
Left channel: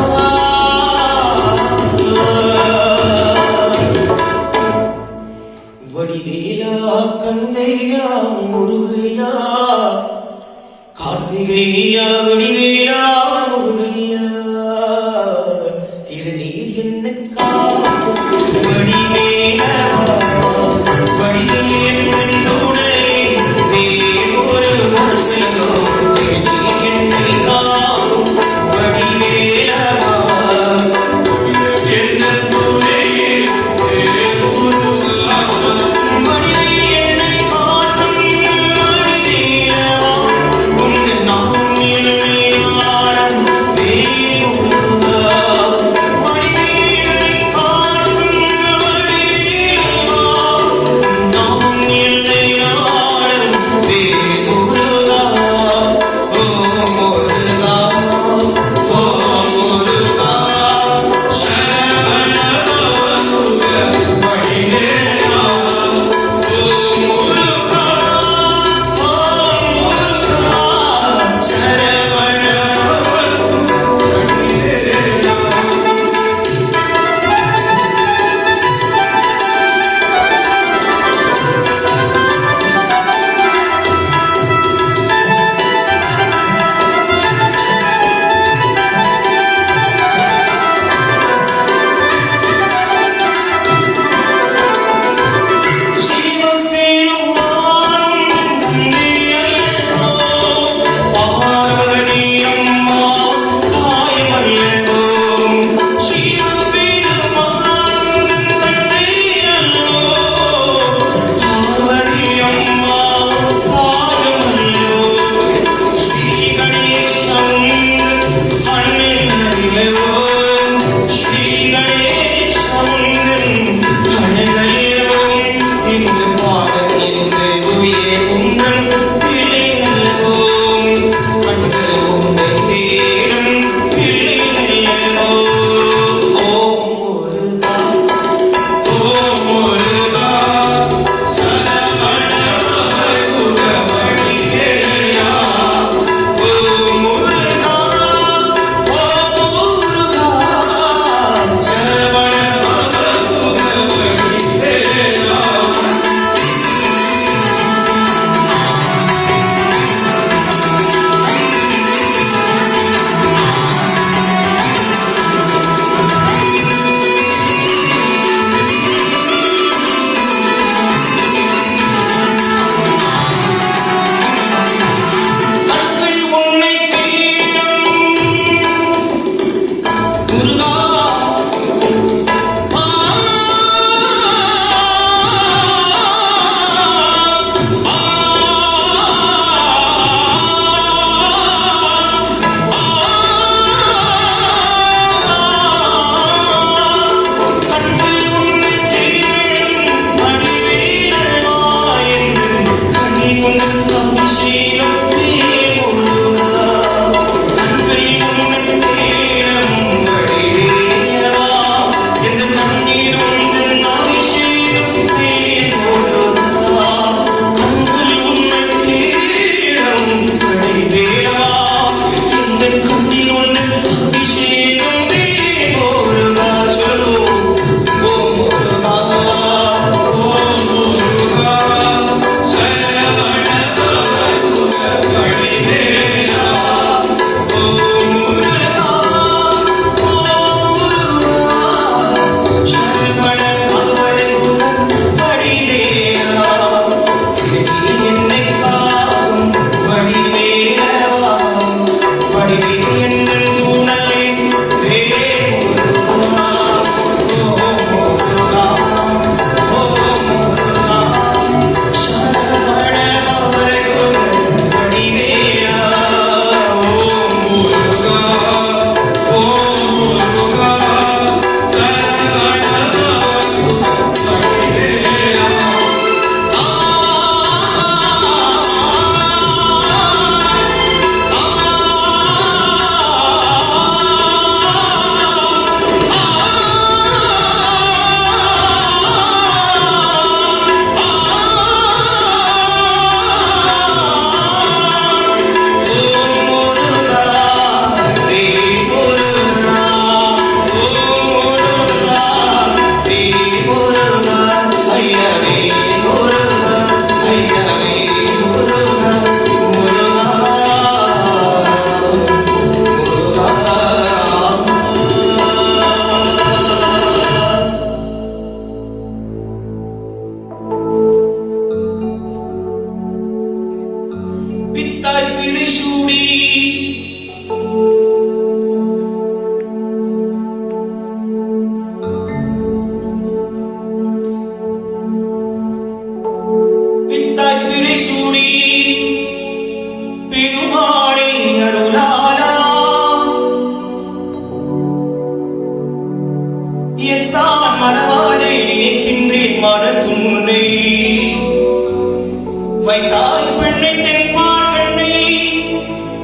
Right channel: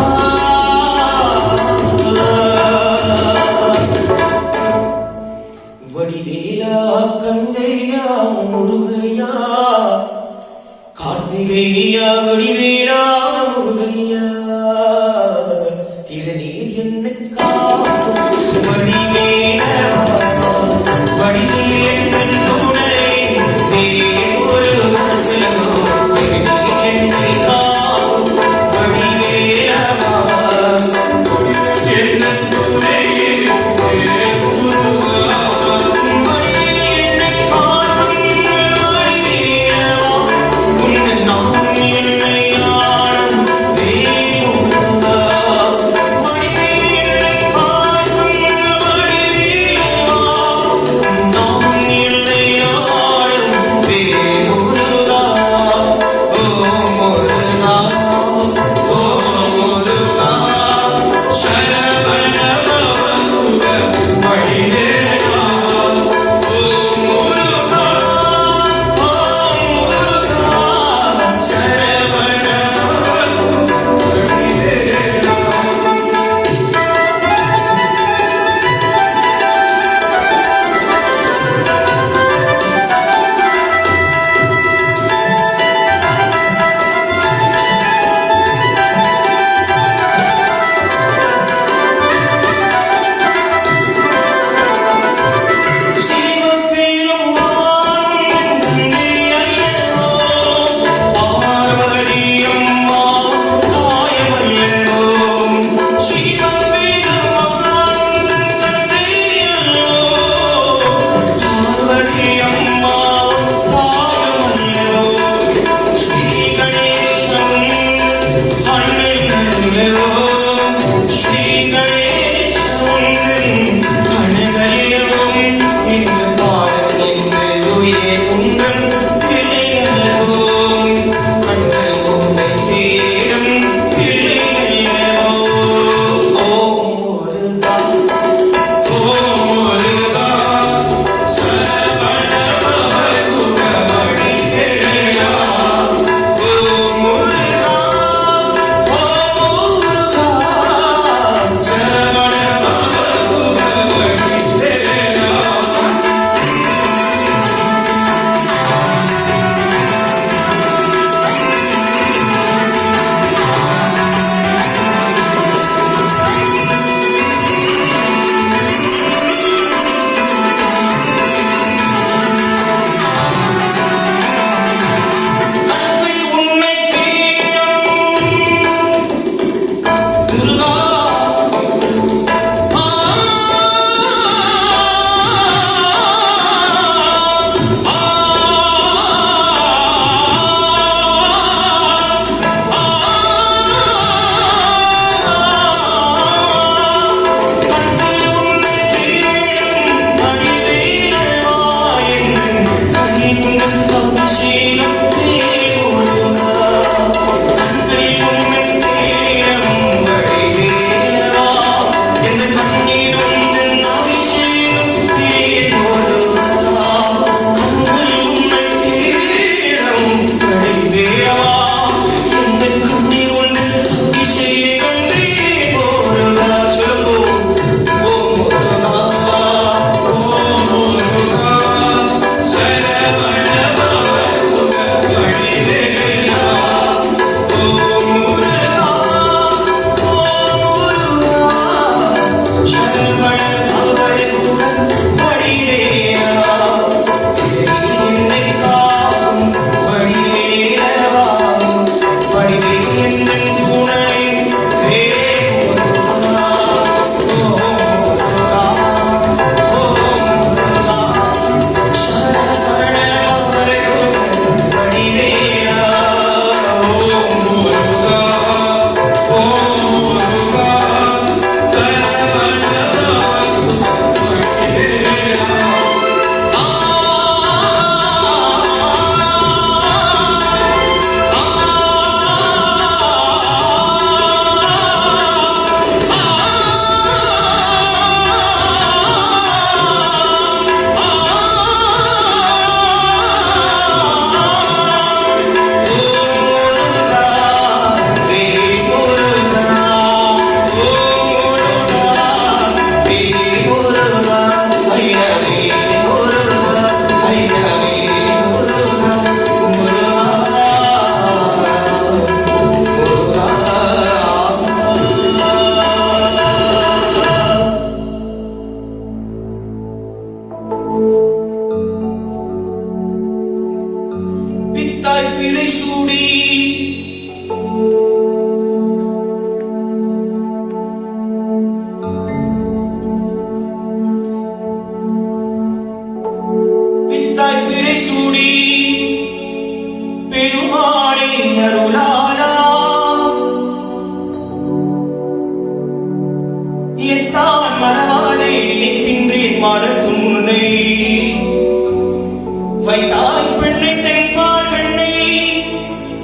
வைத்தாய் பெண்ணை தென்பால் பெண்ணை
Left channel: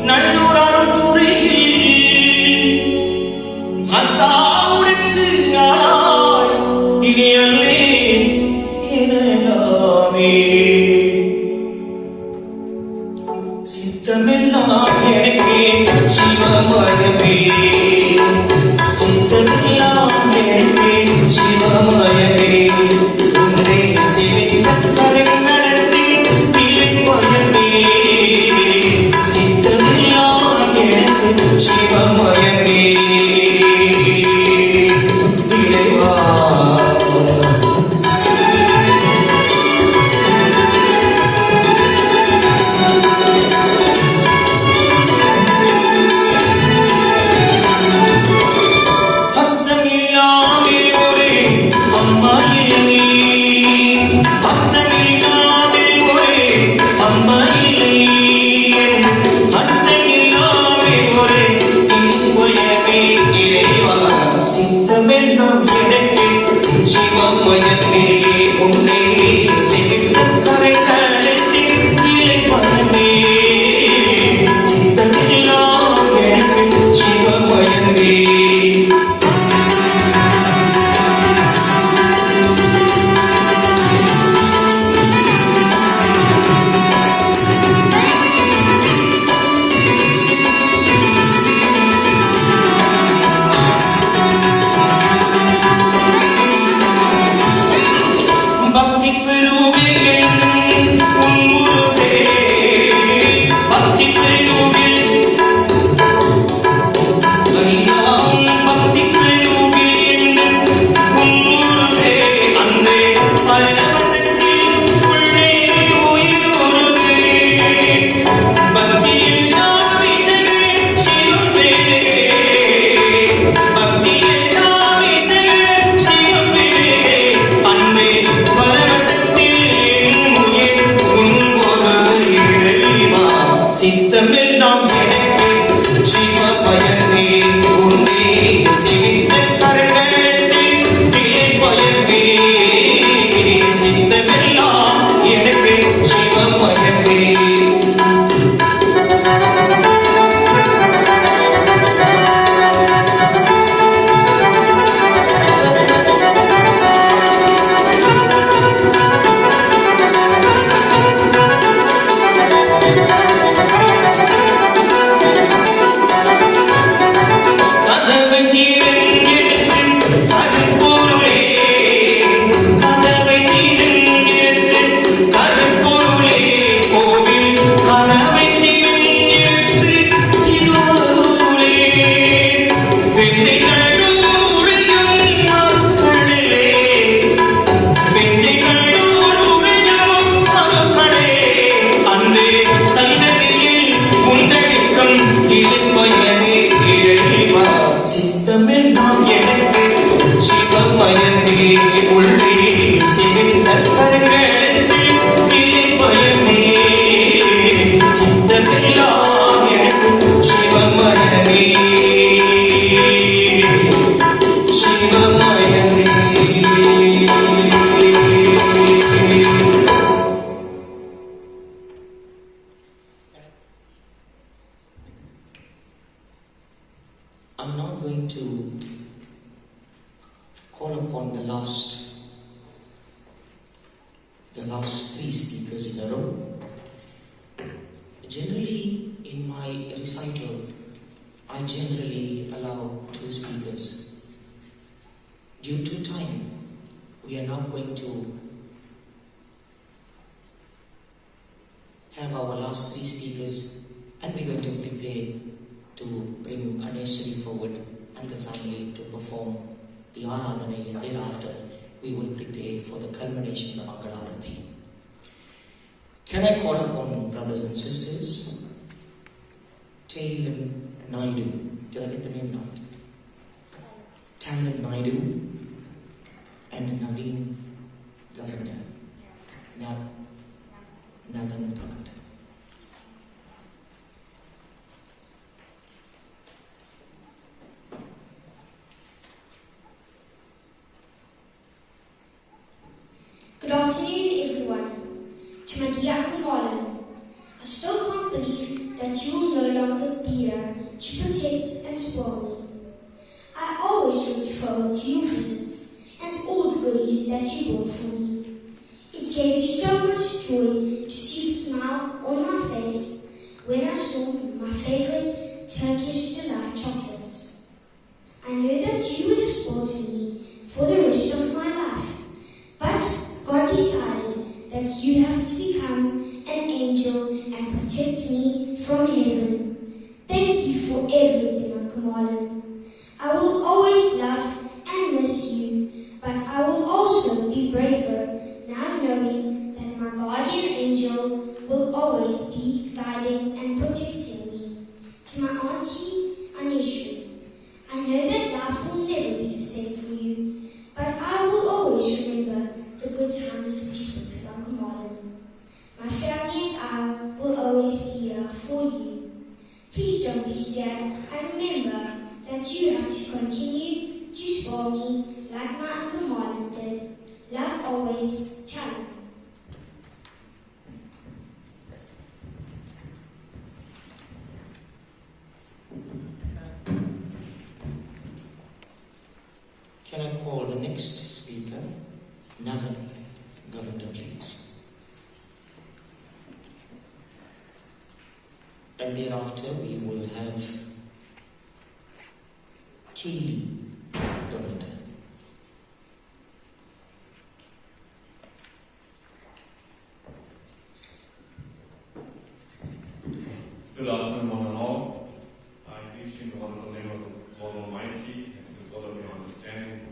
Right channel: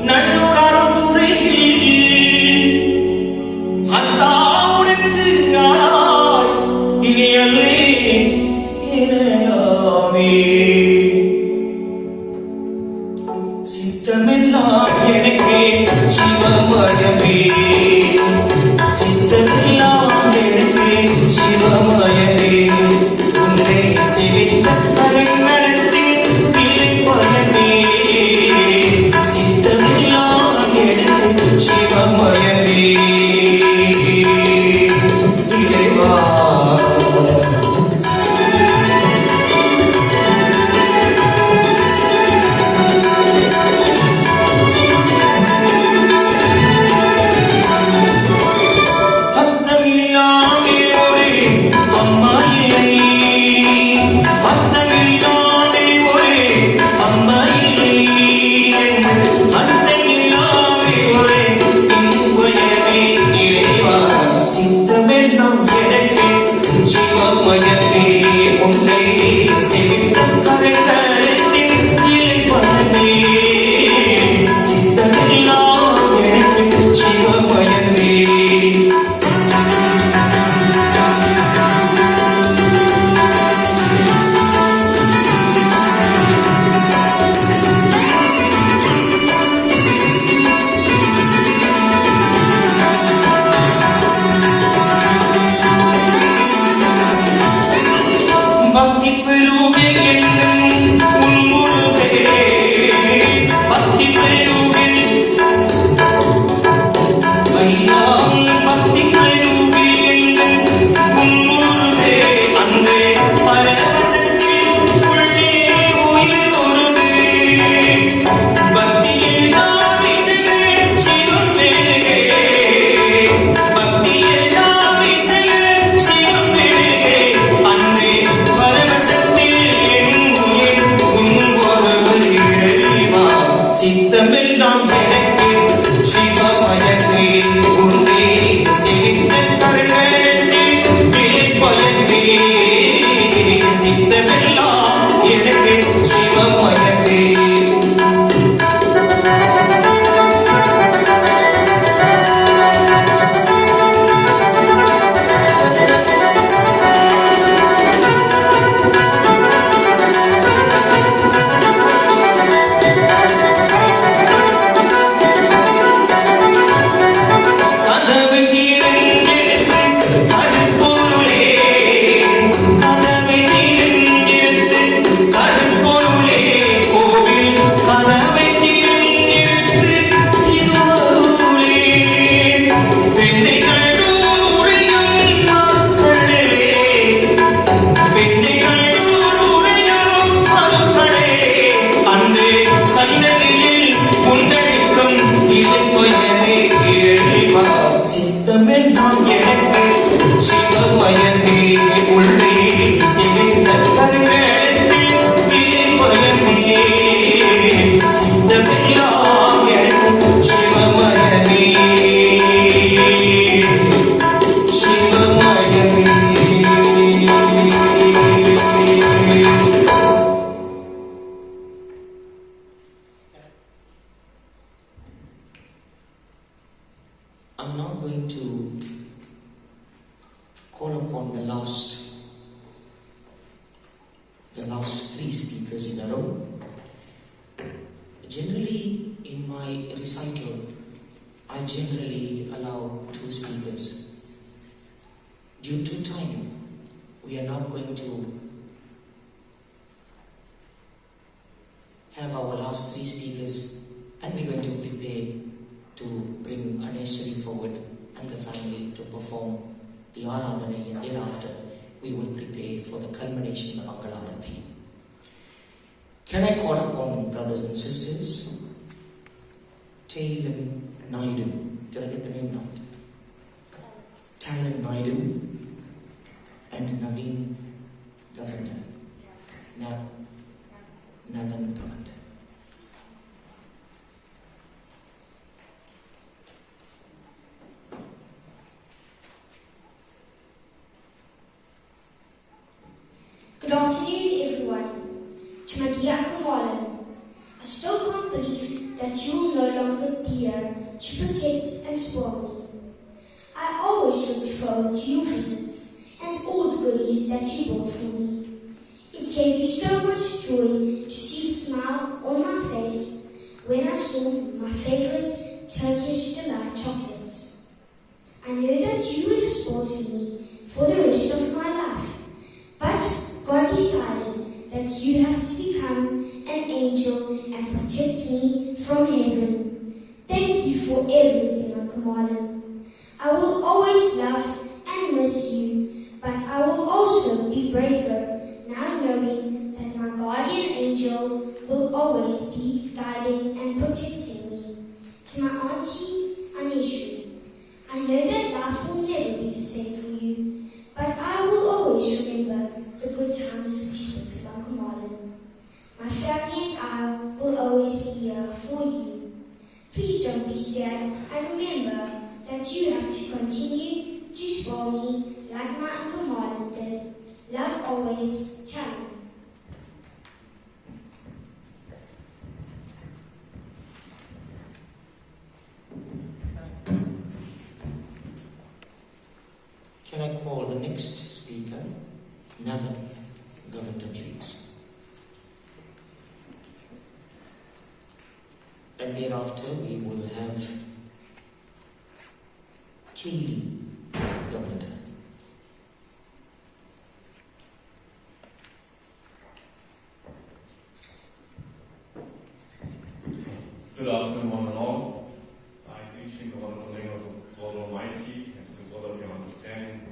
நல்லூரால் துறையில் அத்தாவுடுக்கு ஆளாய் இனி அல்லே எனலாமே சித்தமெல்லாம் எனக்கே சிவமயமே சித்தமெல்லாம் எனக்கே சிவமயமே உன்னை சேர்ந்த கருணத்தி திருமயமே சித்தமெல்லாம் எனக்கே சிவமயமே இறைவா I'm now going to call upon the last three speakers in a row. Generally, in my recital, I generally allow 2 speakers. Due to time, we are now going to have our last 3 speakers, and we are going to prepare to bring Aneshwari forward and the family to perform the Aradhana, and thereafter we would prepare for the culmination of Mangalarati. Can I call upon brothers and sisters? Taylor Naidu. Did I get the name right? Taylor Naidu and Naveen Governor. Naveen Governor. Good afternoon, everyone. To my alcohol gave me so much joy to see the smile on my face when I saw my favorite Turkish delight chocolates. I know that you would have spoiled me for the rest of my life, but God decided that you have to become an angel and protect me from heaven. Thank you for everything, Uncle Marlon. I will always love and miss you, but I will also be braver now knowing that my guardian angel will always be guiding and protecting me. To my auntie, Anishu, I know that life will never be the same for you, but I will always remember the good times we spent with Uncle Marlon. My family and I will always be here for you. Please don't be sad and remember that you have to continue to spoil me like my Uncle Marlon did. Love always, Tally. Can I call the next speaker? Nana, Governor, please. And thereafter we will have Katie, Governor. Good afternoon, one and all. I greet you in the wonderful name of the Lord Almighty and to the God of your understanding.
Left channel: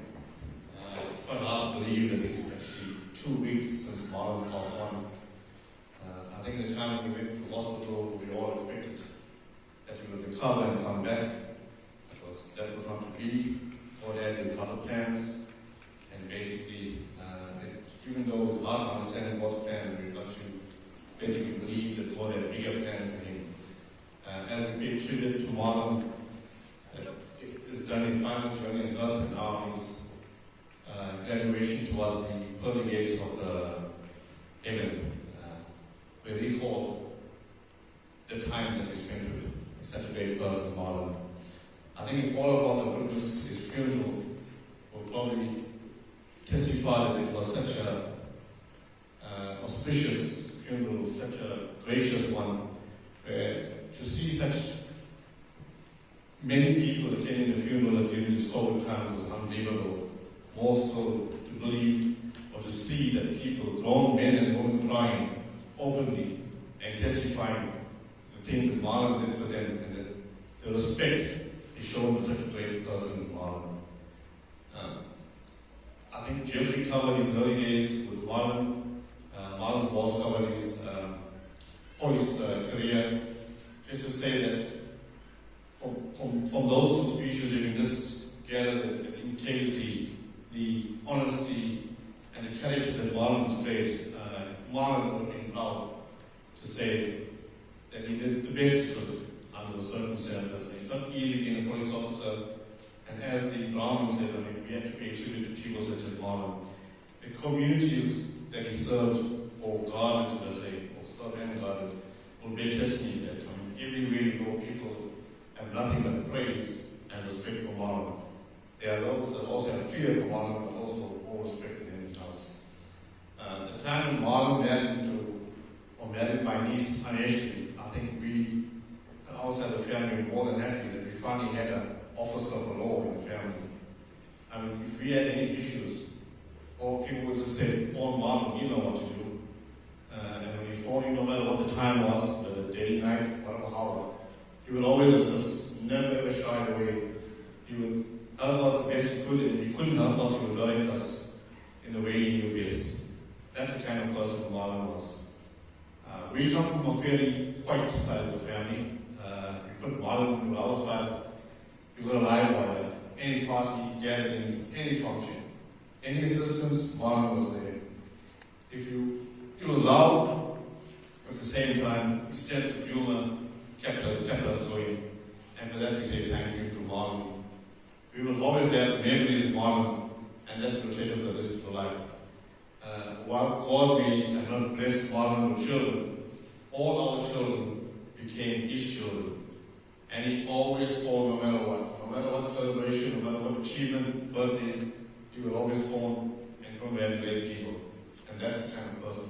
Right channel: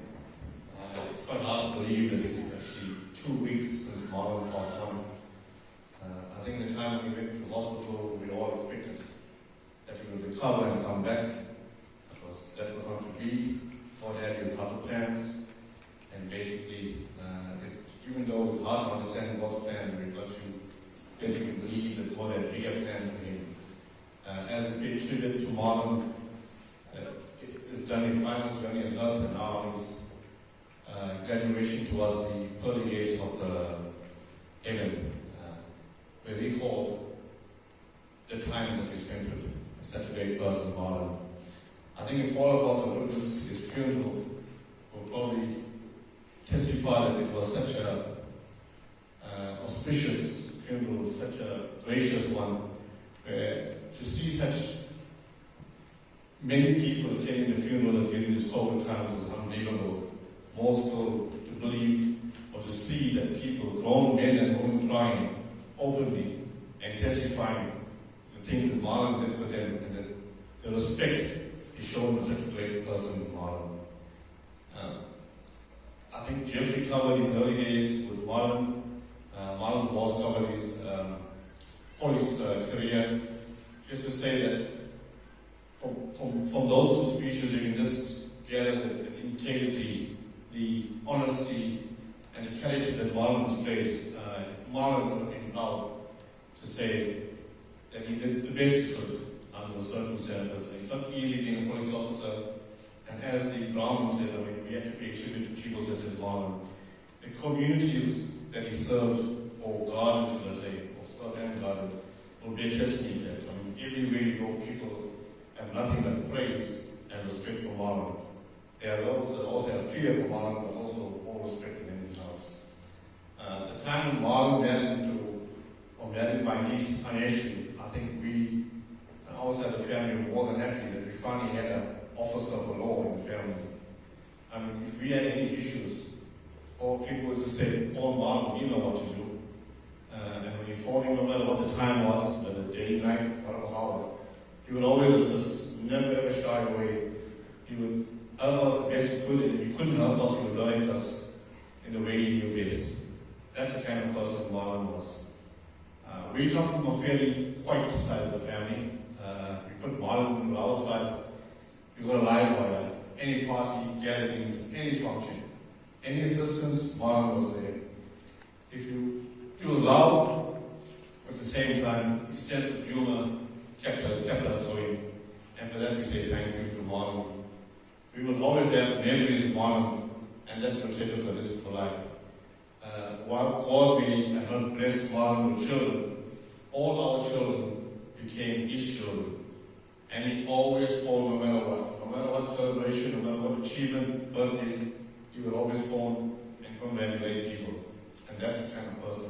It's quite hard to believe that it's actually 2 weeks since Marlon passed on. I think the time we went to the hospital, we all expected that he would recover and come back. Because that was not to be. God had his other plans. And basically, even though it's hard to understand God's plans, we've got to basically believe that God had bigger plans for him. And we paid tribute to Marlon, has done his final journey on earth, and now his graduation towards the pearly gates of heaven, where he fought the times that we spent with such a great person, Marlon. I think if all of us have witnessed his funeral, will probably testify that it was such a auspicious funeral, such a gracious one, where to see such many people attending the funeral during this COVID times was unbelievable. More so to believe or to see that people, grown men and women, crying openly and testifying the things that Marlon did for them and the respect he showed for such a great person, Marlon. I think Jeffrey covered his early days with Marlon. Marlon was covered his police career. Just to say that from those two speeches during this gather, the integrity, the honesty, and the courage that Marlon displayed, Marlon would have been proud to say that he did the best he could under the circumstances. It's not easy being a police officer, and as the Brahmin said, we have to pay tribute to people such as Marlon. The communities that he served, or guarded, should I say, or served and guarded, will be a testimony to that. Everywhere you go, people have nothing but praise and respect for Marlon. There are those that also have fear for Marlon, but also all respect in his house. The time when Marlon married my niece, Anishu, I think we, also as a family, were more than happy that we finally had an officer of the law in the family. I mean, if we had any issues, or people would just say, phone Marlon, you know what to do. And when you phone him, no matter what the time was, whether day, night, whatever hour, he would always assist, never ever shy away. He would help us the best he could, and if he couldn't help us, he would guide us in the way he knew best. That's the kind of person Marlon was. We come from a fairly white side of the family. We put Marlon to our side. He was alive by any party, gatherings, any function. Any assistance, Marlon was there. He was loud, at the same time, his sense of humor kept us going. And for that we say thank you to Marlon. We will always have memories of Marlon, and that will set us the rest of life. While God we have not blessed Marlon with children, all our children became his children. And he always formed, no matter what celebration, no matter what achievement, birthdays, he would always form and congratulate people. And that's the kind of person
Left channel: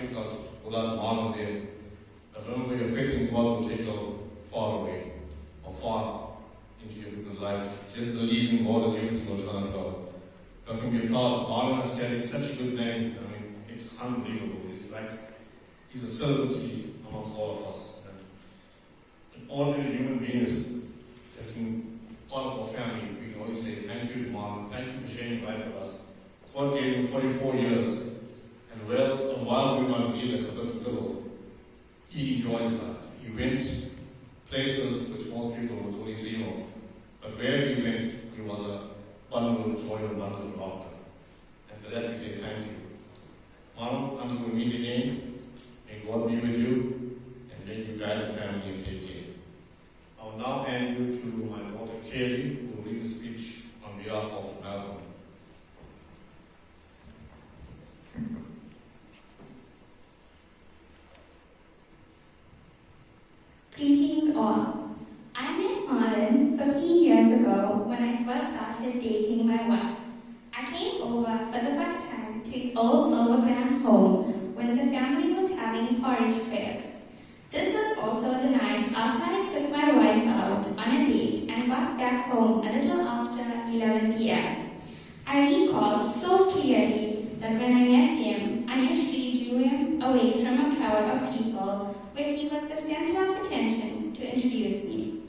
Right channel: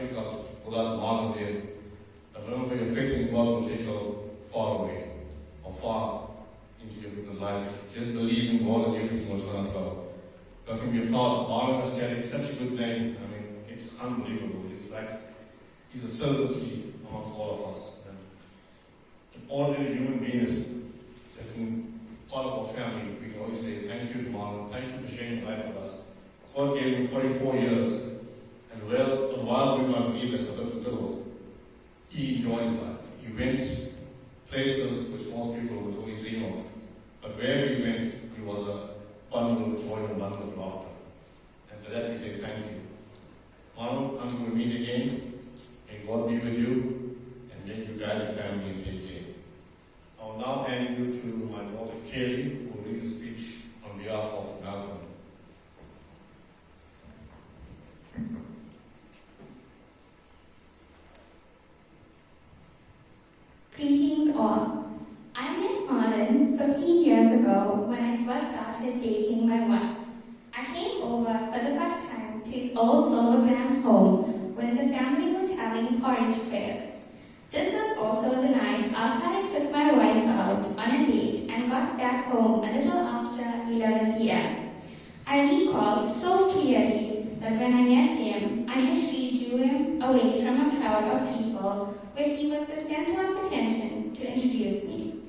because without Marlon there, remember your faith in God will take you far away or far into your people's life. Just believe in God and everything will turn out well. But can be proud, Marlon has carried such a good name. I mean, it's unbelievable. It's like he's a celebrity amongst all of us. And ordinary human beings that's in part of our family, we can always say thank you to Marlon, thank you for sharing life with us. God gave him 44 years, and while we might believe as a little, he enjoyed life. He went places which most people would only dream of. But wherever he went, he was a bundle of joy and bundle of laughter. And for that we say thank you. Marlon, I'm going to meet again. May God be with you, and may you guide the family and take care. I will now hand you to my daughter Kaylee, who will read a speech on behalf of Malcolm. Greetings all. I met Marlon 15 years ago when I first started dating my wife. I came over for the first time to his old Silvergram home when the family was having porridge prayers. This was also the night after I took my wife out on a date and got back home a little after 11 p.m. I recall so clearly that when I met him, I initially drew him away from a crowd of people where he was the center of attention to introduce me.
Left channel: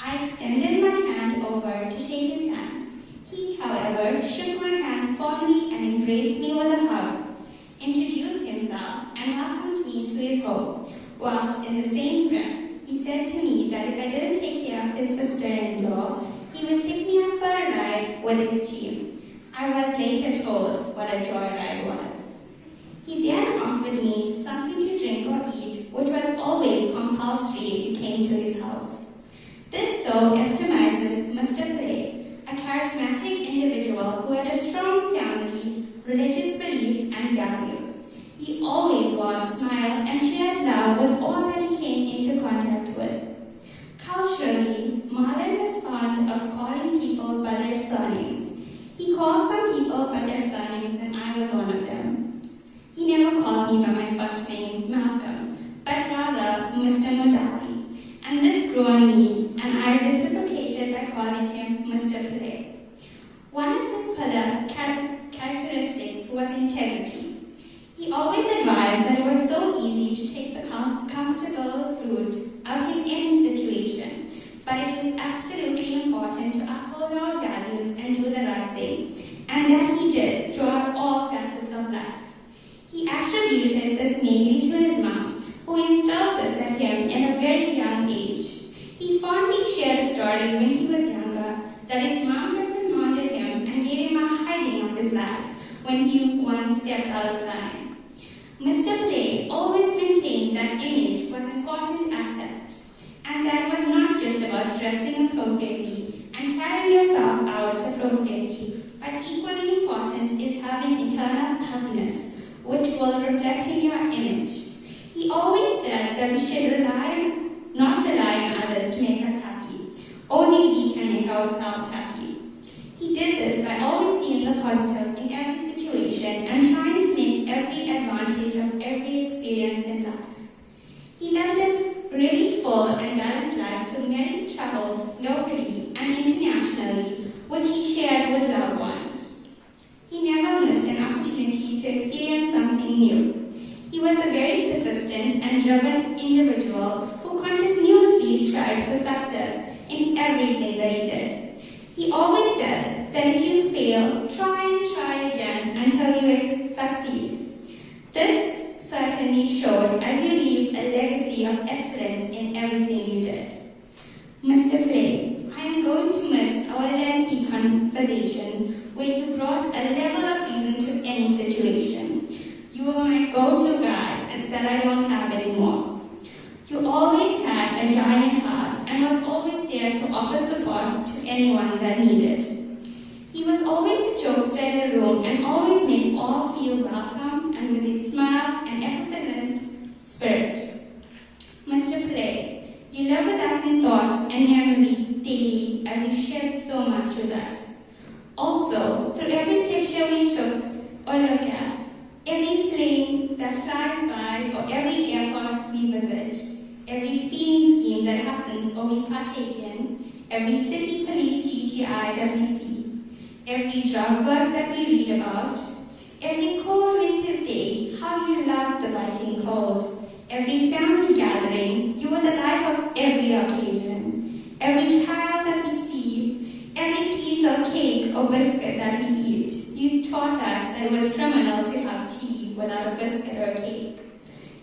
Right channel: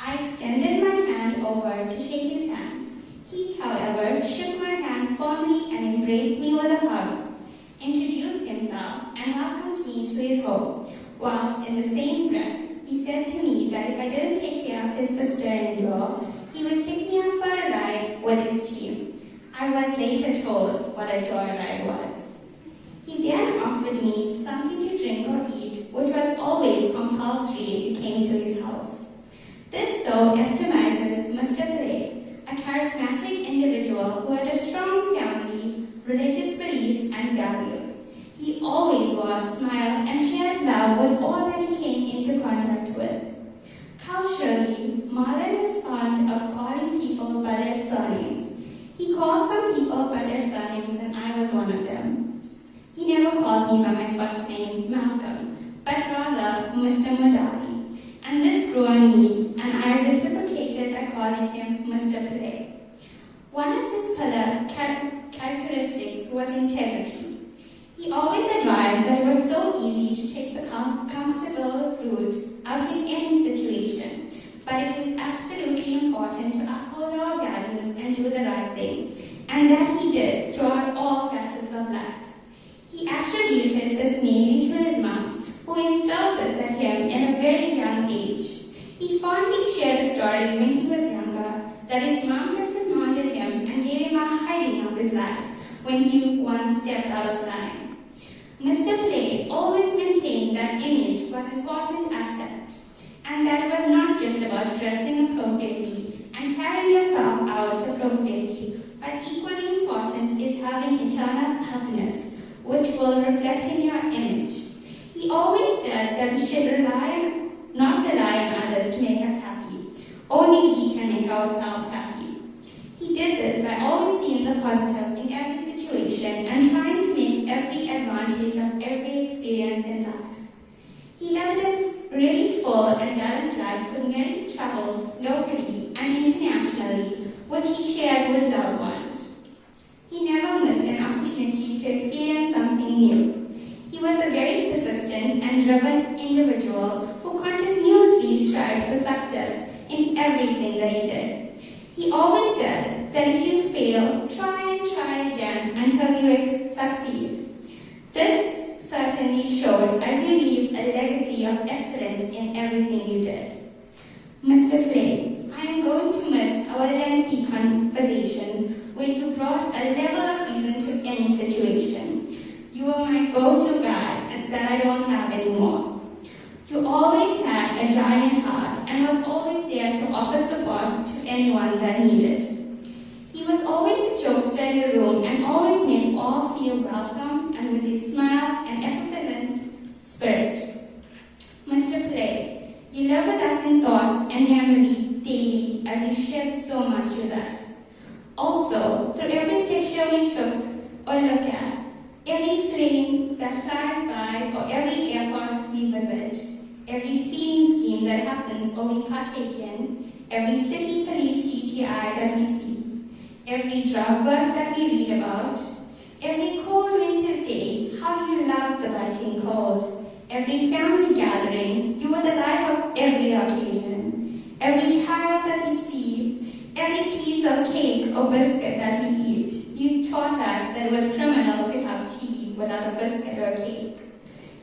I extended my hand over to shake his hand. He, however, shook my hand firmly and embraced me with a hug, introduced himself, and welcomed me to his home, whilst in the same breath, he said to me that if I didn't take care of his sister-in-law, he would pick me up for a ride with his team. I was later told what a joyride was. He then offered me something to drink or eat, which was always compulsory if you came to his house. This so epitomizes Mr. Pillay, a charismatic individual who had a strong family, religious beliefs, and values. He always was, smiled, and shared love with all that he came into contact with. Culturally, Marlon was fond of calling people by their surnames. He called some people by their surnames, and I was one of them. He never called me by my first name, Malcolm, but rather Mr. Modali, and this grew on me, and I reciprocated by calling him Mr. Pillay. One of his characteristics was integrity. He always advised that it was so easy to take the comfortable route out in any situation, but it is absolutely important to uphold our values and do the right thing, and that he did throughout all facets of life. He attributed this mainly to his mom, who instilled this at him in a very young age. He fondly shared a story when he was younger that his mom reprimanded him and gave him a hiding of his life when he once stepped out of line. Mr. Pillay always maintained that image was an important asset, and that was not just about dressing appropriately and carrying yourself out appropriately, but equally important is having internal happiness, which will reflect in your image. He always said that we should not rely on others to make us happy. Only we can make ourselves happy. He did this by always seeing the positive in every situation and trying to make every advantage of every experience in life. He lived a really full and balanced life with many travels locally and internationally, which he shared with loved ones. He never missed an opportunity to experience something new. He was a very persistent and driven individual who continuously strived for success in everything that he did. He always said that if you fail, try and try again until you succeed. This certainly showed as you leave a legacy of excellence in everything you did. Mr. Pillay, I am going to miss our lengthy conversations where you brought a level of reason to any situation. You are my go-to guy that I don't have anymore. You always had a giant heart and was always there to offer support to anyone that needed. He was always the jokester in the room and always made all feel welcome and with a smile and effervescent spirit. Mr. Pillay, you live with us in thought and memory daily as you shared so much with us. Also, through every picture we took or look at, every flame that flies by every city police GTI that we see, every drug verse that we read about, every cold winter's day, how you loved the biting cold, every family gathering, you were the life of every occasion, every child that we see, every piece of cake or biscuit that we eat, you taught us that it was criminal to have tea without a biscuit or a cake.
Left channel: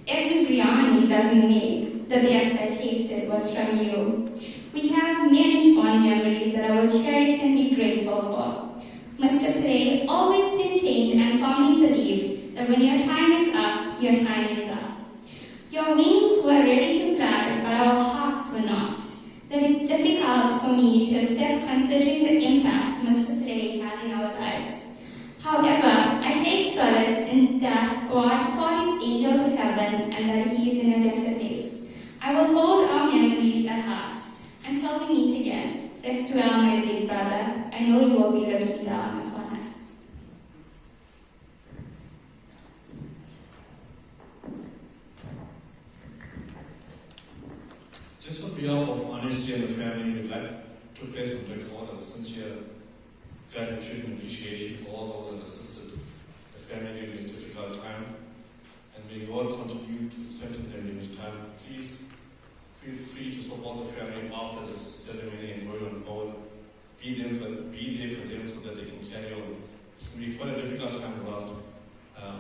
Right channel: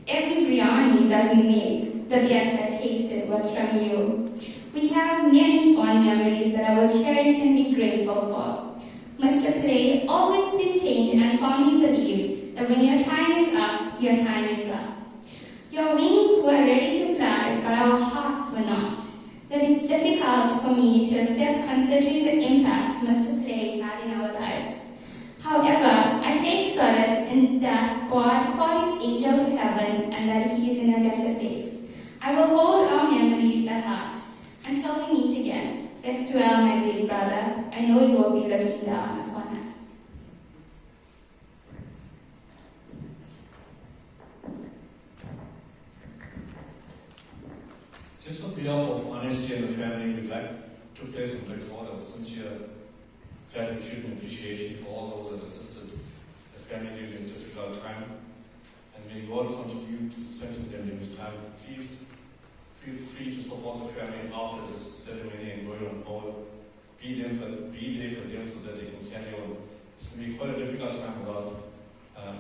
Every biryani that we made, the best I tasted was from you. We have many fond memories that I will cherish and be grateful for. Mr. Pillay always maintained and firmly believed that when your time is up, your time is up. Your wings were ready to fly, but our hearts were not. That is difficult for me to accept considering the impact Mr. Pillay had in our lives. However, I take solace in that God called his angel to heaven and that he is in a better place. I will hold our memories at heart. Until we meet again, rest well, my dear brother. I know you will be looking down upon us. Just on behalf of honesty and the family, we'd like to place on record our sincere gratitude and appreciation for all those that assisted the family during this difficult time. And may God continue to strengthen them in this time. Please feel free to support the family after this ceremony and going on forward. Be there for them so that they can carry on. It's going to be quite a difficult time without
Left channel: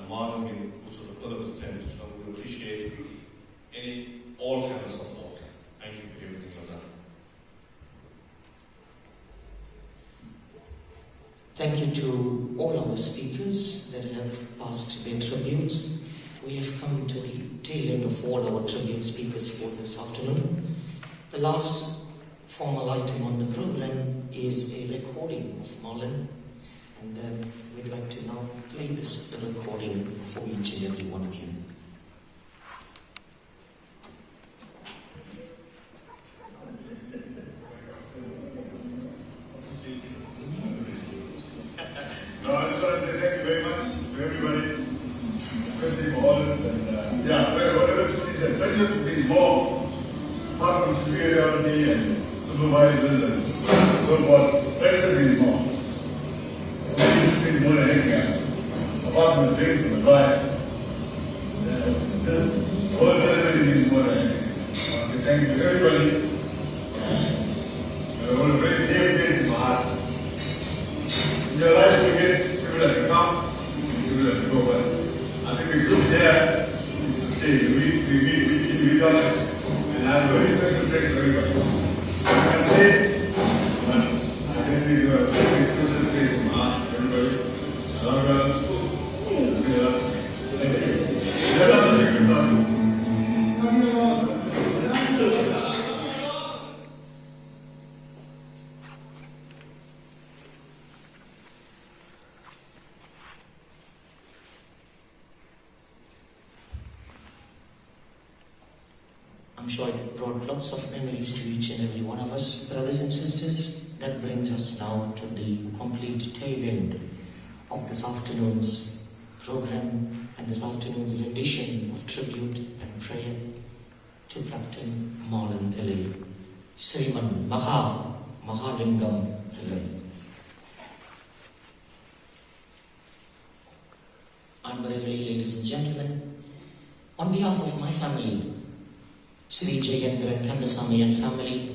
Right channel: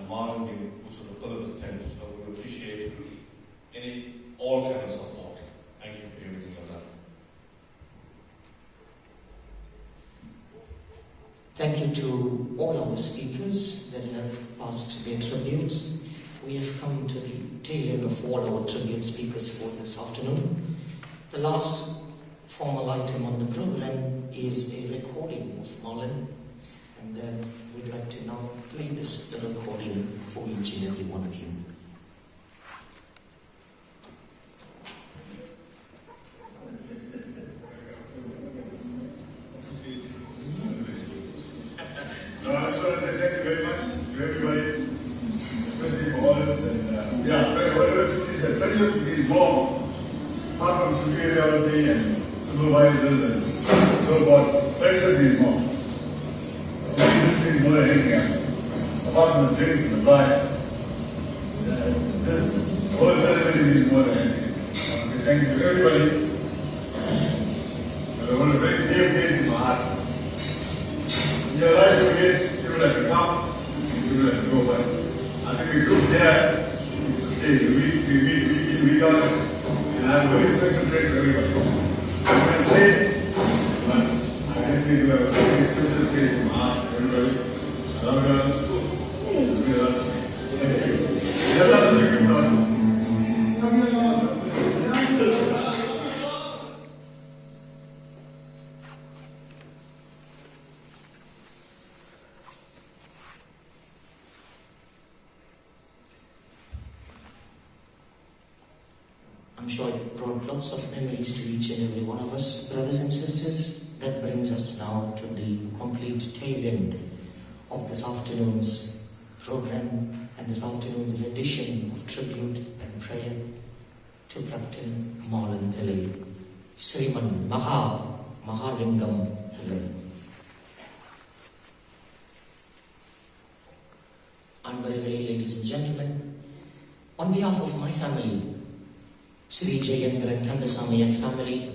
Marlon, which was a pillar of strength. So we appreciate all kinds of support. Thank you for everything you've done. Thank you to all our speakers that have passed their tributes. We have come to the tail end of all our tribute speakers for this afternoon. The last formal item on the program is a recording of Marlon, and then we'd like to now play this recording for each and every one of you. I just want to say thank you very much to everybody, especially for all this. And whatever he said, friendship is more, apart from superiority and supervisors and so forth. Friendship is more. We need this thing more than anything else. Apart from the drinks and the bride, this whole ceremony means more than anything. Okay, thank you to everybody. I want a very dear place in my heart. In your life, you get people that will come, people that will go. But I think the group here is to stay. We meet week out, and I have a very special place for everybody. I'm going to say it, but I definitely do have a very special place in my heart for everybody. I love you all. Thank you. Let us take this on. I'm sure it brought lots of memories to each and every one of us, brothers and sisters. That brings us now to the complete tail end of this afternoon's program and this afternoon's rendition of tribute and prayer to Captain Marlon Pillay, Sriman Mahalingum Pillay. I'm very, ladies and gentlemen, on behalf of my family, Sri Jagendra and Kandasamy and family,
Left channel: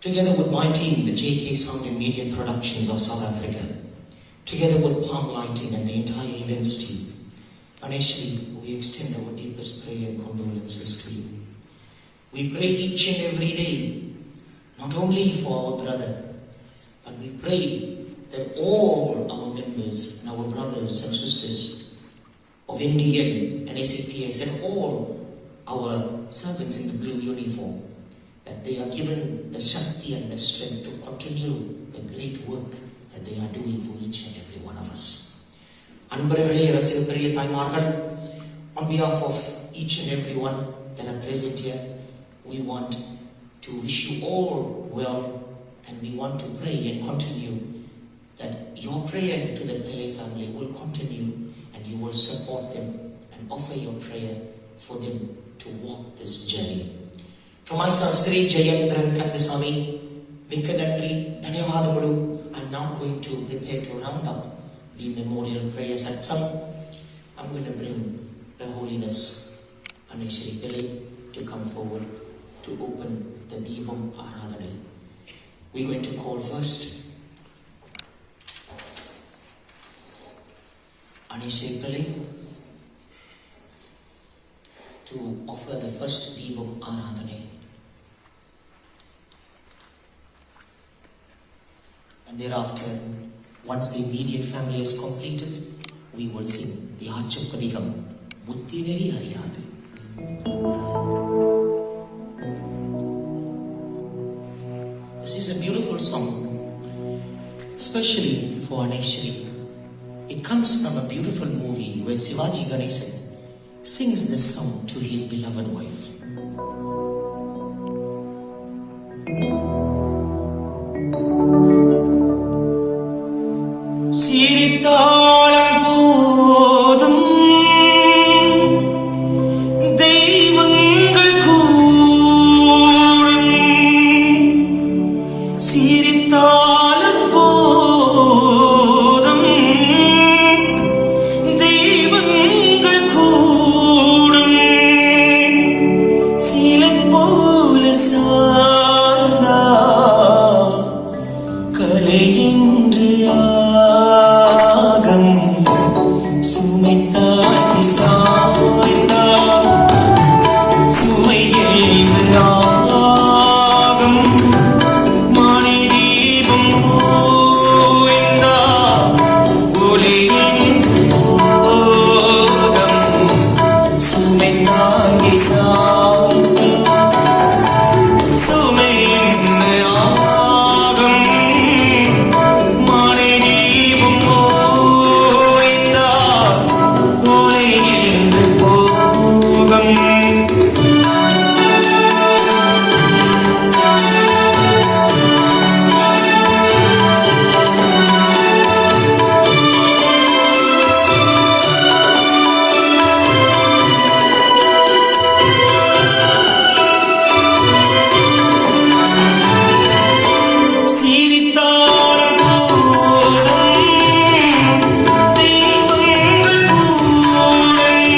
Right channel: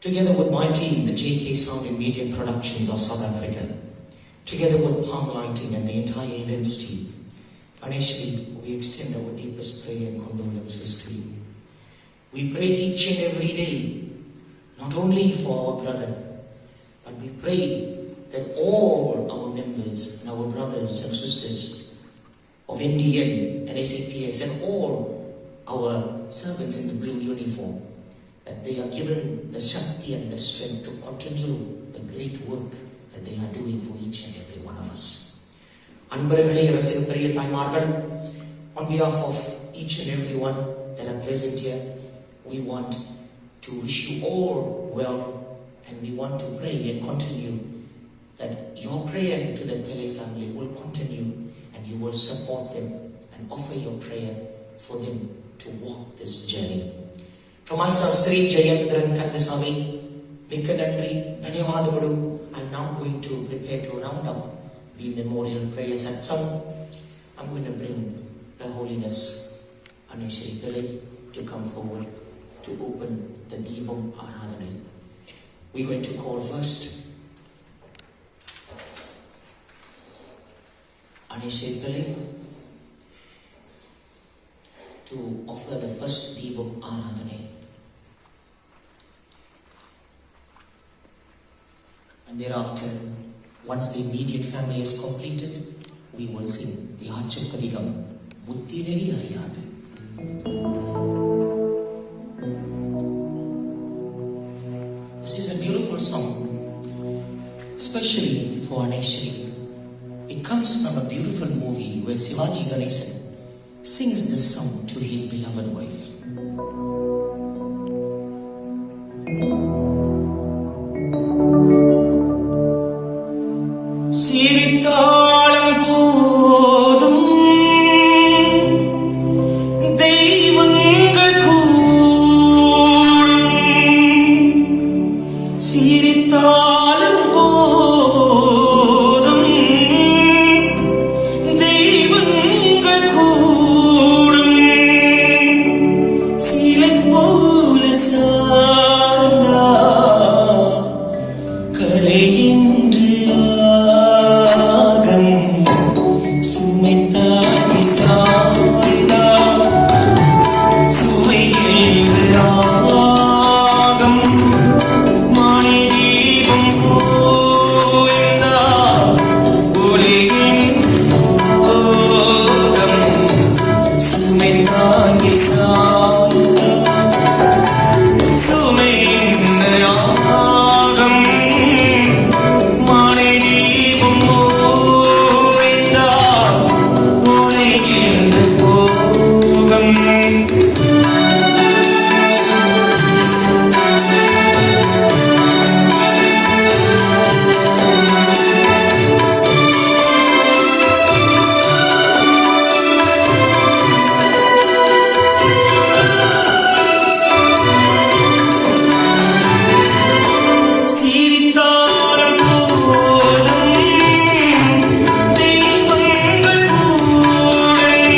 together with my team, the JK Sound and Media Productions of South Africa, together with Palm Lighting and the entire events team, honestly, we extend our deepest prayer and condolences to you. We pray each and every day, not only for our brother, but we pray that all our members and our brothers and sisters of NDM and SAPS and all our servants in the blue uniform, that they are given the Shakti and the strength to continue the great work that they are doing for each and every one of us. On behalf of each and every one that are present here, we want to wish you all well, and we want to pray and continue that your prayer to the Pillay family will continue, and you will support them and offer your prayer for them to walk this journey. From myself, Sri Jayendran Kandasamy, Mikka Nandri, Dhanyavadamalu. I'm now going to prepare to round up the memorial prayers at some. I'm going to bring Her Holiness Shri Pillay to come forward to open the Deepam Aradhana. We're going to call first Shri Pillay to offer the first Deepam Aradhana. And thereafter, once the immediate family is completed, we will sing the Archapadikam, Buddhi Veri Ariyadu. This is a beautiful song, especially for Aneshri. It comes from a beautiful movie where Sivaji Ganesan sings this song to his beloved wife. சிரித்தாலும் போதும் தெய்வங்கள் கூடும், சிரித்தாலும் போதும் தெய்வங்கள் கூடும், சிலை போல சார்ந்தா கரையின்று சுமைத்தாய் சாய்ந்தா சுமையில் ராகம் மணி தீபம் போய்ந்தா ஒளியின் ஓகம் சுமைத்தாய் சாய்ந்தா சுமையின் ராகம் மணி தீபம் போய்ந்தா ஒளியின் ஓகம். சிரித்தாலும் போதும் தெய்வங்கள் கூடும்,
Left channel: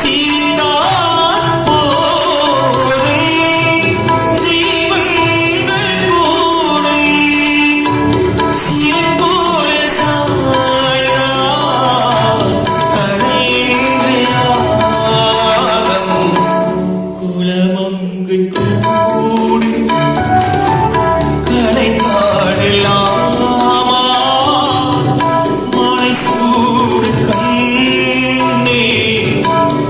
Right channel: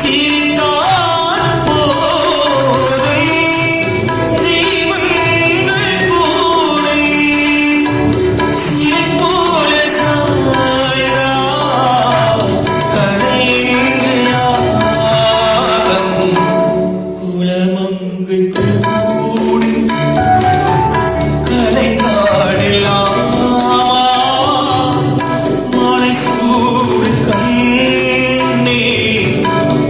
சிரித்தாலும் போதும் தெய்வங்கள் கூடும், சிலை போல சாய்ந்தா கரையின்று ராகம் குலமங்கு கூடும் கலைந்தாடலாம் மொழி சூடு கண்ணே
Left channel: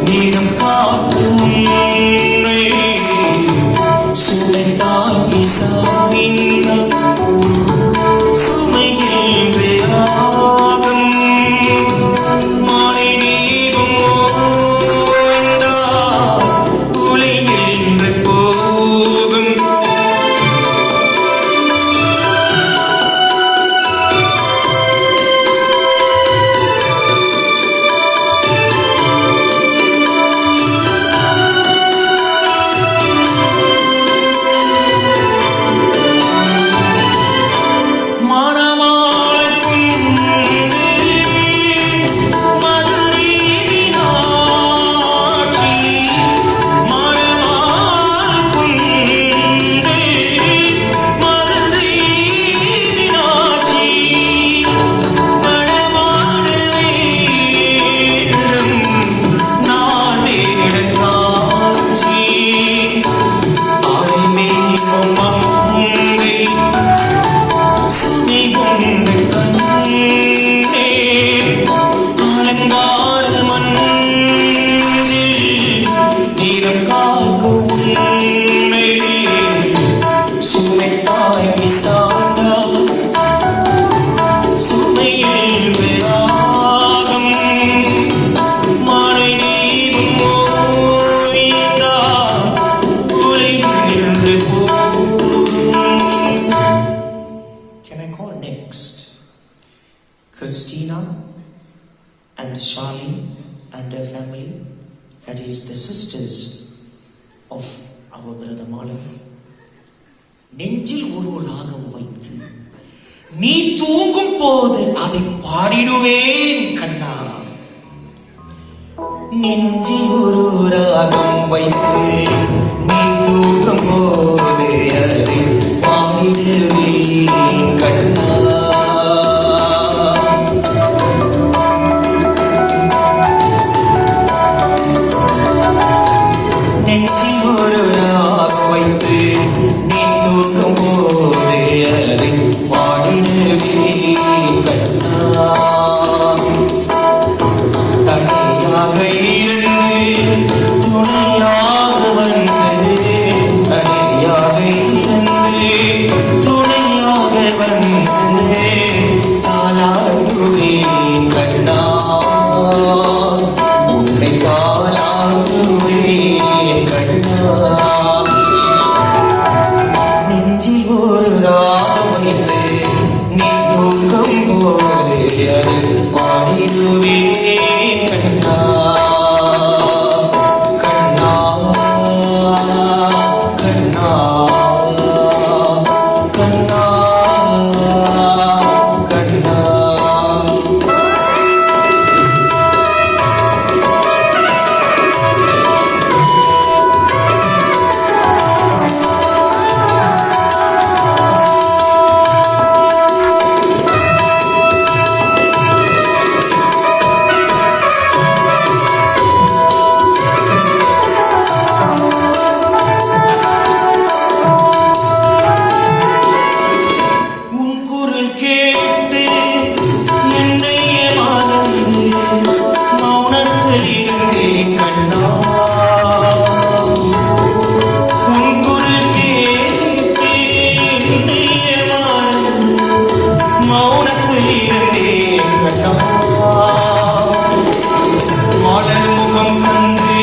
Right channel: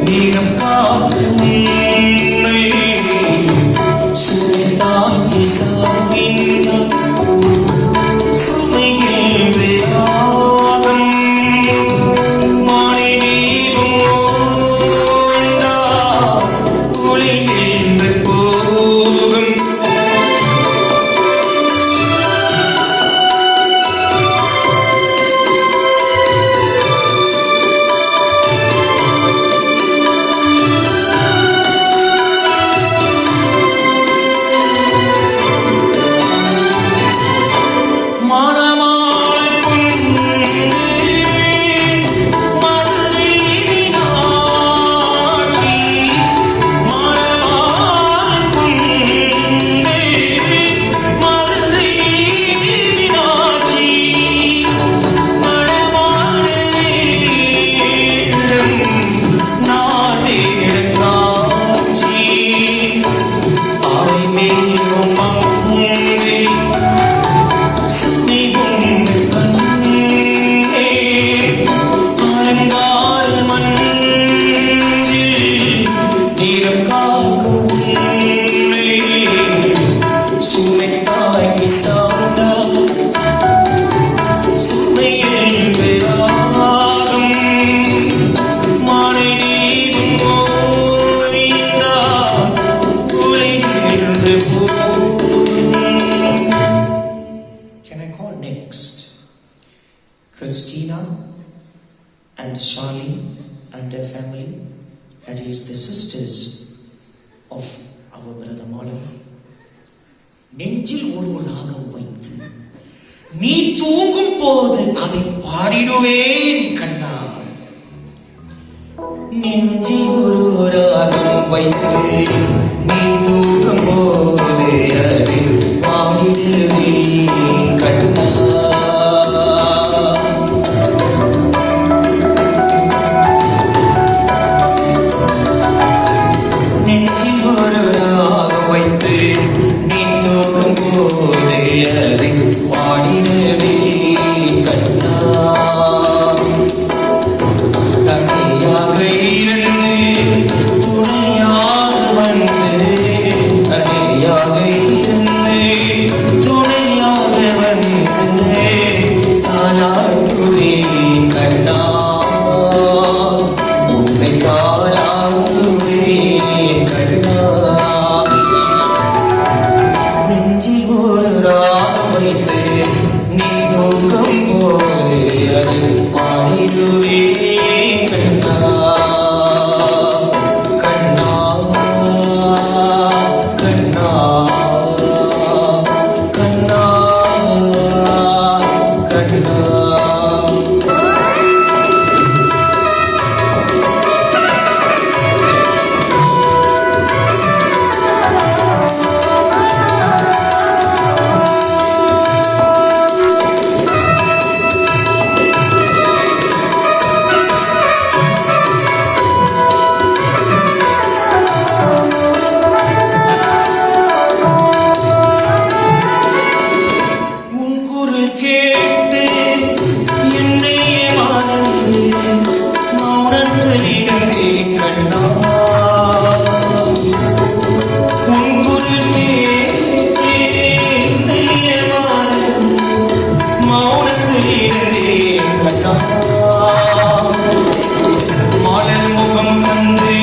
நீரம் காக்கும் சுமைத்தாங்கி சாய்ந்த சுமையில் விராகம் மழை நீரும் ஓய்ந்தா ஒளியில் போகும். and Charlie and her family, that is the sisters of நெஞ்சில் ஒரு ராகம் வைத்து நீ தூங்கும் போது அதை பாடிடுவேன் கண்ணா. நெஞ்சில் ஒரு ராகம் வைத்து நீ தூங்கும் போது அதை பாடிடுவேன் கண்ணா. நெஞ்சில் ஒரு ராகம் வைத்து நீ தூங்கும் போது அதை பாடிடுவேன் கண்ணா. கனியாக இருந்து துணையாக வந்து, கனியாக இருந்து துணையாக வந்து தாலாட்டுவேன் கண்ணா. உன்னை தாலாட்டுவேன் கண்ணா. நெஞ்சில் ஒரு ராகம் வைத்து நீ தூங்கும் போது அதை பாடிடுவேன் கண்ணா. கண்ணா கண்ணா கண்ணா கண்ணா. உன் குரல் கேட்டு என்னையே மறந்து மௌனத்தில் இருந்தேன் கண்ணா. உன் குரல் கேட்டு என்னையே மறந்து மௌனத்தில் இருந்தேன் கண்ணா. மலர் முகம் கண்டு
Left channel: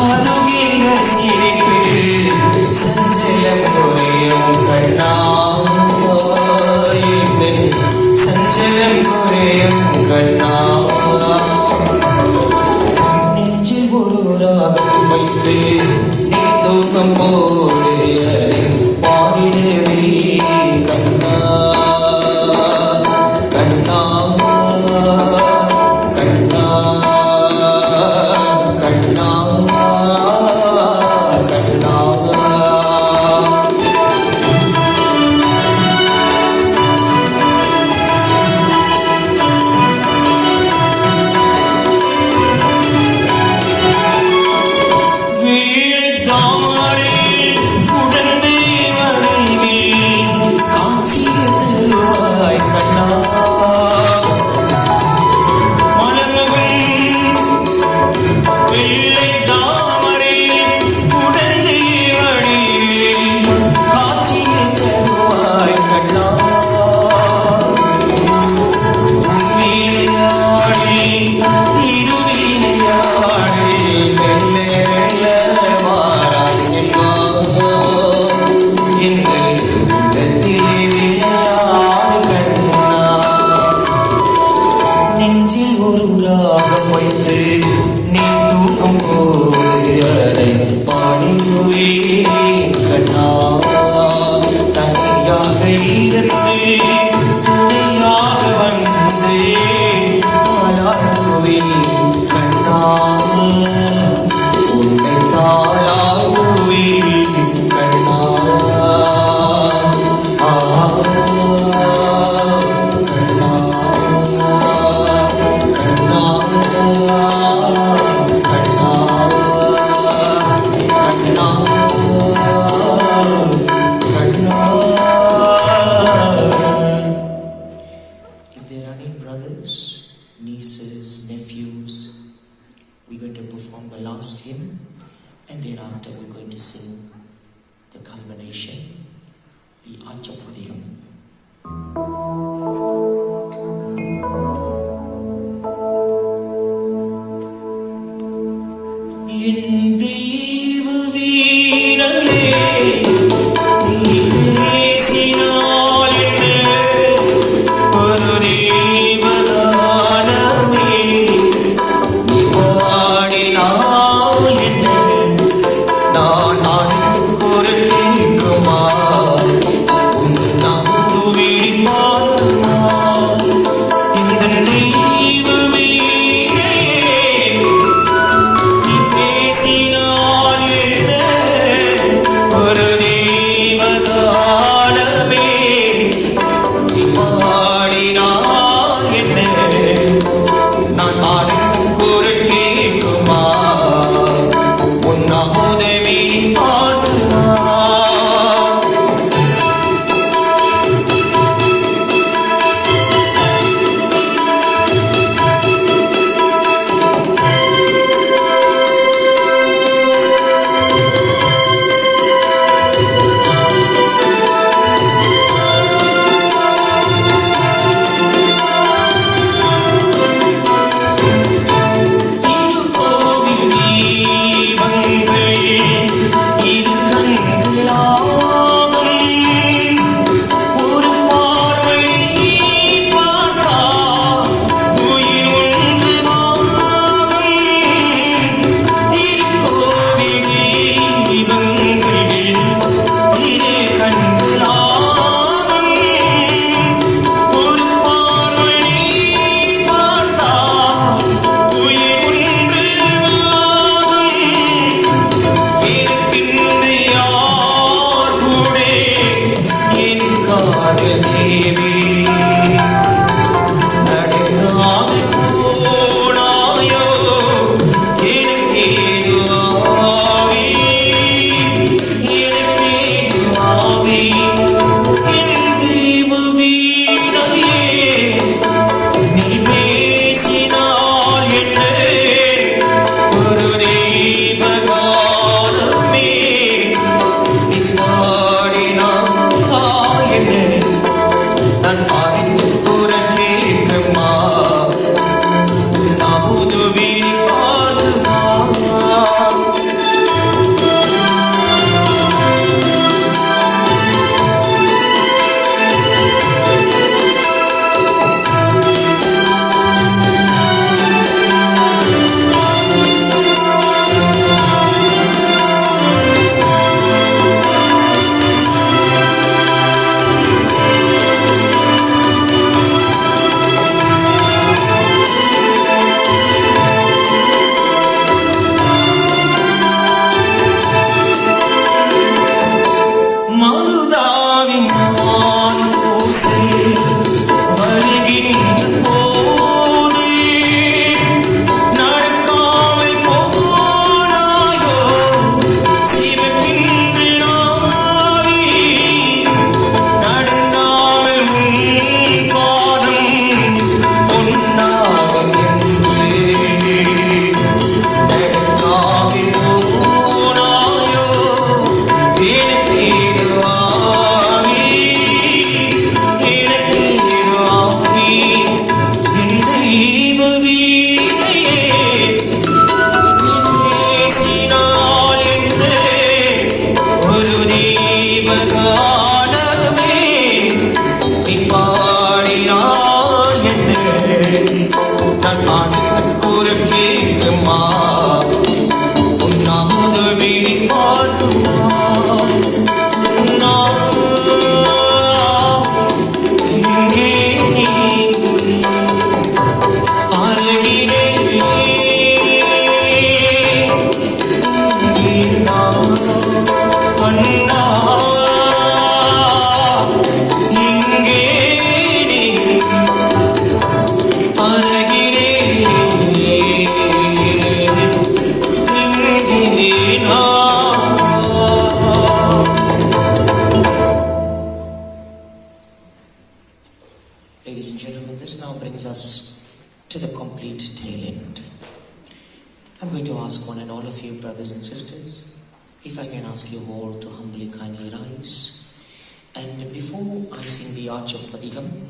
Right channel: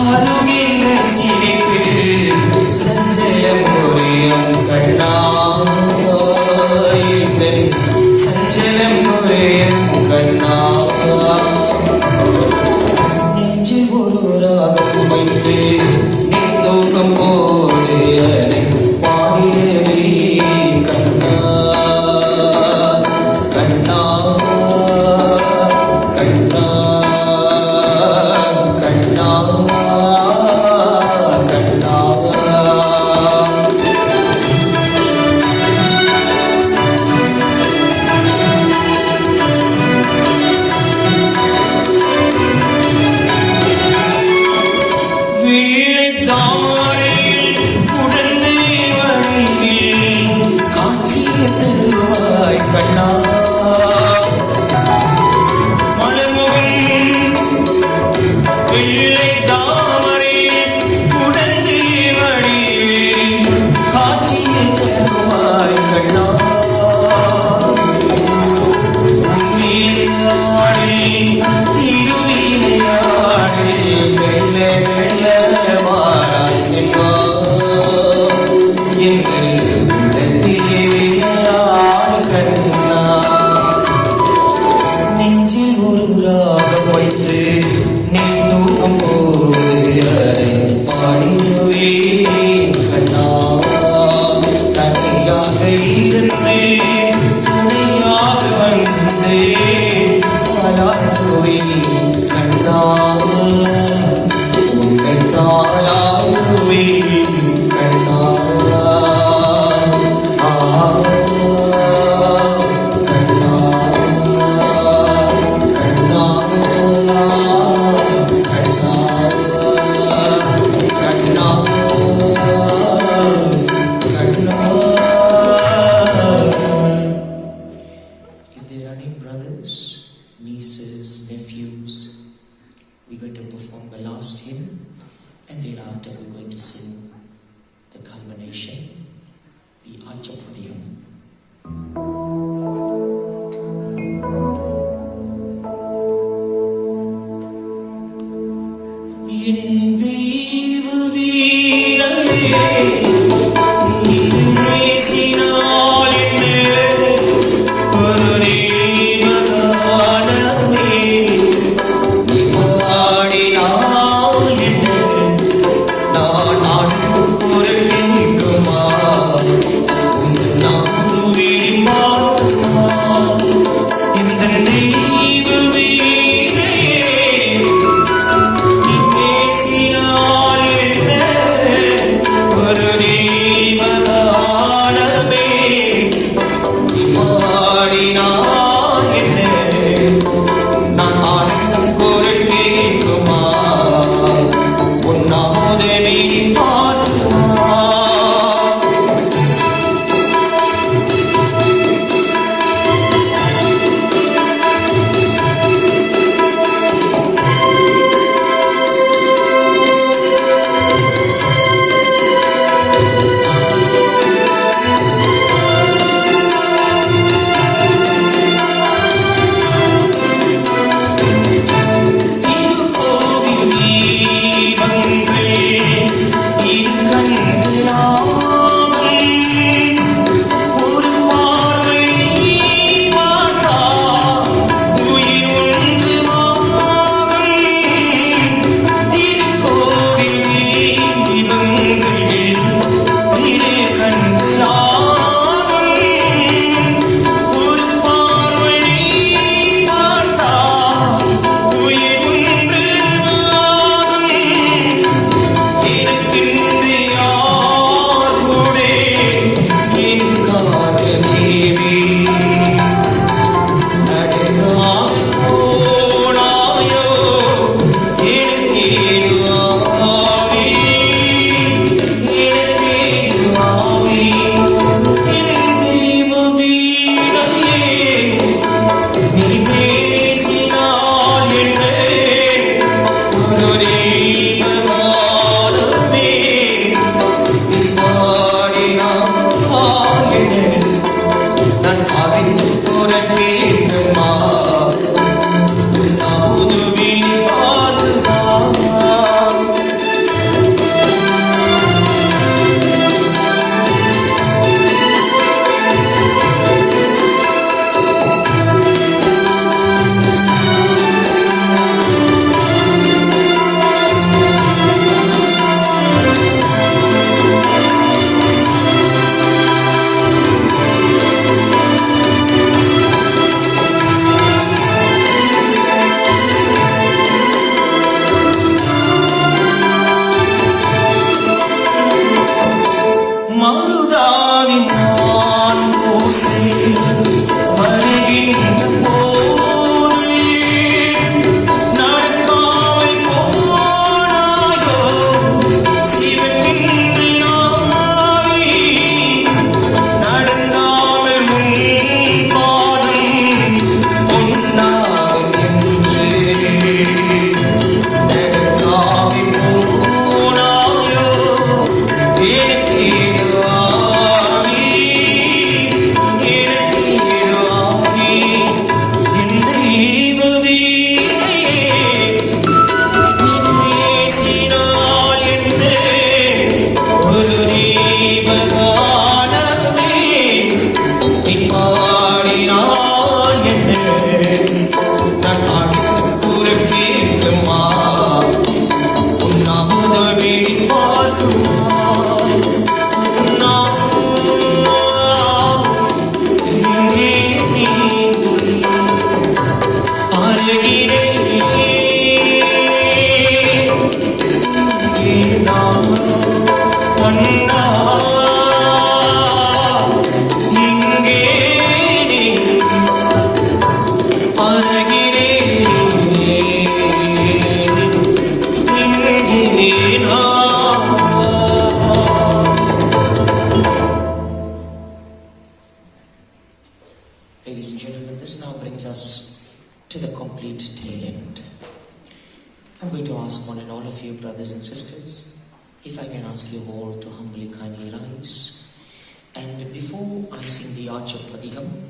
அருகின்ற சிரிப்பு சஞ்சலம் குறையும் கண்ணா. சஞ்சலம் குறையும் கண்ணா. நெஞ்சில் ஒரு ராகம் வைத்து நீ தூக்கம் போது அதை பாடிடுவேன் கண்ணா. கண்ணா கண்ணா கண்ணா கண்ணா. வெள்ளைத் தாமரையில் குடந்தை வடிவில் காட்சியை தருவாய் கண்ணா. மலர்மகள் வெள்ளைத் தாமரையில் குடந்தை வடிவில் காட்சியை தருவாய் கண்ணா. விளையாடி திருவிளையாடி மெல்ல மெல்ல வாராசிமா. எங்கள் உள்ளத்திலே விளையாடு கண்ணா. நெஞ்சில் ஒரு ராகம் வைத்து நீ தூங்கும் போது அதை பாடிடுவேன் கண்ணா. தனியாக இருந்து துணையாக வந்து தாலாட்டுவேன் கண்ணா. உன்னை தாலாட்டுவேன் கண்ணா. கண்ணா கண்ணா If there are any brothers, nieces, nephews, we're going to perform the last hymn, and thereafter we're going to sing the culmination, the Archapadiyam. என் தெய்வ வீரரே, நீ பேசினால் என்ன ஒரு தேவகானமே, நீ பாடினால் என்ன நான் நாட்டுக் குரல் கேட்குமா. I'm going to ask one and all of you, brothers and sisters, if I can ask you all to humbly kindly rise. And before I sing the Arch of Padigam,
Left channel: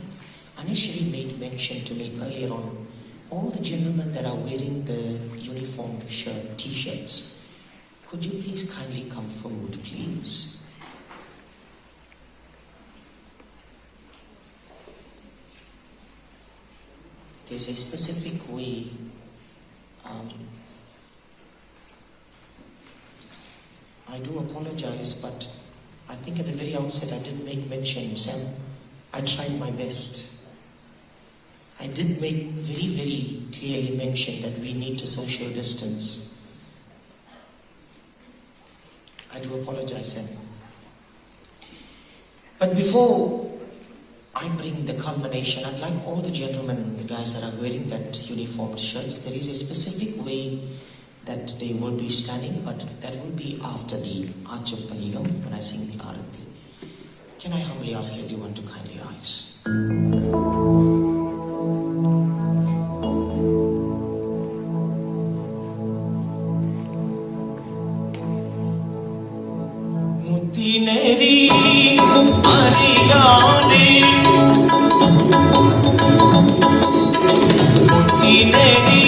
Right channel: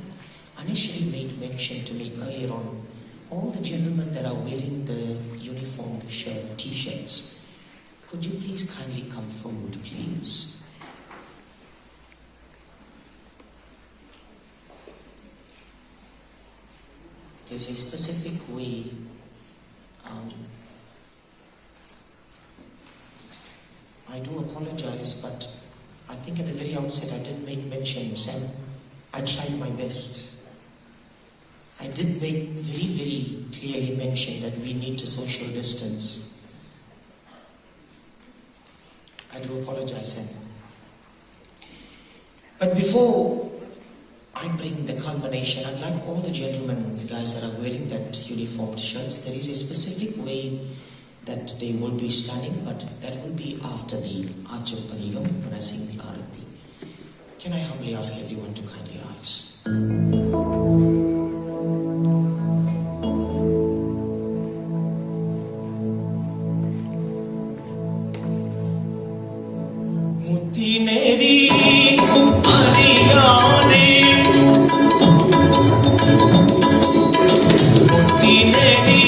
Anishri made mention to me earlier on, all the gentlemen that are wearing the uniformed shirt, t-shirts, could you please kindly come forward, please? There's a specific way I do apologize, but I think at the very outset I did make mention, son. I tried my best. I did make very, very clearly mention that we need to social distance. I do apologize, son. But before I bring the culmination, I'd like all the gentlemen, guys that are wearing that uniformed shirts, there is a specific way that they will be standing, but that will be after the Arch of Mahalingum when I sing the Arati. Can I humbly ask everyone to kindly rise? Mutineri Ariyade Mutineri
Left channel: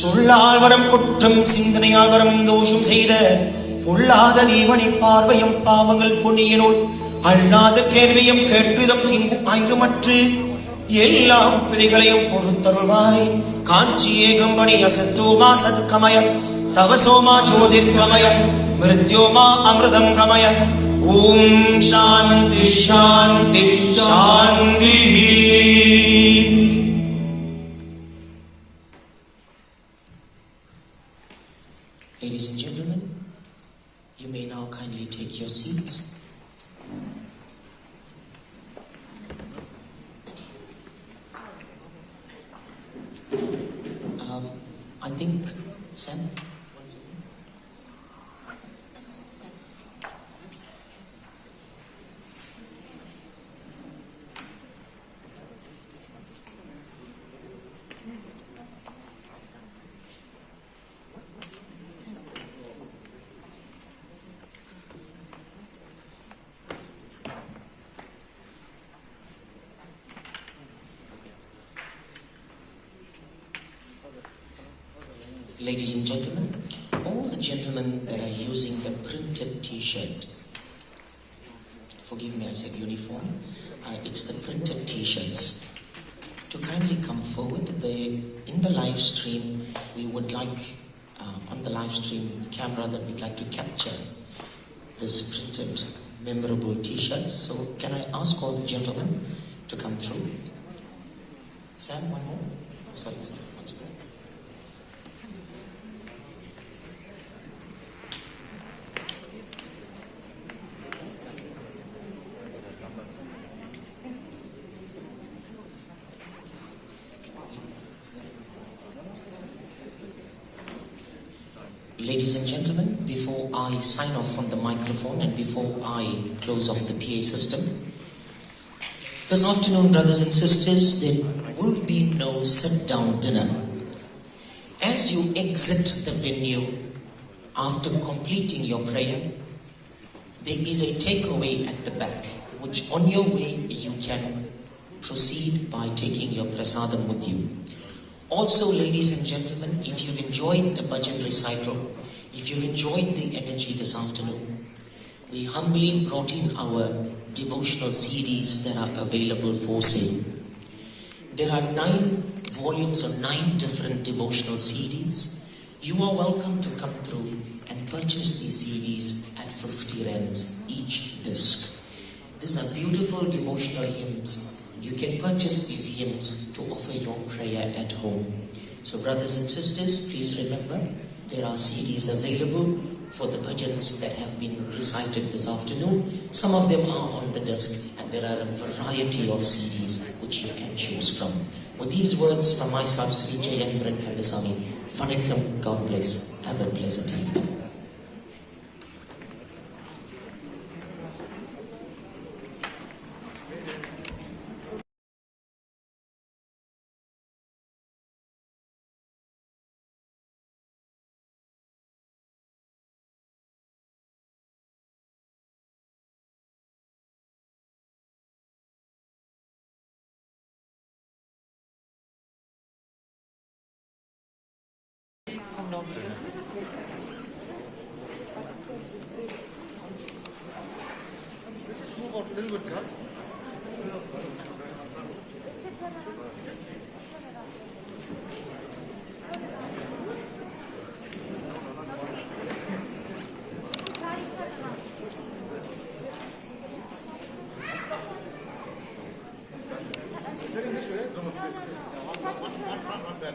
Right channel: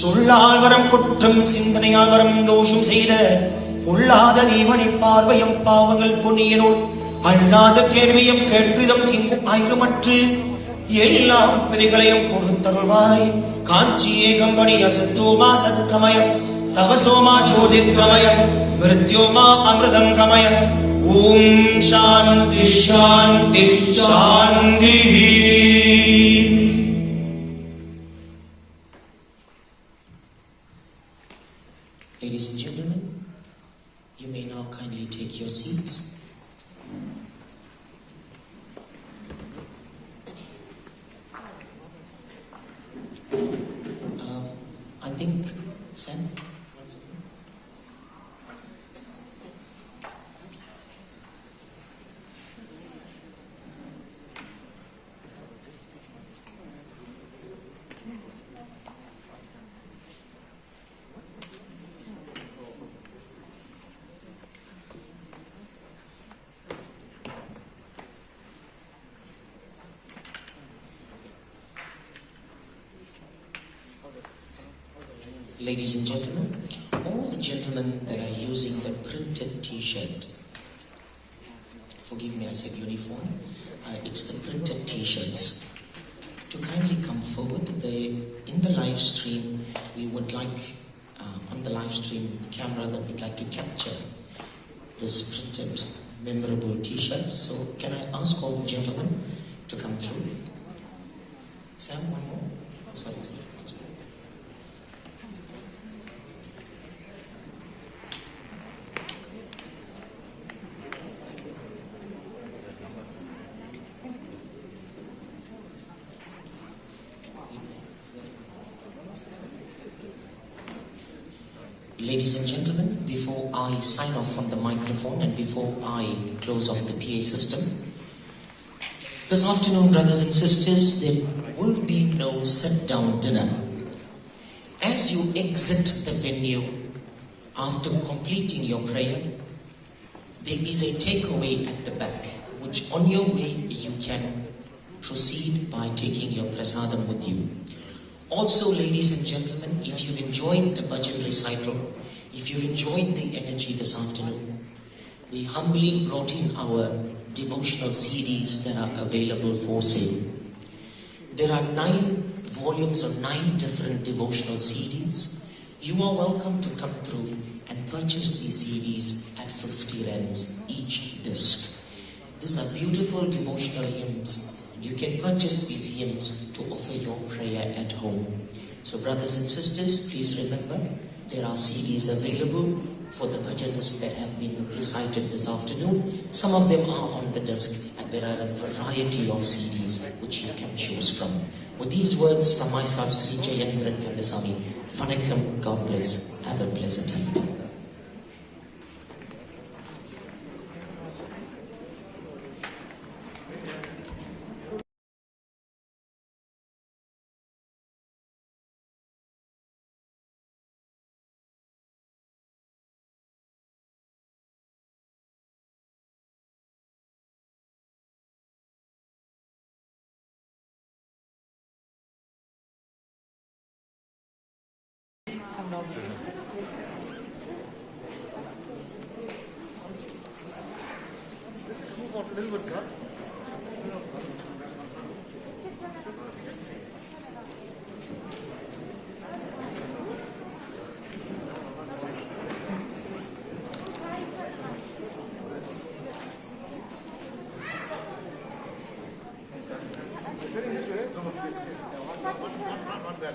சொல்லால் வரம் குற்றம் சிந்தனையால் வரம் தோஷம் செய்த பொல்லாத நீவனி பார்வையும் பாவங்கள் புண்ணியனோடு அல்லாத கேள்வியும் கேட்பிதம் ஆயிரமற்று எல்லாம் பிரிகளையும் பொறுத்தருள்வாய் காஞ்சி ஏகம்பணி அசத்தோமா சத்கமய தவசோமா ஜோதிர்கமய மிருத்யோமா அமிர்தம் கமய ஓம் சாந்தி சாந்தி சாந்தி. Ladies and gentlemen, you may now kindly take your seats. I think, Sam? Ladies and gentlemen, all the gentlemen that are using the printed t-shirt, forgive me, I said uniform, it's the printed t-shirts, to kindly come forward. In the live stream, we would like, on the live stream camera, that we'd like to capture this printed memorable t-shirts. So can I ask all the gentlemen to come through? Sam, one more? Sorry. Ladies and gentlemen, before I sign off from the microphone and before I close off the PA system, this afternoon, brothers and sisters, there will be no sit-down dinner. As you exit the venue after completing your prayer, there is a takeaway at the back, which on your way you can proceed by taking your prasadam with you. Also, ladies and gentlemen, if you've enjoyed the budget recital, if you've enjoyed the energy this afternoon, we humbly brought in our devotional CDs that are available for sale. There are 9 volumes or 9 different devotional CDs. You are welcome to come through and purchase these CDs at 50 rands each disc. These are beautiful devotional hymns. You can purchase these hymns to offer your prayer at home. So brothers and sisters, please remember, there are CDs available for the bhajans that have been recited this afternoon. Some of them are on the desk, and there are a variety of CDs which you can choose from. With these words from myself, Sri Jayendran Kandasamy, Vanakkam, God bless. Have a pleasant evening. One, that.